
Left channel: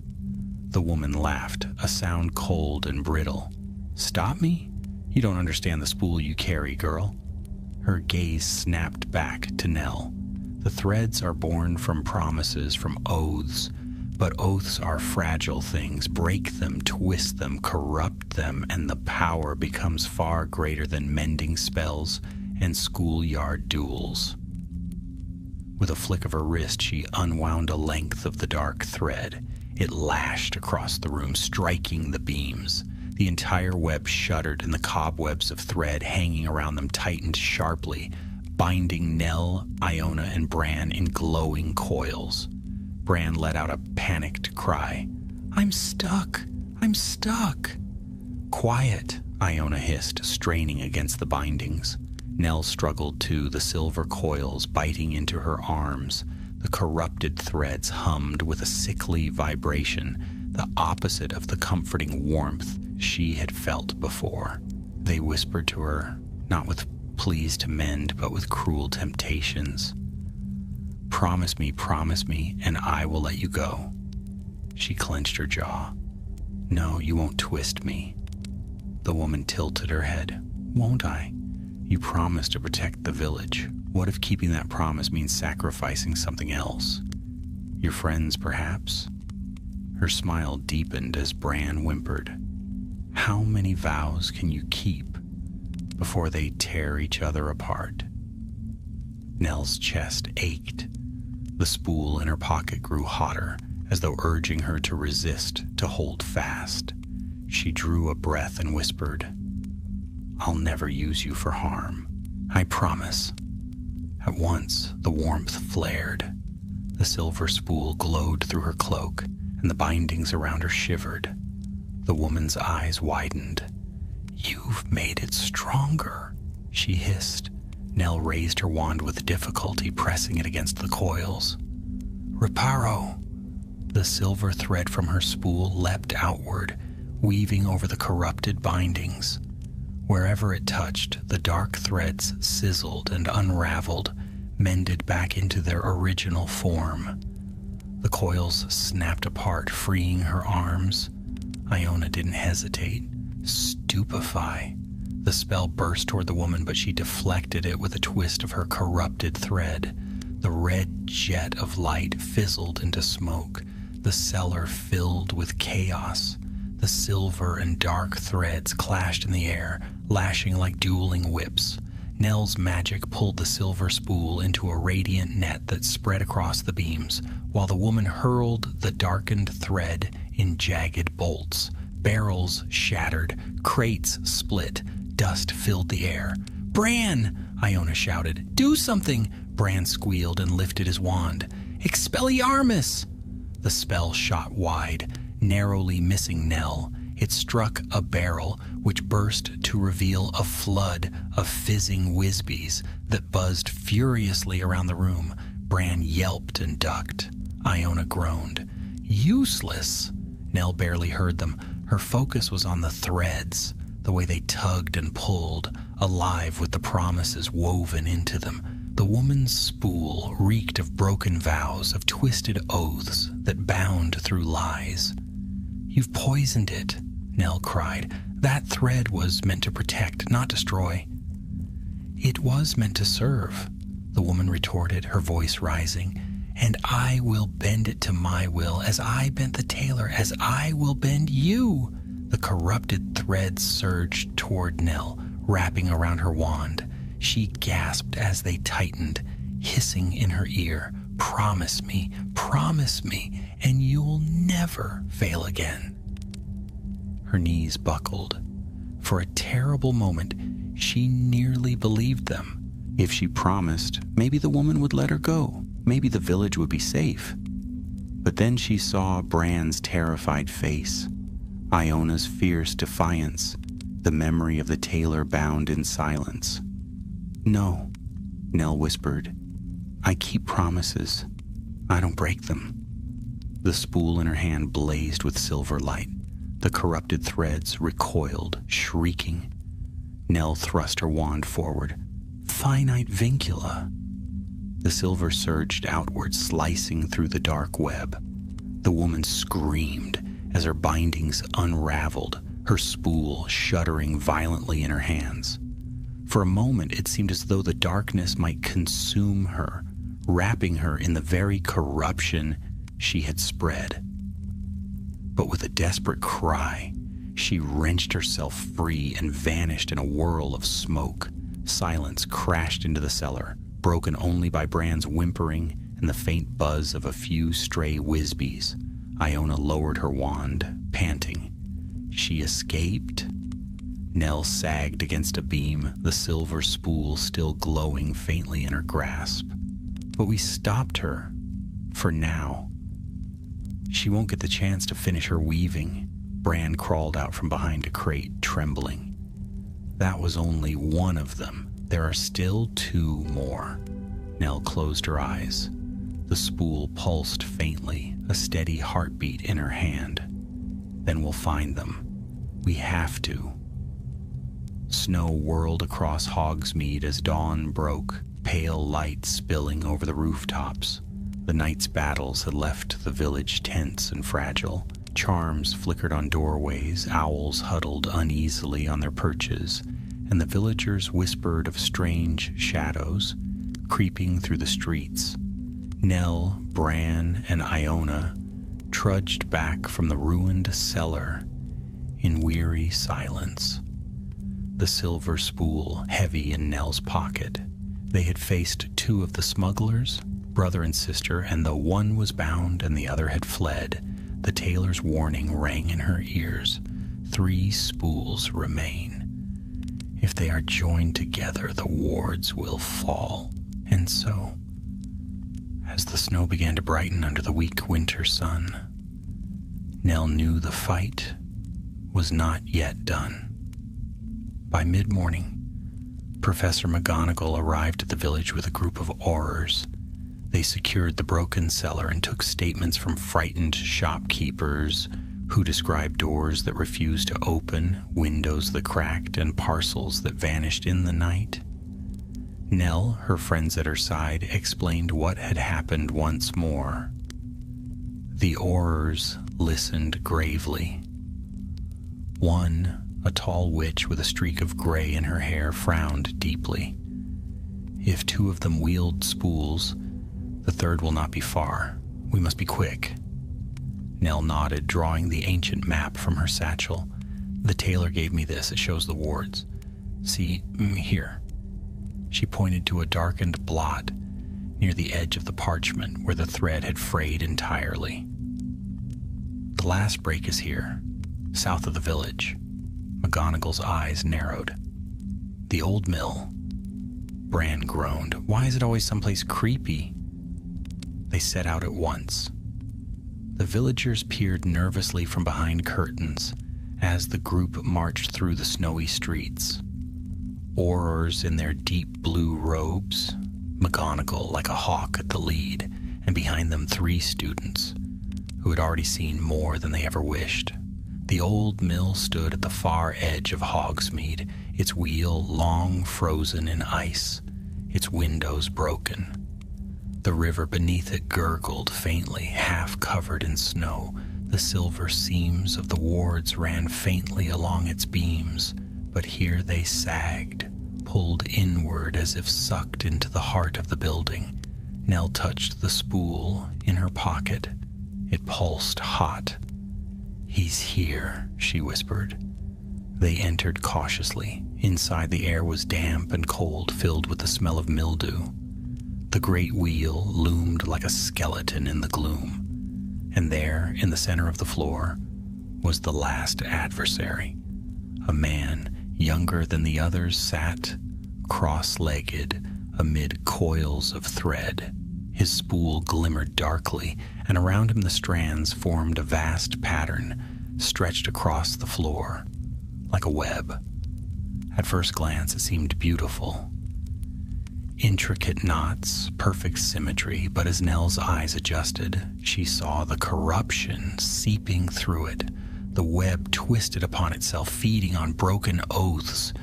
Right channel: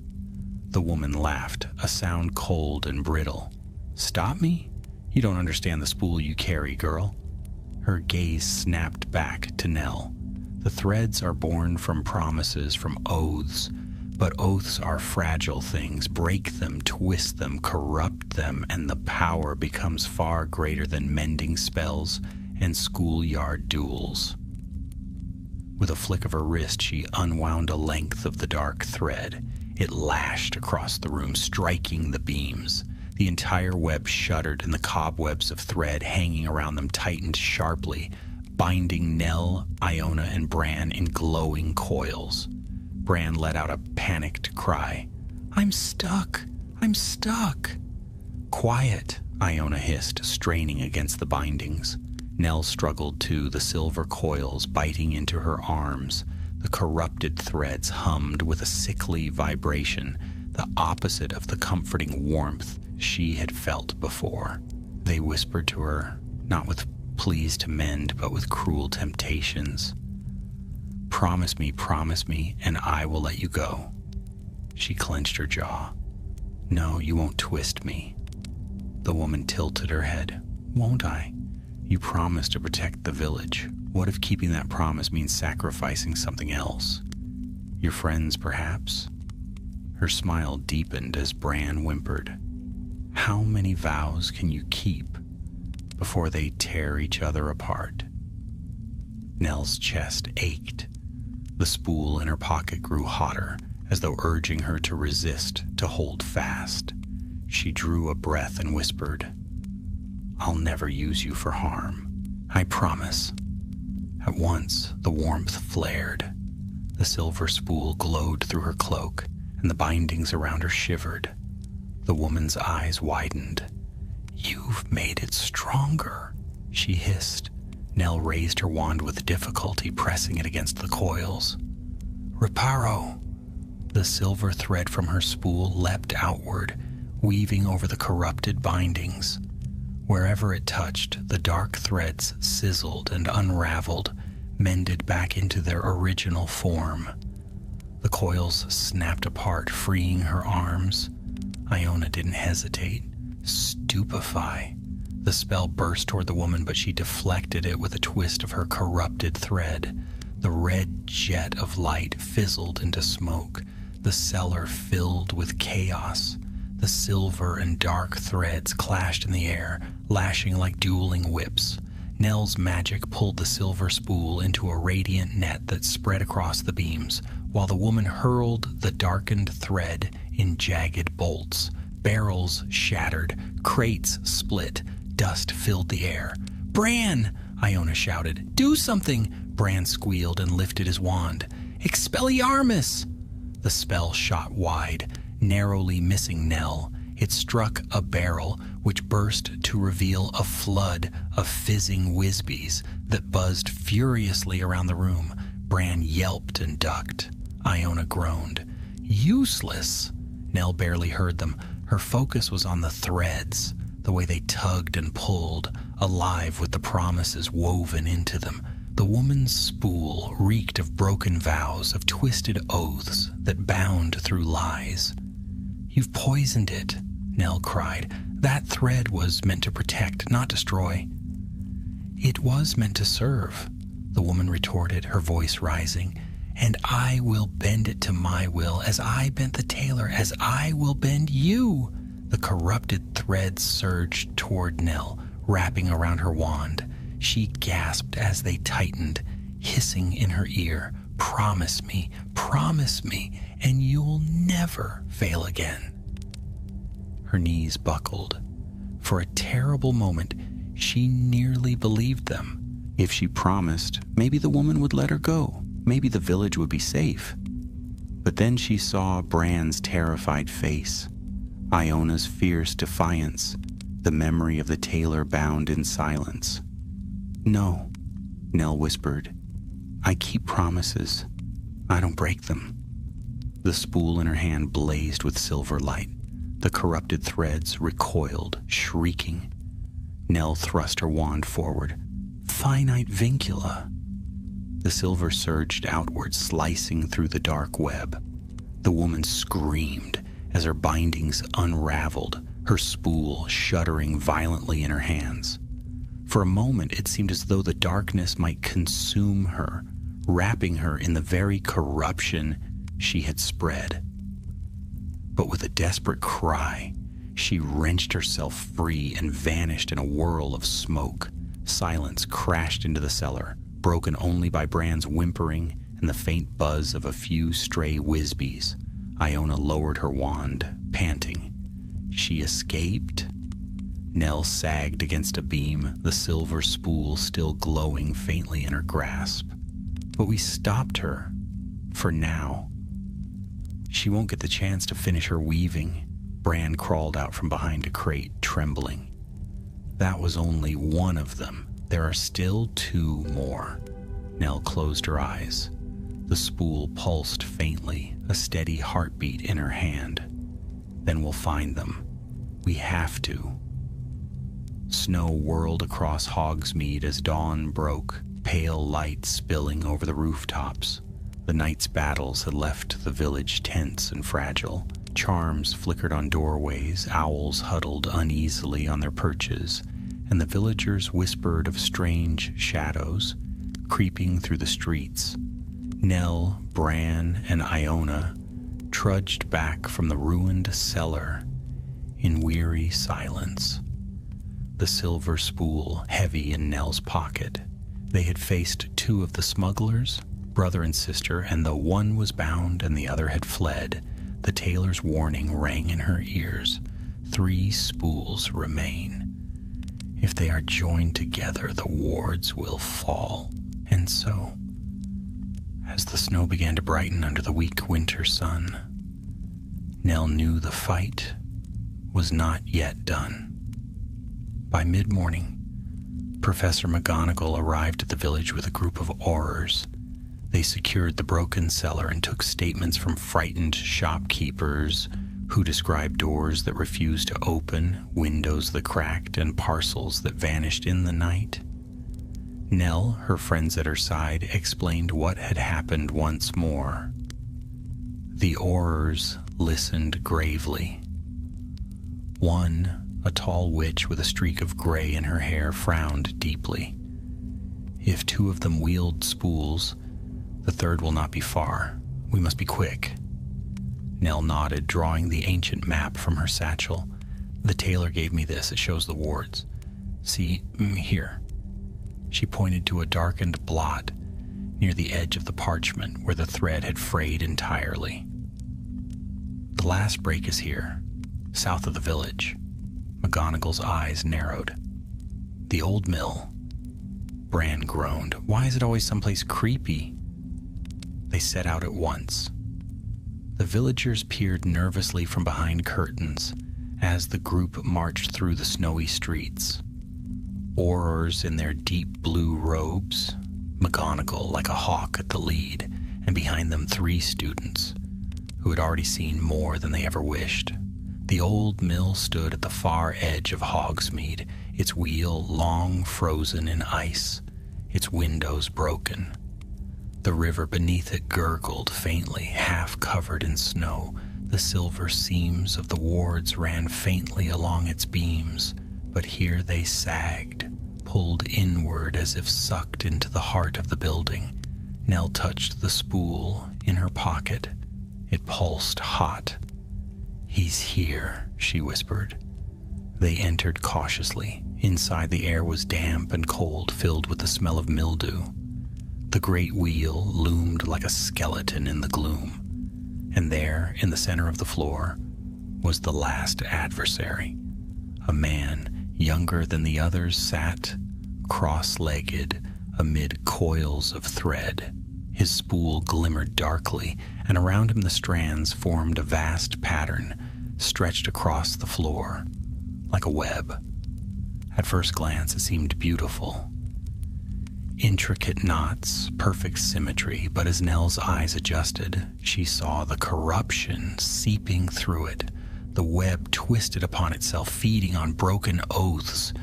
The woman laughed, a sound cold and brittle. Stop me? You don't understand the spool you carry, girl. Her gaze snapped back to Nell. The threads are born from promises, from oaths. But oaths are fragile things. Break them, twist them, corrupt them, and the power becomes far greater than mending spells and schoolyard duels. With a flick of her wrist, she unwound a length of the dark thread. It lashed across the room, striking the beams. The entire web shuddered, and the cobwebs of thread hanging around them tightened sharply, binding Nell, Iona, and Bran in glowing coils. Bran let out a panicked cry. I'm stuck! I'm stuck! Quiet, Iona hissed, straining against the bindings. Nell struggled too, the silver coils biting into her arms. The corrupted threads hummed with a sickly vibration, the opposite of the comforting warmth she had felt before. They whispered to her, not with pleas to mend, but with cruel temptations. Promise me, and I will let you go. She clenched her jaw. No, you won't twist me. The woman tilted her head. Won't I? You promised to protect the village. What if keeping that promise means sacrificing something else? Your friends, perhaps? Her smile deepened as Bran whimpered. How many vows can you keep before they tear each other apart? Nell's chest ached. The spool in her pocket grew hotter, as though urging her to resist, to hold fast. She drew a breath and whispered, I'll never use you for harm. I promise. At once, the warmth flared. The silver spool glowed through her cloak, and the bindings around her shivered. The woman's eyes widened. You've made it stronger, she hissed. Nell raised her wand with difficulty, pressing it against the coils. Reparo! The silver thread from her spool leapt outward, weaving over the corrupted bindings. Wherever it touched, the dark threads sizzled and unraveled, mended back into their original form. The coils snapped apart, freeing her arms. Iona didn't hesitate. Stupefy. The spell burst toward the woman, but she deflected it with a twist of her corrupted thread. The red jet of light fizzled into smoke. The cellar filled with chaos. The silver and dark threads clashed in the air, lashing like dueling whips. Nell's magic pulled the silver spool into a radiant net that spread across the beams, while the woman hurled the darkened thread in jagged bolts. Barrels shattered, crates split, dust filled the air. Bran! Iona shouted. Do something! Bran squealed and lifted his wand. Expelliarmus! The spell shot wide, narrowly missing Nell. It struck a barrel, which burst to reveal a flood of fizzing whizbees that buzzed furiously around the room. Bran yelped and ducked. Iona groaned. Useless! Nell barely heard them. Her focus was on the threads, the way they tugged and pulled, alive with the promises woven into them. The woman's spool reeked of broken vows, of twisted oaths that bound through lies. "You've poisoned it," Nell cried. "That thread was meant to protect, not destroy." "It was meant to serve," the woman retorted, her voice rising. "And I will bend it to my will, as I bent the tailor, as I will bend you." The corrupted threads surged toward Nell, wrapping around her wand. She gasped as they tightened, hissing in her ear, promise me, and you'll never fail again." Her knees buckled. For a terrible moment, she nearly believed them. If she promised, maybe the woman would let her go. Maybe the village would be safe. But then she saw Bran's terrified face, Iona's fierce defiance, the memory of the tailor bound in silence. "No," Nell whispered. "I keep promises. I don't break them." The spool in her hand blazed with silver light. The corrupted threads recoiled, shrieking. Nell thrust her wand forward. "Finite vincula." The silver surged outward, slicing through the dark web. The woman screamed as her bindings unraveled, her spool shuddering violently in her hands. For a moment, it seemed as though the darkness might consume her, wrapping her in the very corruption she had spread. But with a desperate cry, she wrenched herself free and vanished in a whirl of smoke. Silence crashed into the cellar, broken only by Bran's whimpering and the faint buzz of a few stray Wisbees. Iona lowered her wand, panting. She escaped? Nell sagged against a beam, the silver spool still glowing faintly in her grasp. But we stopped her. For now. She won't get the chance to finish her weaving. Bran crawled out from behind a crate, trembling. That was only one of them. There are still two more. Nell closed her eyes. The spool pulsed faintly, a steady heartbeat in her hand. Then we'll find them. We have to. Snow whirled across Hogsmeade as dawn broke, pale light spilling over the rooftops. The night's battles had left the village tense and fragile. Charms flickered on doorways, owls huddled uneasily on their perches, and the villagers whispered of strange shadows creeping through the streets. Nell, Bran, and Iona trudged back from the ruined cellar in weary silence. The silver spool heavy in Nell's pocket. They had faced two of the smugglers, brother and sister, and though one was bound and the other had fled, the tailor's warning rang in her ears. 3 spools remain. If they are joined together, the wards will fall. And so, as the snow began to brighten under the weak winter sun, Nell knew the fight was not yet done. By mid-morning, Professor McGonagall arrived at the village with a group of aurors. They secured the broken cellar and took statements from frightened shopkeepers who described doors that refused to open, windows that cracked, and parcels that vanished in the night. Nell, her friends at her side, explained what had happened once more. The aurors listened gravely. One, a tall witch with a streak of gray in her hair, frowned deeply. If 2 of them wield spools, the third will not be far. We must be quick. Nell nodded, drawing the ancient map from her satchel. The tailor gave me this. It shows the wards. See, here. She pointed to a darkened blot near the edge of the parchment where the thread had frayed entirely. The last break is here, south of the village. McGonagall's eyes narrowed. The old mill. Bran groaned. Why is it always someplace creepy? They set out at once. The villagers peered nervously from behind curtains as the group marched through the snowy streets. Aurors in their deep blue robes, McGonagall like a hawk at the lead, and behind them 3 students who had already seen more than they ever wished. The old mill stood at the far edge of Hogsmeade, its wheel long frozen in ice, its windows broken. The river beneath it gurgled faintly, half covered in snow. The silver seams of the wards ran faintly along its beams, but here they sagged, pulled inward as if sucked into the heart of the building. Nell touched the spool in her pocket. It pulsed hot. "He's here," she whispered. They entered cautiously. Inside, the air was damp and cold, filled with the smell of mildew. The great wheel loomed like a skeleton in the gloom, and there, in the center of the floor, was the last adversary. A man, younger than the others, sat cross-legged amid coils of thread. His spool glimmered darkly, and around him the strands formed a vast pattern stretched across the floor, like a web. At first glance, it seemed beautiful. Intricate knots, perfect symmetry, but as Nell's eyes adjusted, she saw the corruption seeping through it. The web twisted upon itself, feeding on broken oaths.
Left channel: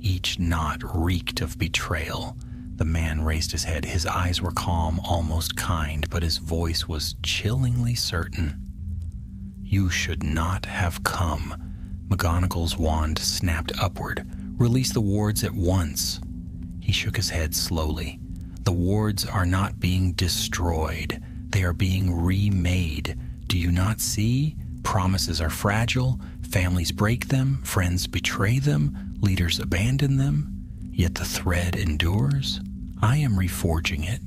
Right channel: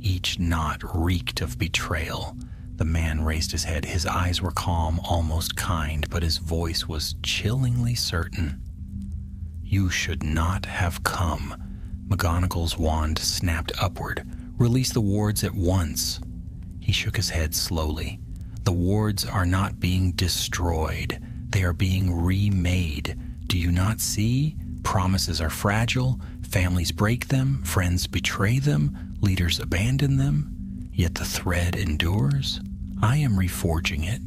Each knot reeked of betrayal. The man raised his head. His eyes were calm, almost kind, but his voice was chillingly certain. "You should not have come." McGonagall's wand snapped upward. "Release the wards at once." He shook his head slowly. "The wards are not being destroyed. They are being remade. Do you not see? Promises are fragile. Families break them. Friends betray them. Leaders abandon them. Yet the thread endures. I am reforging it,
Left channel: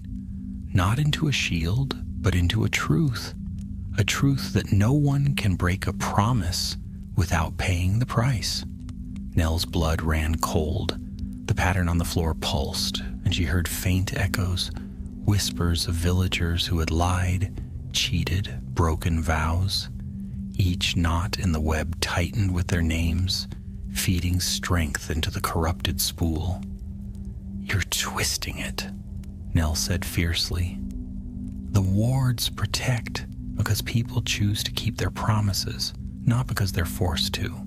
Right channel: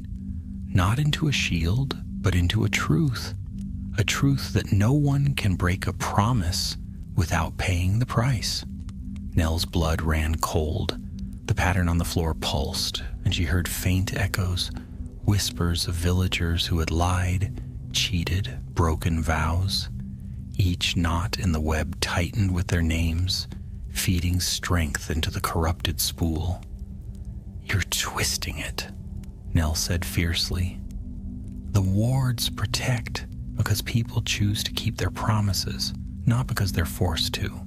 not into a shield, but into a truth that no one can break a promise without paying the price." Nell's blood ran cold. The pattern on the floor pulsed, and she heard faint echoes, whispers of villagers who had lied, cheated, broken vows. Each knot in the web tightened with their names, feeding strength into the corrupted spool. "You're twisting it," Nell said fiercely. "The wards protect because people choose to keep their promises, not because they're forced to."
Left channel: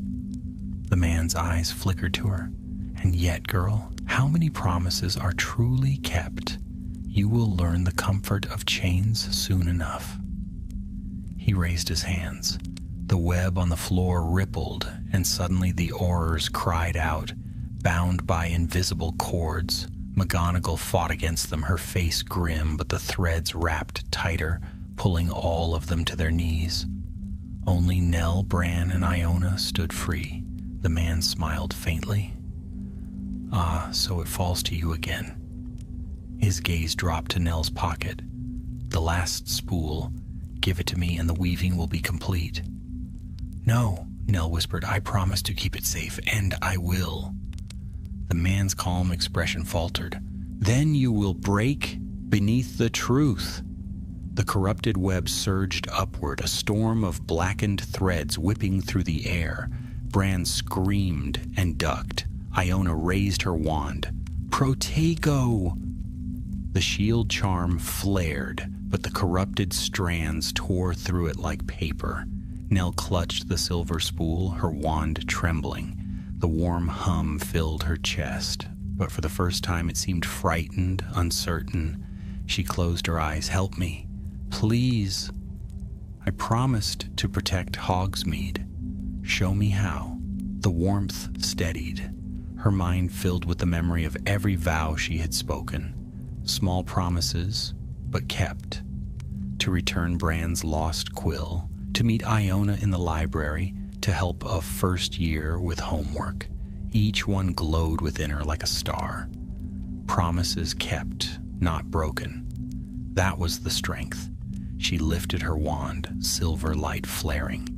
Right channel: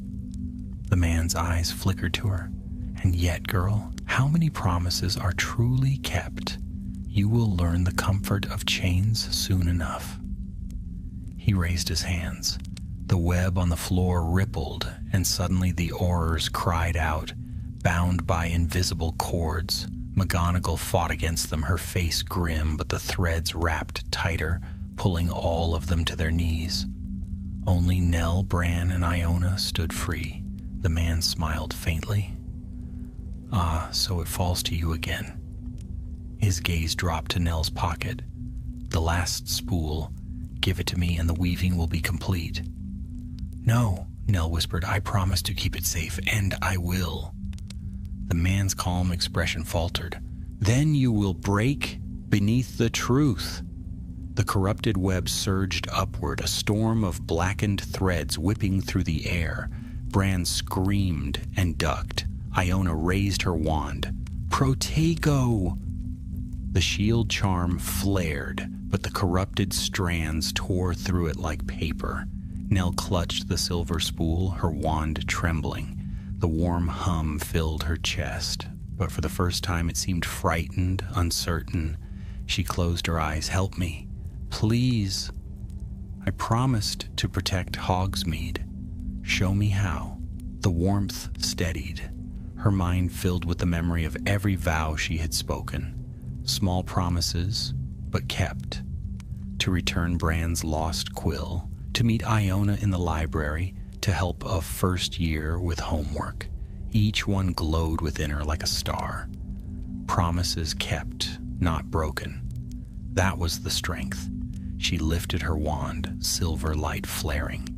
The man's eyes flickered to her. "And yet, girl, how many promises are truly kept? You will learn the comfort of chains soon enough." He raised his hands. The web on the floor rippled, and suddenly the Aurors cried out, bound by invisible cords. McGonagall fought against them, her face grim, but the threads wrapped tighter, pulling all of them to their knees. Only Nell, Bran, and Iona stood free. The man smiled faintly. "Ah, so it falls to you again." His gaze dropped to Nell's pocket. "The last spool. Give it to me and the weaving will be complete." "No," Nell whispered. "I promise to keep it safe, and I will." The man's calm expression faltered. "Then you will break beneath the truth." The corrupted web surged upward, a storm of blackened threads whipping through the air. Bran screamed and ducked. Iona raised her wand. "Protego!" The shield charm flared, but the corrupted strands tore through it like paper. Nell clutched the silver spool, her wand trembling. The warm hum filled her chest, but for the first time it seemed frightened, uncertain. She closed her eyes. "Help me, please." "I promised to protect Hogsmeade. Show me how." The warmth steadied, her mind filled with the memory of every vow she had spoken. Small promises, but kept. To return Bran's lost quill, to meet Iona in the library, to help a first year with homework. Each one glowed within her like a star. Promises kept, not broken. That was the strength. She lifted her wand, silver light flaring.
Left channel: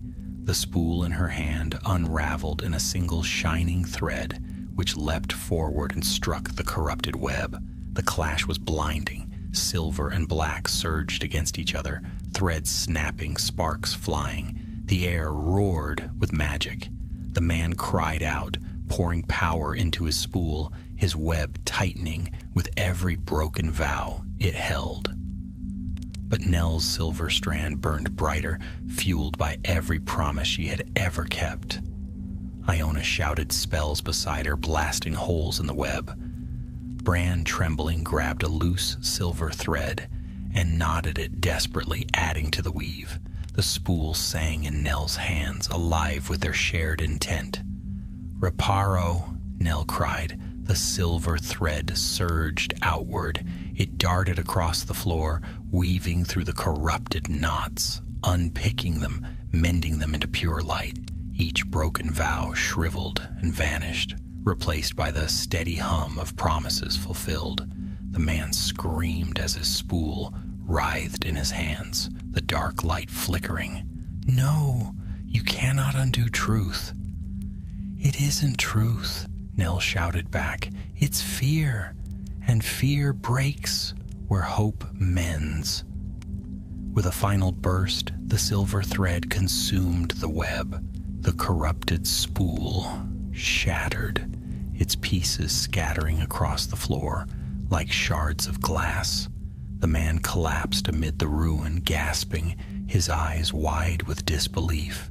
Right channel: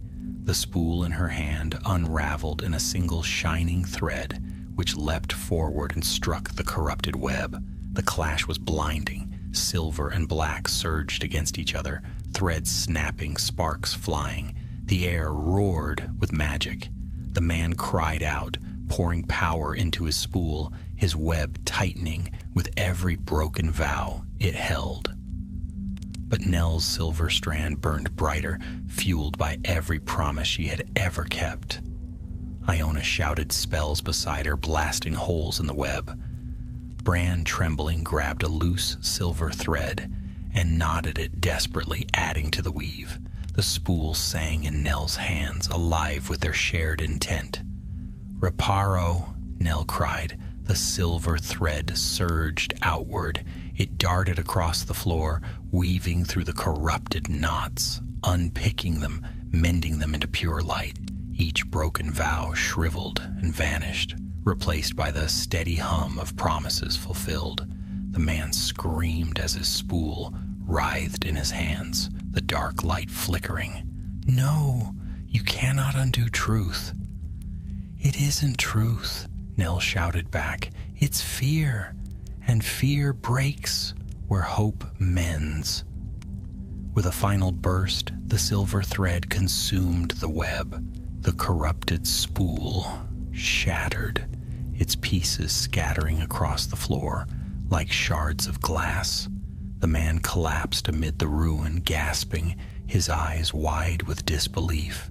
The spool in her hand unraveled in a single shining thread, which leapt forward and struck the corrupted web. The clash was blinding. Silver and black surged against each other, threads snapping, sparks flying. The air roared with magic. The man cried out, pouring power into his spool, his web tightening with every broken vow it held. but Nell's silver strand burned brighter, fueled by every promise she had ever kept. Iona shouted spells beside her, blasting holes in the web. Bran, trembling, grabbed a loose silver thread and knotted it desperately, adding to the weave. The spool sang in Nell's hands, alive with their shared intent. "Reparo," Nell cried. The silver thread surged outward. It darted across the floor, weaving through the corrupted knots, unpicking them, mending them into pure light. Each broken vow shriveled and vanished, replaced by the steady hum of promises fulfilled. The man screamed as his spool writhed in his hands, the dark light flickering. "No, you cannot undo truth." "It isn't truth," Nell shouted back. "It's fear, and fear breaks where hope mends." With a final burst, the silver thread consumed the web. The corrupted spool shattered, its pieces scattering across the floor like shards of glass. The man collapsed amid the ruin, gasping, his eyes wide with disbelief.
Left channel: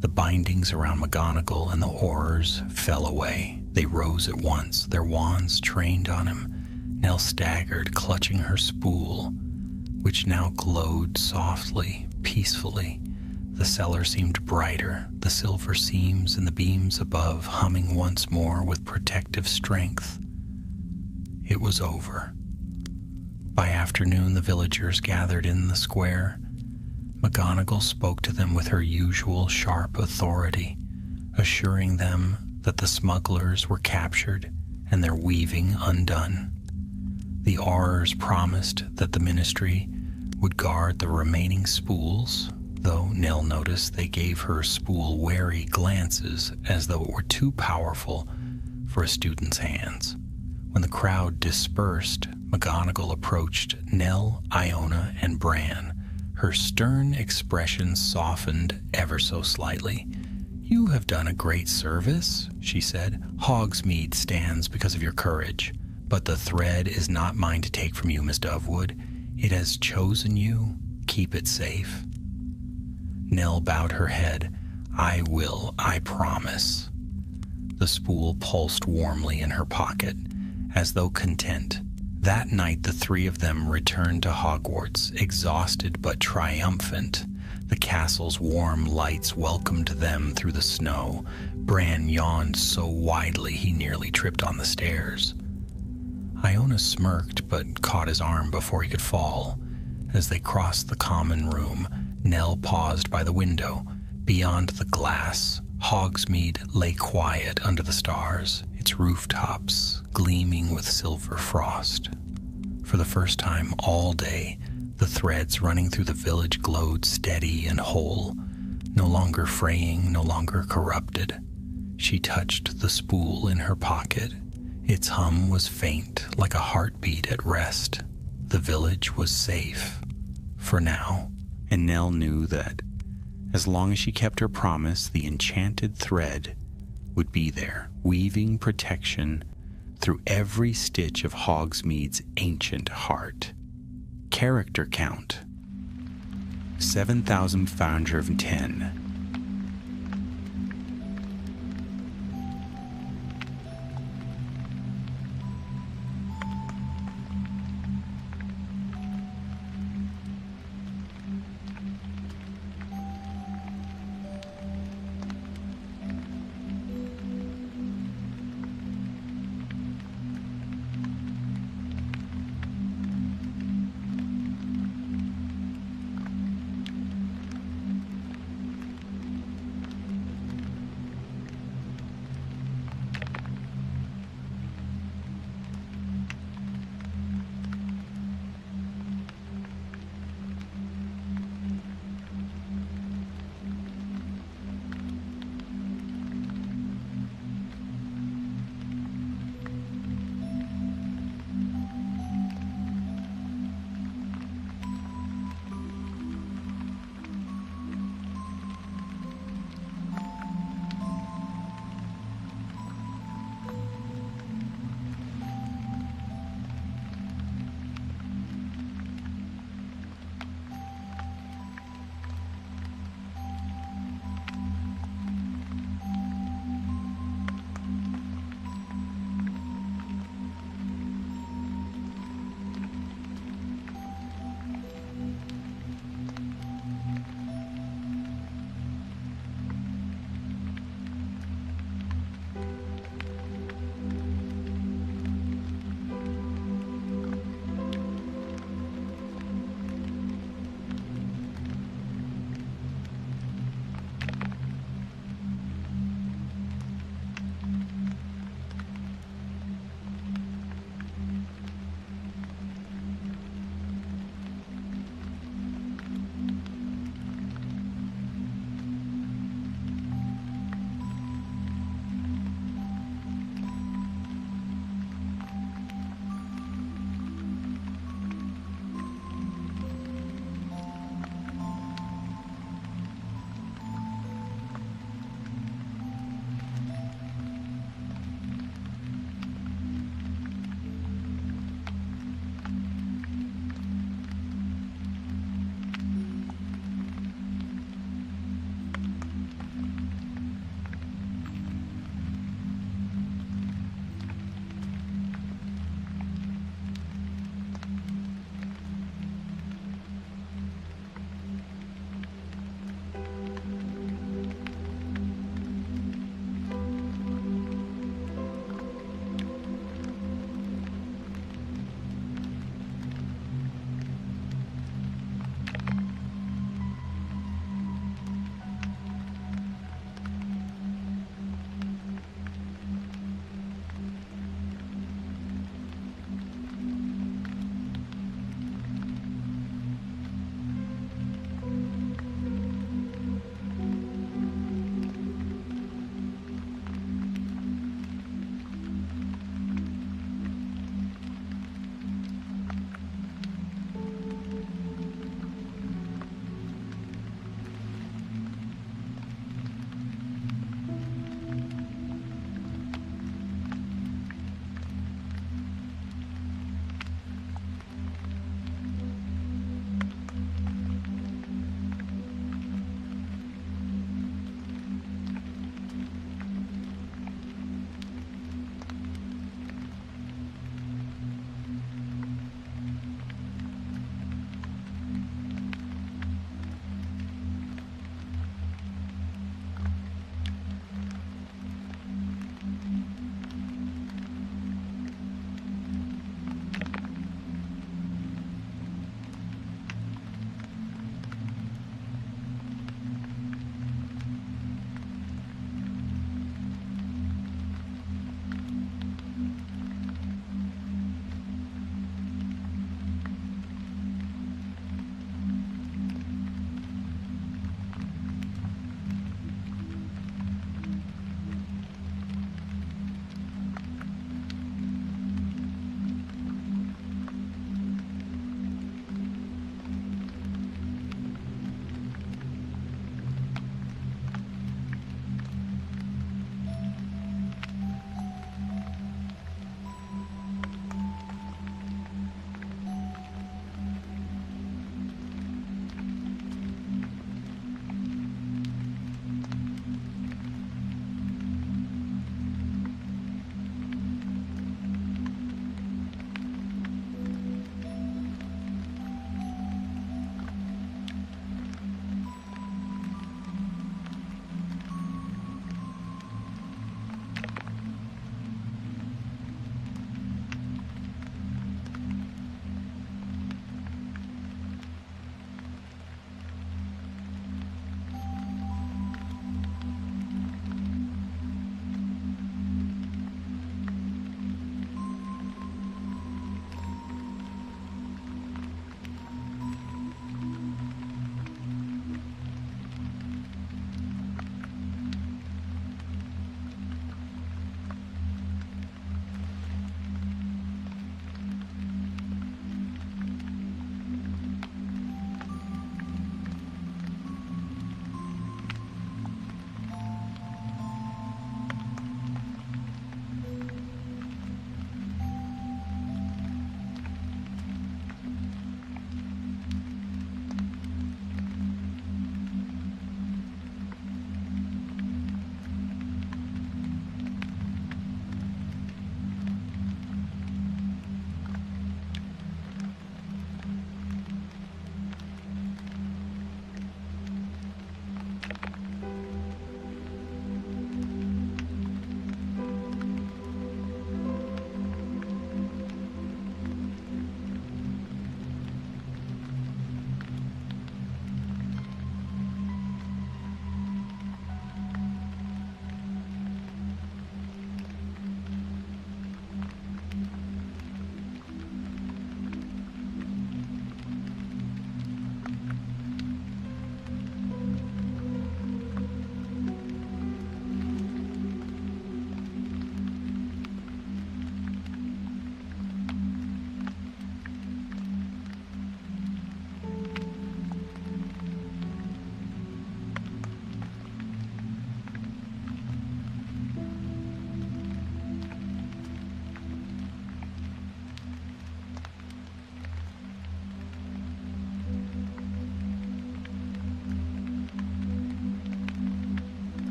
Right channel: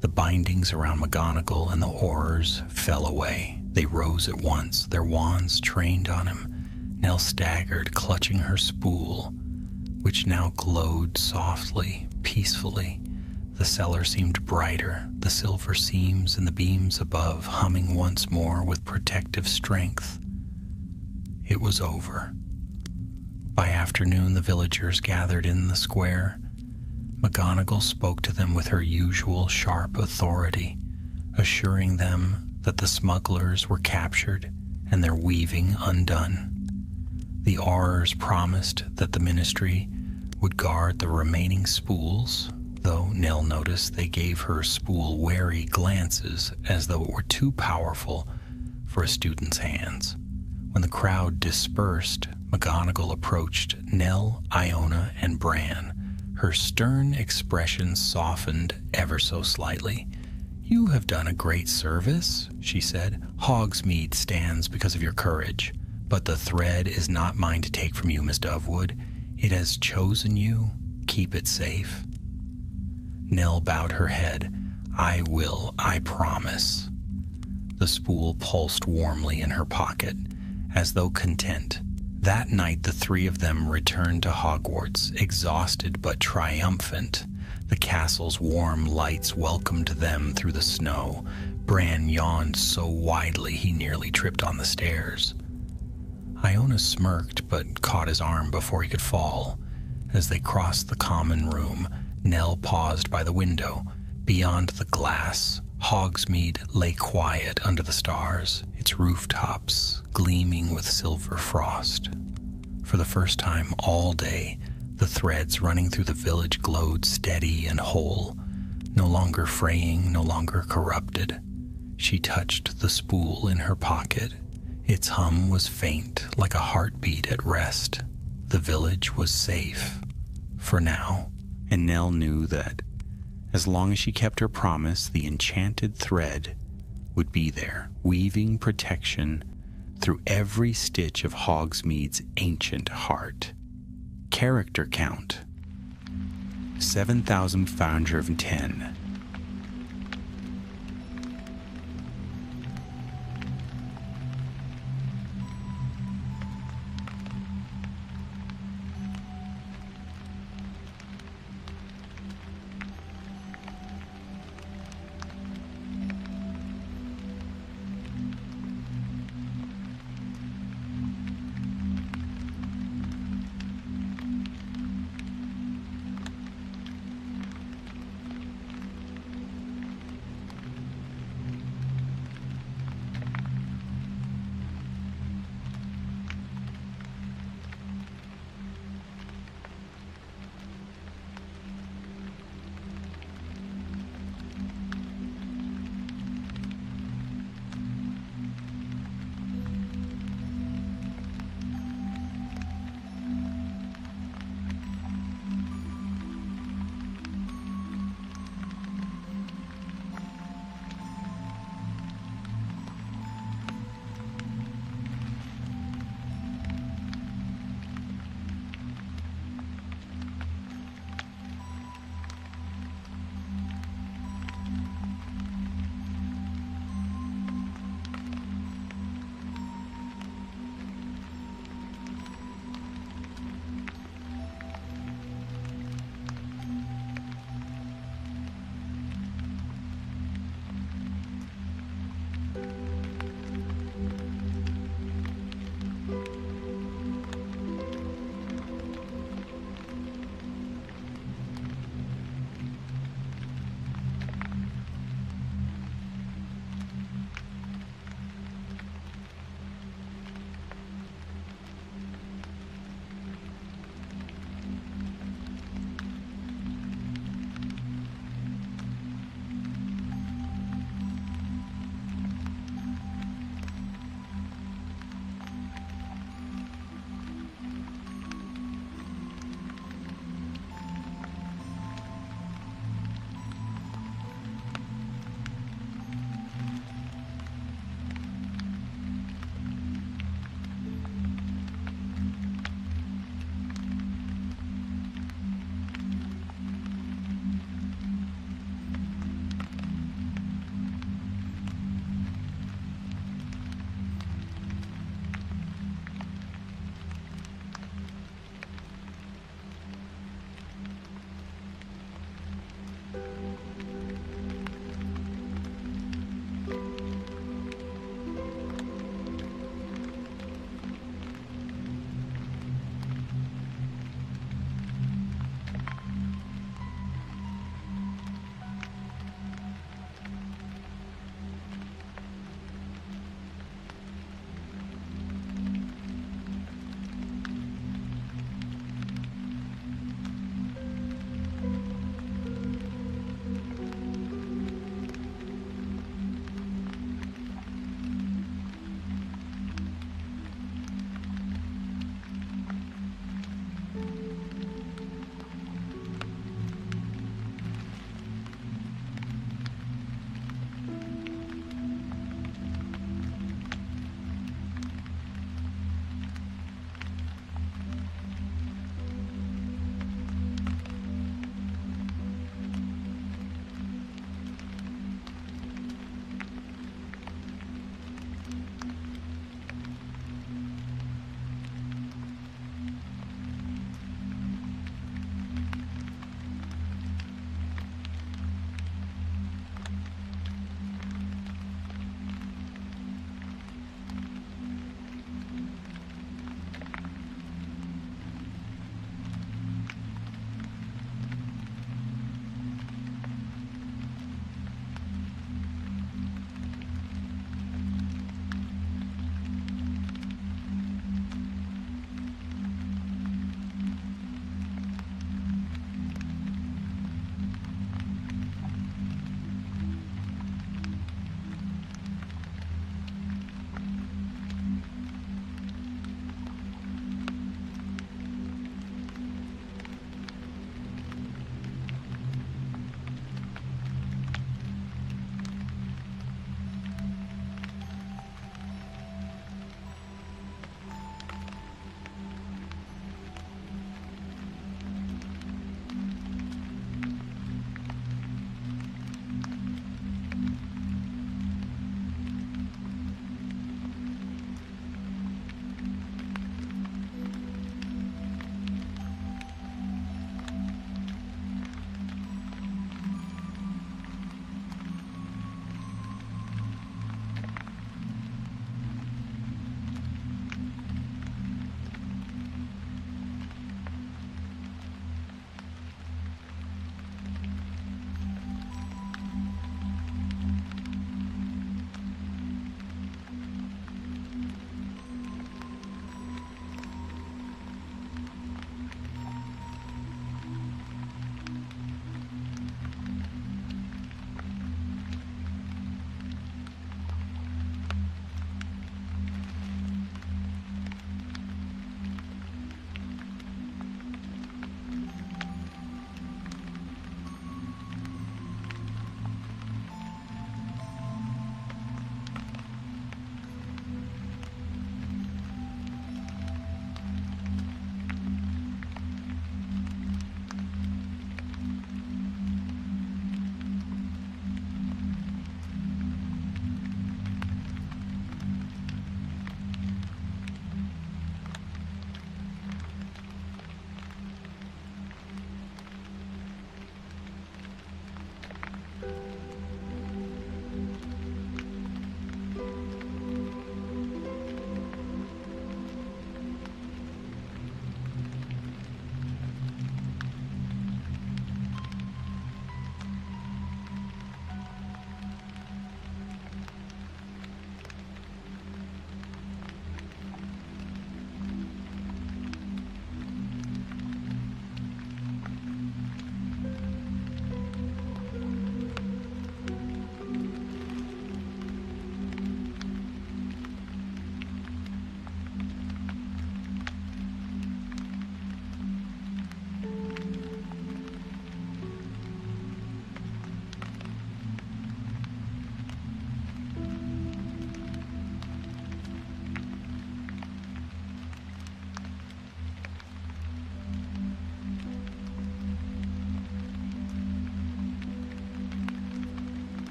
The bindings around McGonagall and the horrors fell away. They rose at once, their wands trained on him. Nell staggered, clutching her spool, which now glowed softly, peacefully. The cellar seemed brighter, the silver seams in the beams above humming once more with protective strength. It was over. By afternoon, the villagers gathered in the square. McGonagall spoke to them with her usual sharp authority, assuring them that the smugglers were captured and their weaving undone. The Aurors promised that the Ministry would guard the remaining spools, though Nell noticed they gave her spool wary glances as though it were too powerful for a student's hands. When the crowd dispersed, McGonagall approached Nell, Iona, and Bran. Her stern expression softened ever so slightly. "You have done a great service," she said. "Hogsmeade stands because of your courage, but the thread is not mine to take from you, Miss Dovewood. It has chosen you. Keep it safe." Nell bowed her head. "I will, I promise." The spool pulsed warmly in her pocket, as though content. That night the three of them returned to Hogwarts, exhausted but triumphant. The castle's warm lights welcomed them through the snow. Bran yawned so widely he nearly tripped on the stairs. Iona smirked but caught his arm before he could fall. As they crossed the common room, Nell paused by the window. Beyond the glass, Hogsmeade lay quiet under the stars, its rooftops gleaming with silver frost. For the first time all day, the threads running through the village glowed steady and whole, no longer fraying, no longer corrupted. She touched the spool in her pocket. Its hum was faint, like a heartbeat at rest. The village was safe, for now. And Nell knew that, as long as she kept her promise, the enchanted thread would be there, weaving protection through every stitch of Hogsmeade's ancient heart. Character count: 7,510.